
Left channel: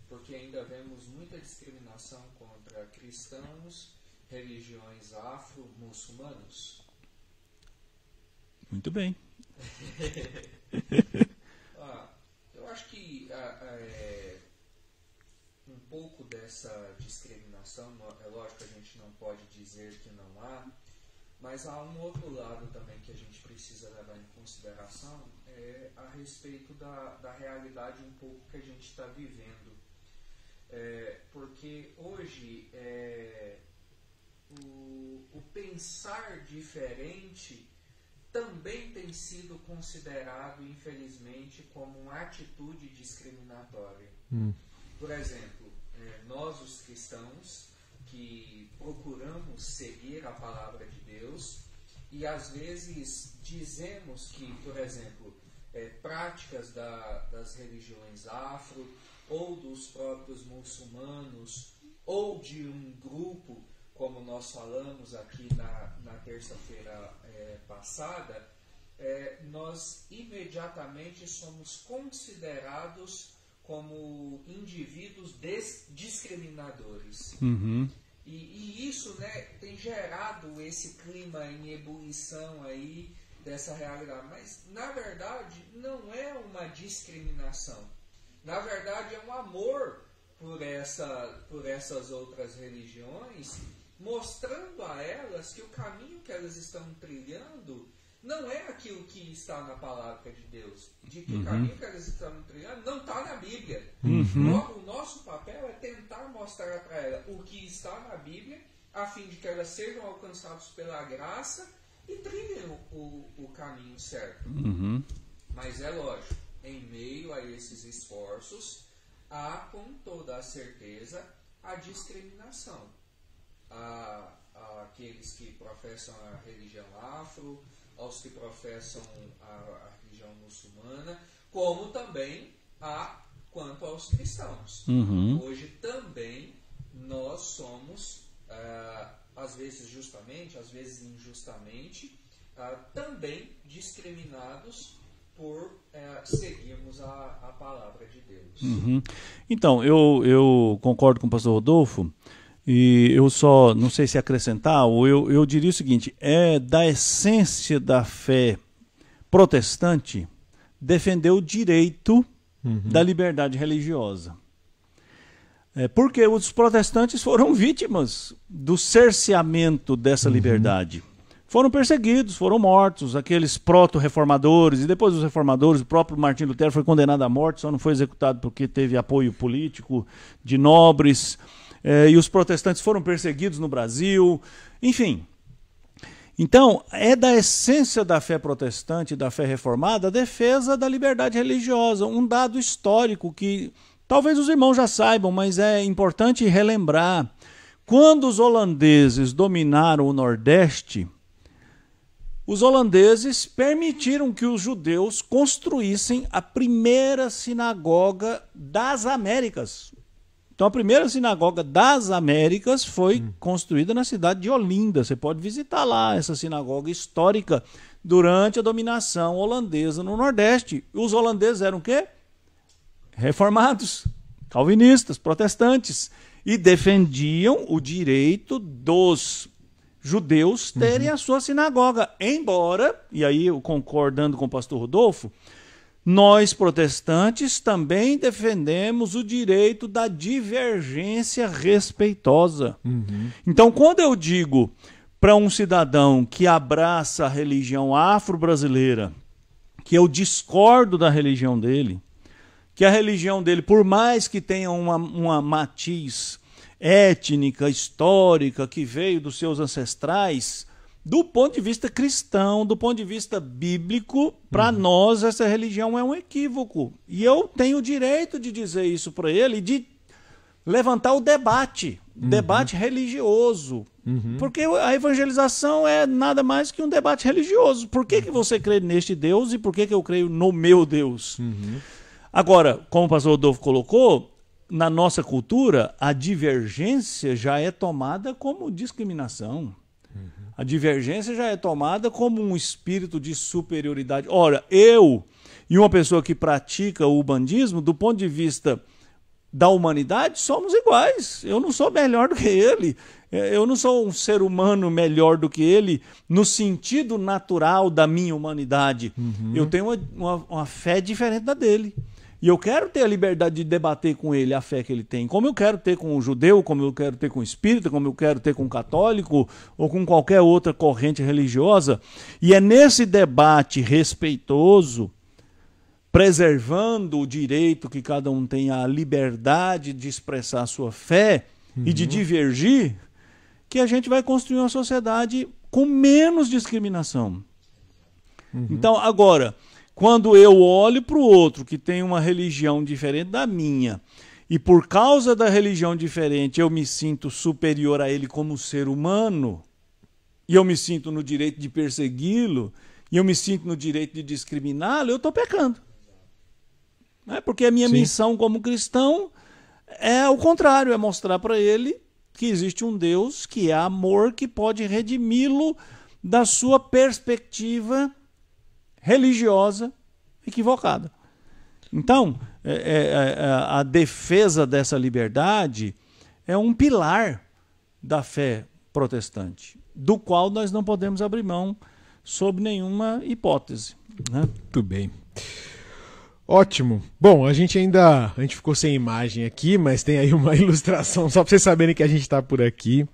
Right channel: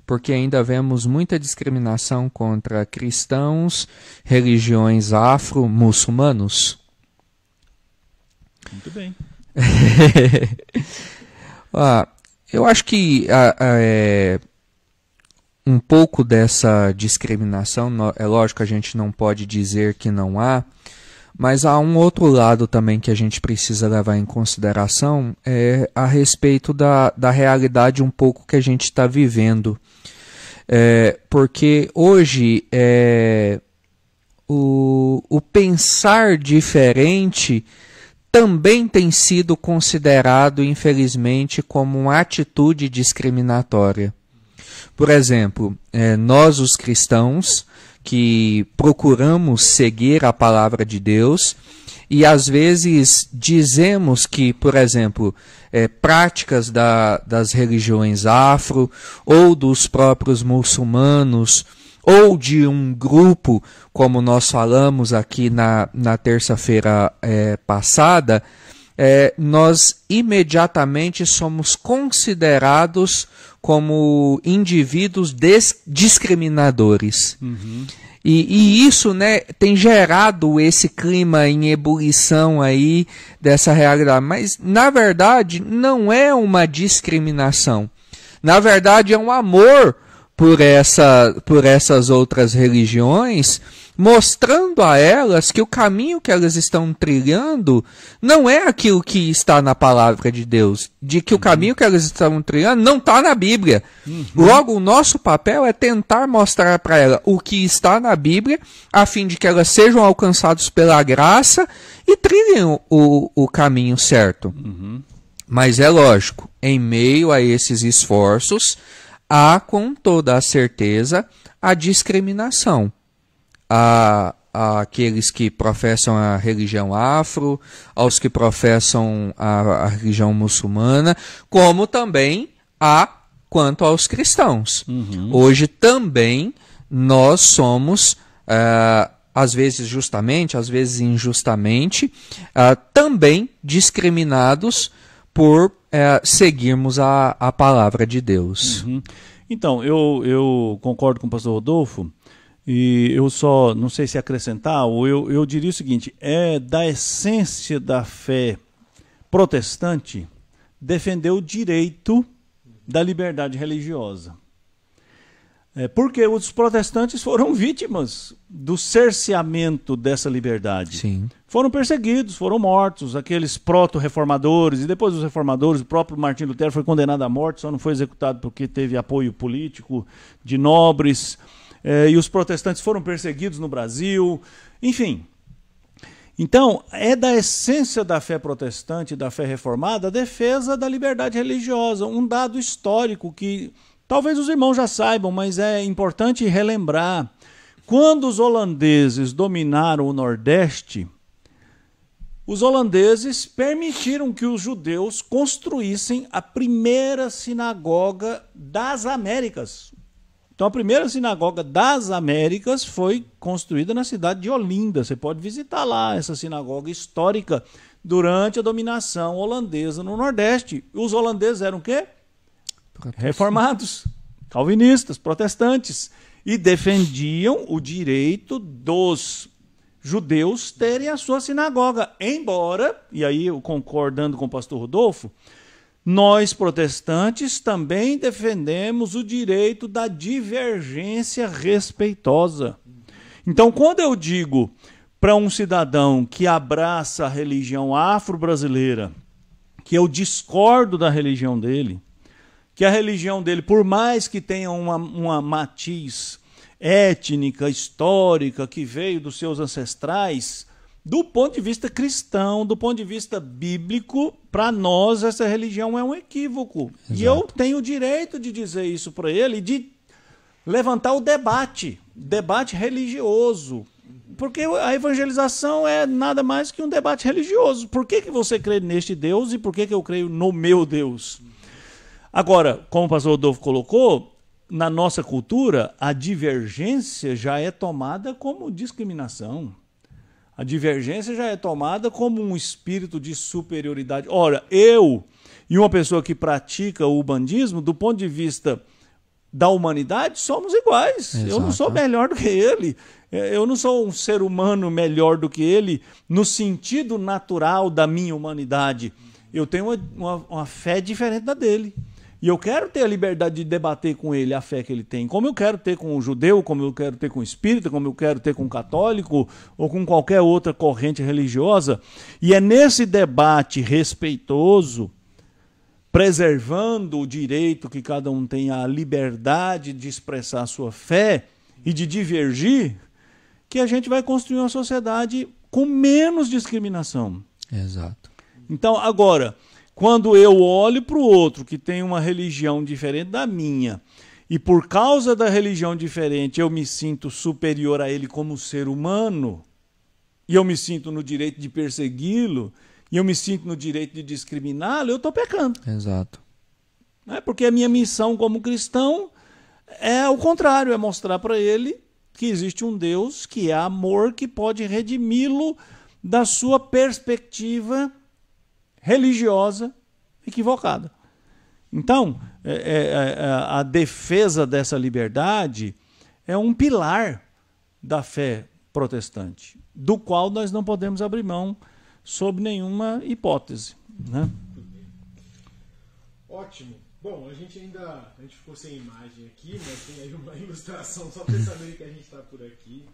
Porque ainda vemos muita discriminação contra cristãos, religiões afro-muçulmanos. Muito bem. Eu acho que um pouco dessa discriminação, é lógico que a gente não pode dizer que não há, mas há um outro lado também que a gente precisa levar em consideração, a respeito da realidade um pouco que a gente está vivendo. Porque hoje o pensar diferente também tem sido considerado, infelizmente, como uma atitude discriminatória. Por exemplo, nós os cristãos que procuramos seguir a palavra de Deus e às vezes dizemos que, por exemplo, práticas das religiões afro ou dos próprios muçulmanos ou de um grupo, como nós falamos aqui na terça-feira passada, nós imediatamente somos considerados como indivíduos discriminadores. E isso, né, tem gerado esse clima em ebulição aí dessa realidade. Mas, na verdade, não é uma discriminação. Na verdade, é um amor por essas outras religiões, mostrando a elas que o caminho que elas estão trilhando não é aquilo que está na palavra de Deus, de que o caminho que elas estão trilhando não está na Bíblia. Logo, o nosso papel é tentar mostrar para elas o que está na Bíblia, a fim de que elas sejam alcançadas pela graça e trilhem o caminho certo. Mas é lógico, em meio a esses esforços, há com toda a certeza a discriminação. Àqueles que professam a religião afro, aos que professam a religião muçulmana, como também quanto aos cristãos. Hoje também nós somos, às vezes justamente, às vezes injustamente, também discriminados por seguirmos a palavra de Deus. Então, eu concordo com o pastor Rodolfo, e eu só, não sei se acrescentar, ou eu diria o seguinte: é da essência da fé protestante defender o direito da liberdade religiosa. Porque os protestantes foram vítimas do cerceamento dessa liberdade. Sim. Foram perseguidos, foram mortos, aqueles proto-reformadores, e depois os reformadores, o próprio Martim Lutero foi condenado à morte, só não foi executado porque teve apoio político de nobres, e os protestantes foram perseguidos no Brasil, enfim. Então, é da essência da fé protestante, da fé reformada, a defesa da liberdade religiosa, um dado histórico que talvez os irmãos já saibam, mas é importante relembrar. Quando os holandeses dominaram o Nordeste, os holandeses permitiram que os judeus construíssem a primeira sinagoga das Américas. Então, a primeira sinagoga das Américas foi construída na cidade de Olinda. Você pode visitar lá essa sinagoga histórica durante a dominação holandesa no Nordeste. Os holandeses eram o quê? Reformados, calvinistas, protestantes, e defendiam o direito dos judeus terem a sua sinagoga. Embora, e aí eu concordando com o pastor Rodolfo, nós protestantes também defendemos o direito da divergência respeitosa. Então, quando eu digo para um cidadão que abraça a religião afro-brasileira, que eu discordo da religião dele, que a religião dele, por mais que tenha uma matiz étnica, histórica, que veio dos seus ancestrais, do ponto de vista cristão, do ponto de vista bíblico, para nós essa religião é um equívoco. Exato. E eu tenho o direito de dizer isso para ele, de levantar o debate religioso. Porque a evangelização é nada mais que um debate religioso. Por que você crê neste Deus e por que eu creio no meu Deus? Agora, como o pastor Rodolfo colocou, na nossa cultura, a divergência já é tomada como discriminação. A divergência já é tomada como um espírito de superioridade. Ora, eu e uma pessoa que pratica o bandismo, do ponto de vista da humanidade, somos iguais. Exato. Eu não sou melhor do que ele. Eu não sou um ser humano melhor do que ele no sentido natural da minha humanidade. Eu tenho uma fé diferente da dele. E eu quero ter a liberdade de debater com ele a fé que ele tem, como eu quero ter com o judeu, como eu quero ter com o espírita, como eu quero ter com o católico ou com qualquer outra corrente religiosa. E é nesse debate respeitoso, preservando o direito que cada um tem a liberdade de expressar a sua fé e de divergir, que a gente vai construir uma sociedade com menos discriminação. Exato. Então, agora, quando eu olho para o outro que tem uma religião diferente da minha, e por causa da religião diferente eu me sinto superior a ele como ser humano, e eu me sinto no direito de persegui-lo, e eu me sinto no direito de discriminá-lo, eu estou pecando. Exato. Porque a minha missão como cristão é o contrário, é mostrar para ele que existe um Deus que é amor, que pode redimi-lo da sua perspectiva religiosa equivocada. Então, a defesa dessa liberdade é um pilar da fé protestante, do qual nós não podemos abrir mão sob nenhuma hipótese. Né? Muito bem. Ótimo. Bom, a gente ficou sem imagem aqui, mas tem aí uma ilustração, só para vocês saberem que a gente está por aqui.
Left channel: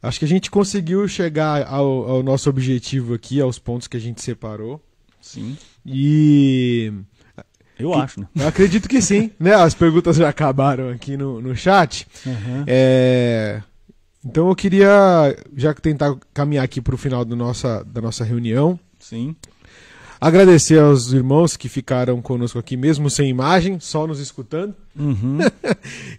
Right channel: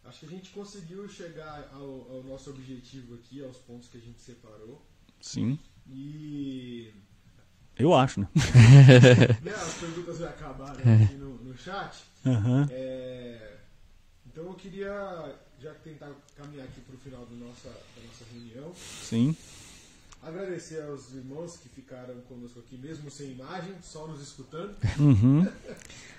Acho que a gente conseguiu chegar ao nosso objetivo aqui, aos pontos que a gente separou. Sim. E... eu acho, né? Eu acredito que sim. Né? As perguntas já acabaram aqui no chat. Então eu queria já tentar caminhar aqui para o final da nossa reunião. Sim. Agradecer aos irmãos que ficaram conosco aqui, mesmo sem imagem, só nos escutando.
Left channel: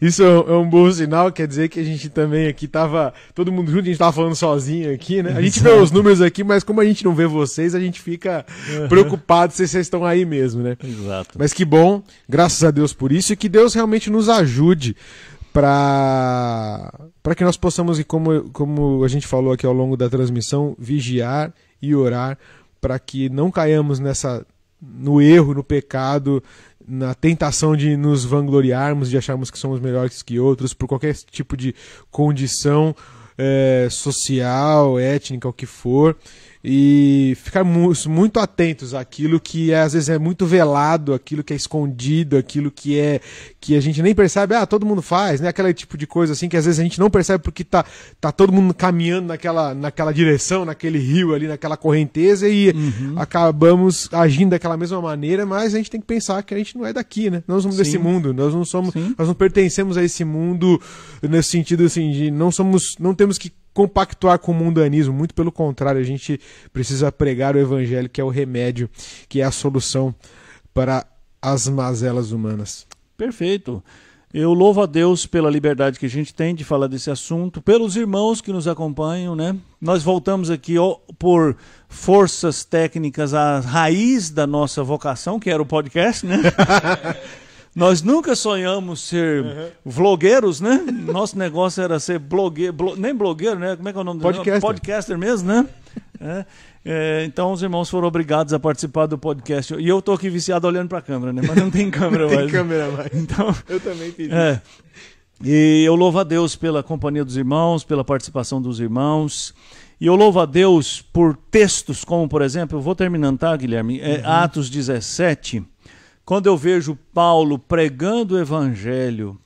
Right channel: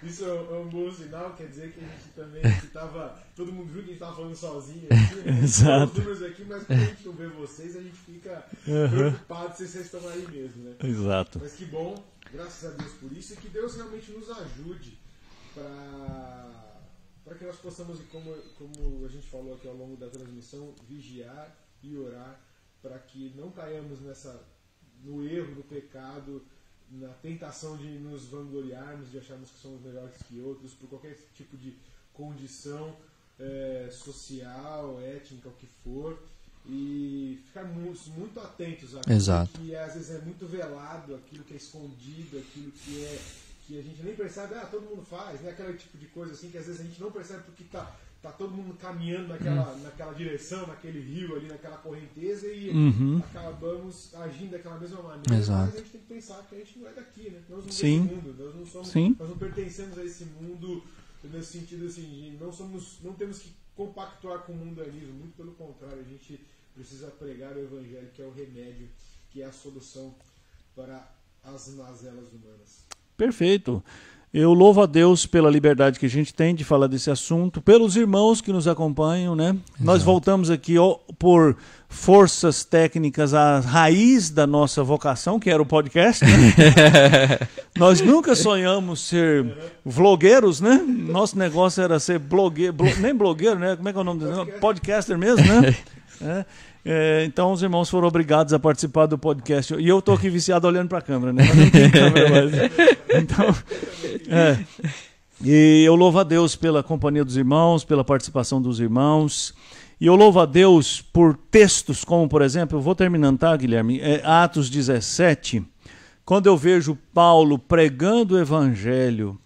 Isso é um bom sinal, quer dizer que a gente também aqui estava, todo mundo junto, a gente estava falando sozinho aqui, né? A gente vê os números aqui, mas como a gente não vê vocês, a gente fica preocupado se vocês estão aí mesmo, né? Exato. Mas que bom, graças a Deus por isso, e que Deus realmente nos ajude para que nós possamos, como a gente falou aqui ao longo da transmissão, vigiar e orar para que não caiamos no erro, no pecado, na tentação de nos vangloriarmos, de acharmos que somos melhores que outros, por qualquer tipo de condição social, étnica, o que for, e ficarmos muito atentos àquilo Exato. Que às vezes é muito velado, aquilo que é escondido, aquilo que a gente nem percebe, todo mundo faz, né? Aquele tipo de coisa assim que às vezes a gente não percebe porque tá todo mundo caminhando naquela direção, naquele rio ali, naquela correnteza e acabamos agindo daquela mesma maneira. Exato. Mas a gente tem que pensar que a gente não é daqui, né? Nós somos desse mundo, nós não pertencemos a esse mundo nesse sentido assim, de não temos que compactuar com o mundanismo, muito pelo contrário, a gente precisa pregar o evangelho, que é o remédio, que é a solução para as mazelas humanas. Perfeito. Eu louvo a Deus pela liberdade que a gente tem de falar desse assunto, pelos irmãos que nos acompanham, né? Nós voltamos aqui por forças técnicas à raiz da nossa vocação, que era o podcast, né? Nós nunca sonhamos ser vlogueiros, né? Nosso negócio era ser nem blogueiro, né? Como é que é o nome do podcaster mesmo, né? Então os irmãos foram obrigados a participar do podcast. E eu estou aqui viciado olhando para a câmera, né? Mas não tem câmera mais. Então, eu também fiz. E eu louvo a Deus pela companhia dos irmãos, pela participação dos irmãos. E eu louvo a Deus por textos como, por exemplo, eu vou terminando, tá, Guilherme? Atos 17, quando eu vejo Paulo pregando o evangelho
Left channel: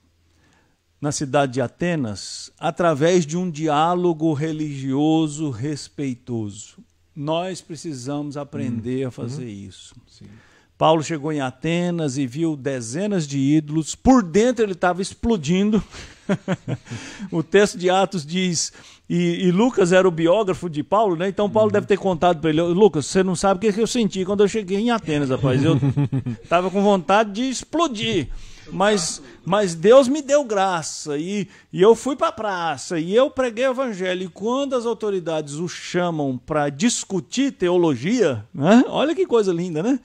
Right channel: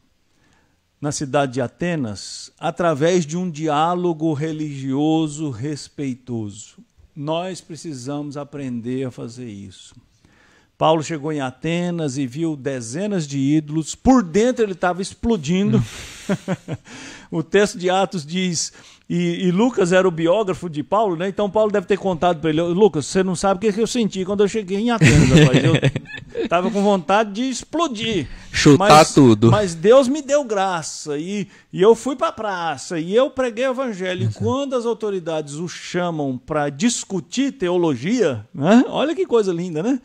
na cidade de Atenas, através de um diálogo religioso respeitoso. Nós precisamos aprender a fazer isso. Sim. Paulo chegou em Atenas e viu dezenas de ídolos. Por dentro ele estava explodindo. O texto de Atos diz... E Lucas era o biógrafo de Paulo, né? Então Paulo deve ter contado para ele: Lucas, você não sabe o que eu senti quando eu cheguei em Atenas, rapaz. Eu estava com vontade de explodir. Chutar tudo. Mas Deus me deu graça. E eu fui para a praça. E eu preguei o evangelho. E quando as autoridades o chamam para discutir teologia, né? Olha que coisa linda, né?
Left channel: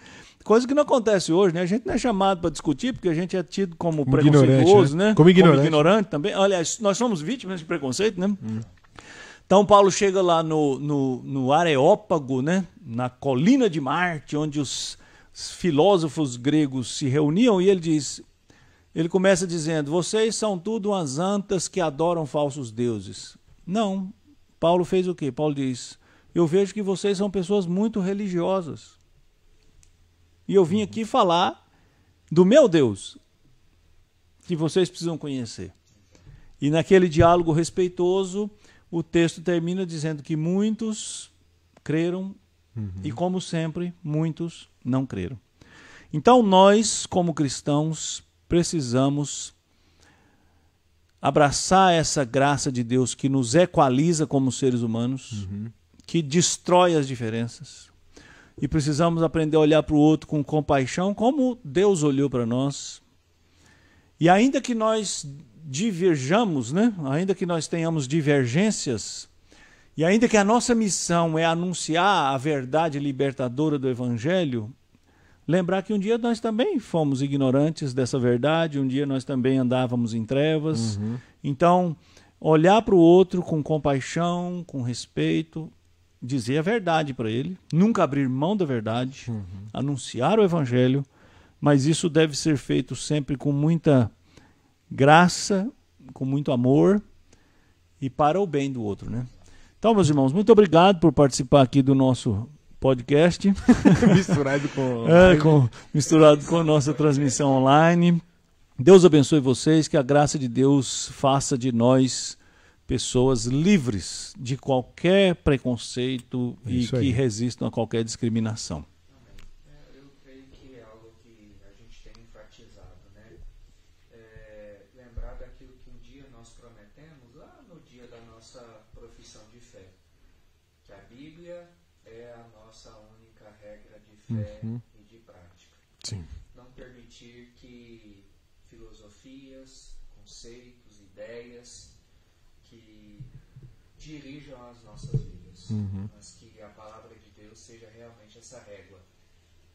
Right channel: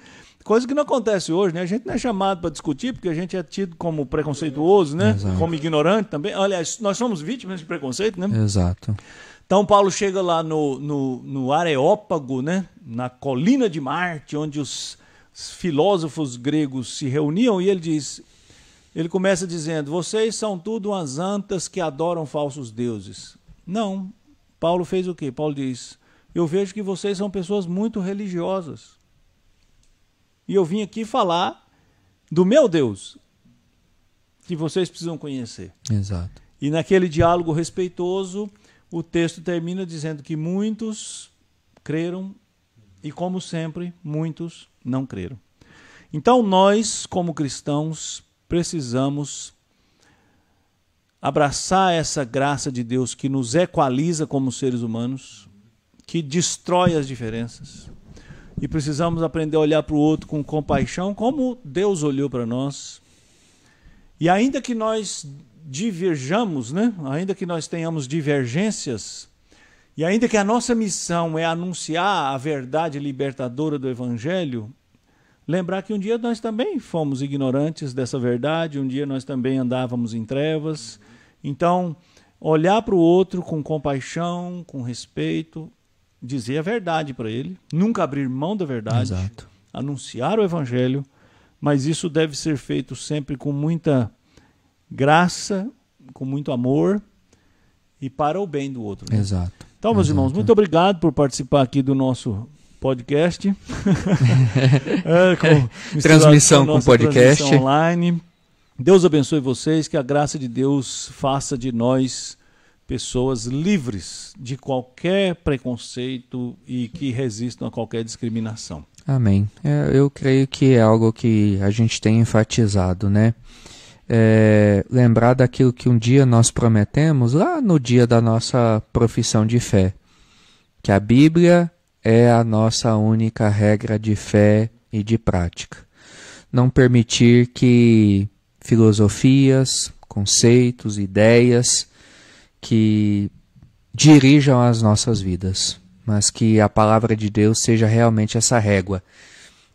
Coisa que não acontece hoje, né? A gente não é chamado para discutir porque a gente é tido como preconceituoso, né? Como ignorante também. Aliás, nós somos vítimas de preconceito, né? Exato. Então Paulo chega lá no Areópago, né? Na colina de Marte, onde os filósofos gregos se reuniam, e ele começa dizendo: vocês são tudo umas antas que adoram falsos deuses. Não. Paulo fez o quê? Paulo diz: eu vejo que vocês são pessoas muito religiosas. E eu vim aqui falar do meu Deus, que vocês precisam conhecer. Exato. E naquele diálogo respeitoso, o texto termina dizendo que muitos creram e, como sempre, muitos não creram. Então nós, como cristãos, precisamos abraçar essa graça de Deus que nos equaliza como seres humanos, que destrói as diferenças. E precisamos aprender a olhar para o outro com compaixão, como Deus olhou para nós. E ainda que nós diverjamos, né? Ainda que nós tenhamos divergências, e ainda que a nossa missão é anunciar a verdade libertadora do Evangelho, lembrar que um dia nós também fomos ignorantes dessa verdade, um dia nós também andávamos em trevas. Então, olhar para o outro com compaixão, com respeito, dizer a verdade para ele, nunca abrir mão da verdade, anunciar o evangelho, mas isso deve ser feito sempre com muita graça, com muito amor e para o bem do outro. Né? Exato. Então, meus irmãos, muito obrigado por participar aqui do nosso podcast. Transmissão com podcast. Transmissão online. Deus abençoe vocês, que a graça de Deus faça de nós pessoas livres de qualquer preconceito e que resistam a qualquer discriminação. Amém. Eu creio que é algo que a gente tem enfatizado, né? Lembrar daquilo que um dia nós prometemos, lá no dia da nossa profissão de fé, que a Bíblia é a nossa única regra de fé e de prática. Sim. Não permitir que filosofias, conceitos, ideias que dirijam as nossas vidas, mas que a palavra de Deus seja realmente essa régua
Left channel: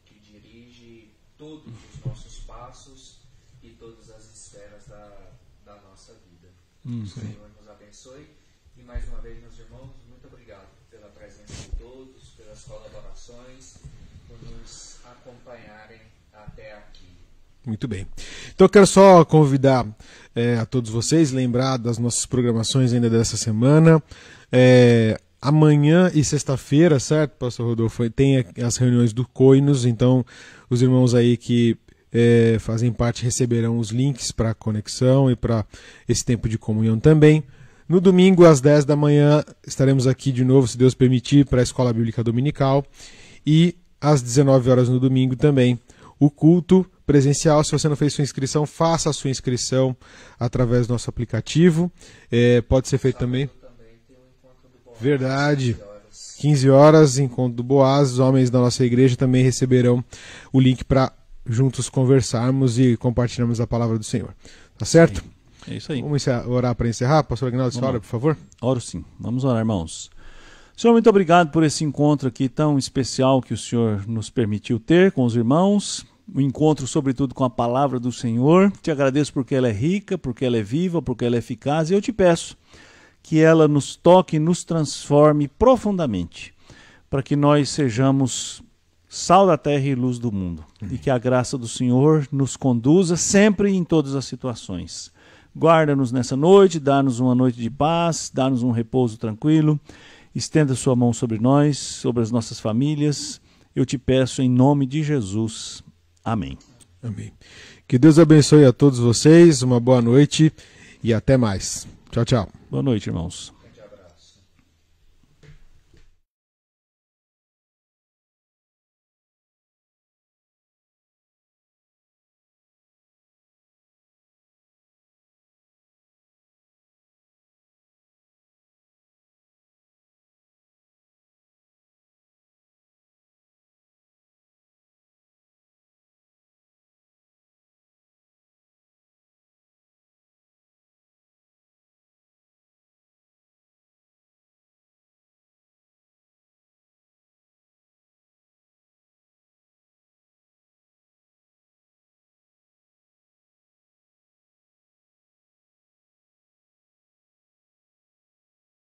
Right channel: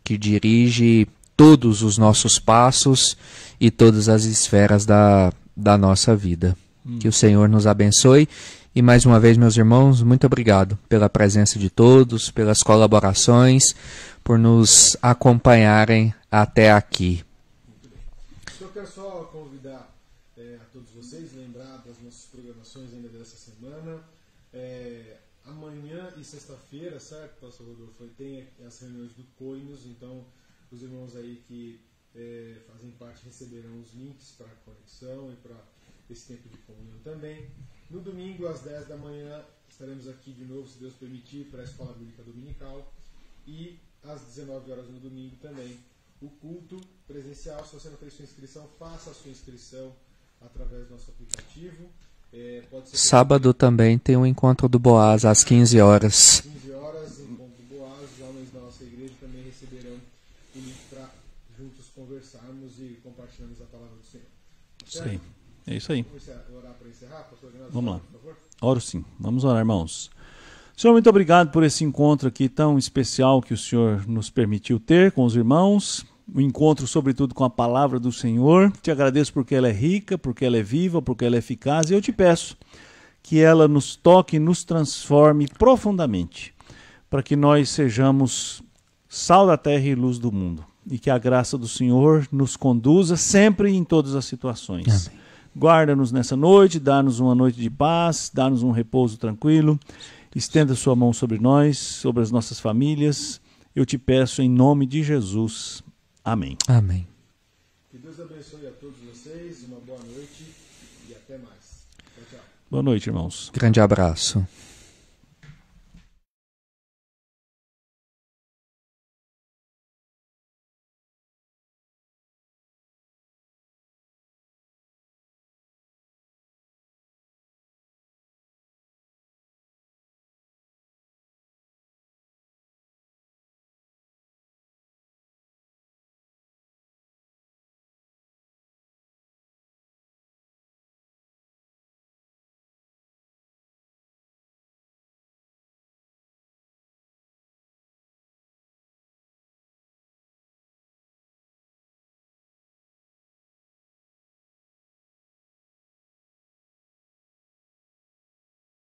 que dirige todos os nossos passos e todas as esferas da nossa vida. Que o Senhor nos abençoe. E mais uma vez, meus irmãos, muito obrigado pela presença de todos, pelas colaborações, por nos acompanharem até aqui. Muito bem. Então eu quero só convidar a todos vocês, lembrar das nossas programações ainda dessa semana. Amanhã e sexta-feira, certo, pastor Rodolfo, tem as reuniões do Coinos, então os irmãos aí que fazem parte receberão os links para a conexão e para esse tempo de comunhão também. No domingo, às 10 da manhã, estaremos aqui de novo, se Deus permitir, para a Escola Bíblica Dominical. E às 19 horas no domingo também, o culto presencial. Se você não fez sua inscrição, faça a sua inscrição através do nosso aplicativo. Pode ser feito Sábado também tem um encontro do Boaz. Verdade, às 15 horas. 15 horas, encontro do Boaz. Os homens da nossa igreja também receberão o link para juntos conversarmos e compartilharmos a palavra do Senhor. Tá certo? Sim. É isso aí. Vamos orar para encerrar? Pastor Aguinaldo, ora, por favor. Oro sim. Vamos orar, irmãos. Senhor, muito obrigado por esse encontro aqui tão especial que o Senhor nos permitiu ter com os irmãos. Um encontro, sobretudo, com a palavra do Senhor. Te agradeço porque ela é rica, porque ela é viva, porque ela é eficaz. E eu te peço que ela nos toque e nos transforme profundamente, para que nós sejamos sal da terra e luz do mundo. E que a graça do Senhor nos conduza sempre em todas as situações. Amém. Guarda-nos nessa noite, dá-nos uma noite de paz, dá-nos um repouso tranquilo. Estenda sua mão sobre nós, sobre as nossas famílias. Eu te peço em nome de Jesus. Amém. Amém. Amém. Que Deus abençoe a todos vocês, uma boa noite e até mais. Tchau, tchau. Boa noite, irmãos. Grande abraço.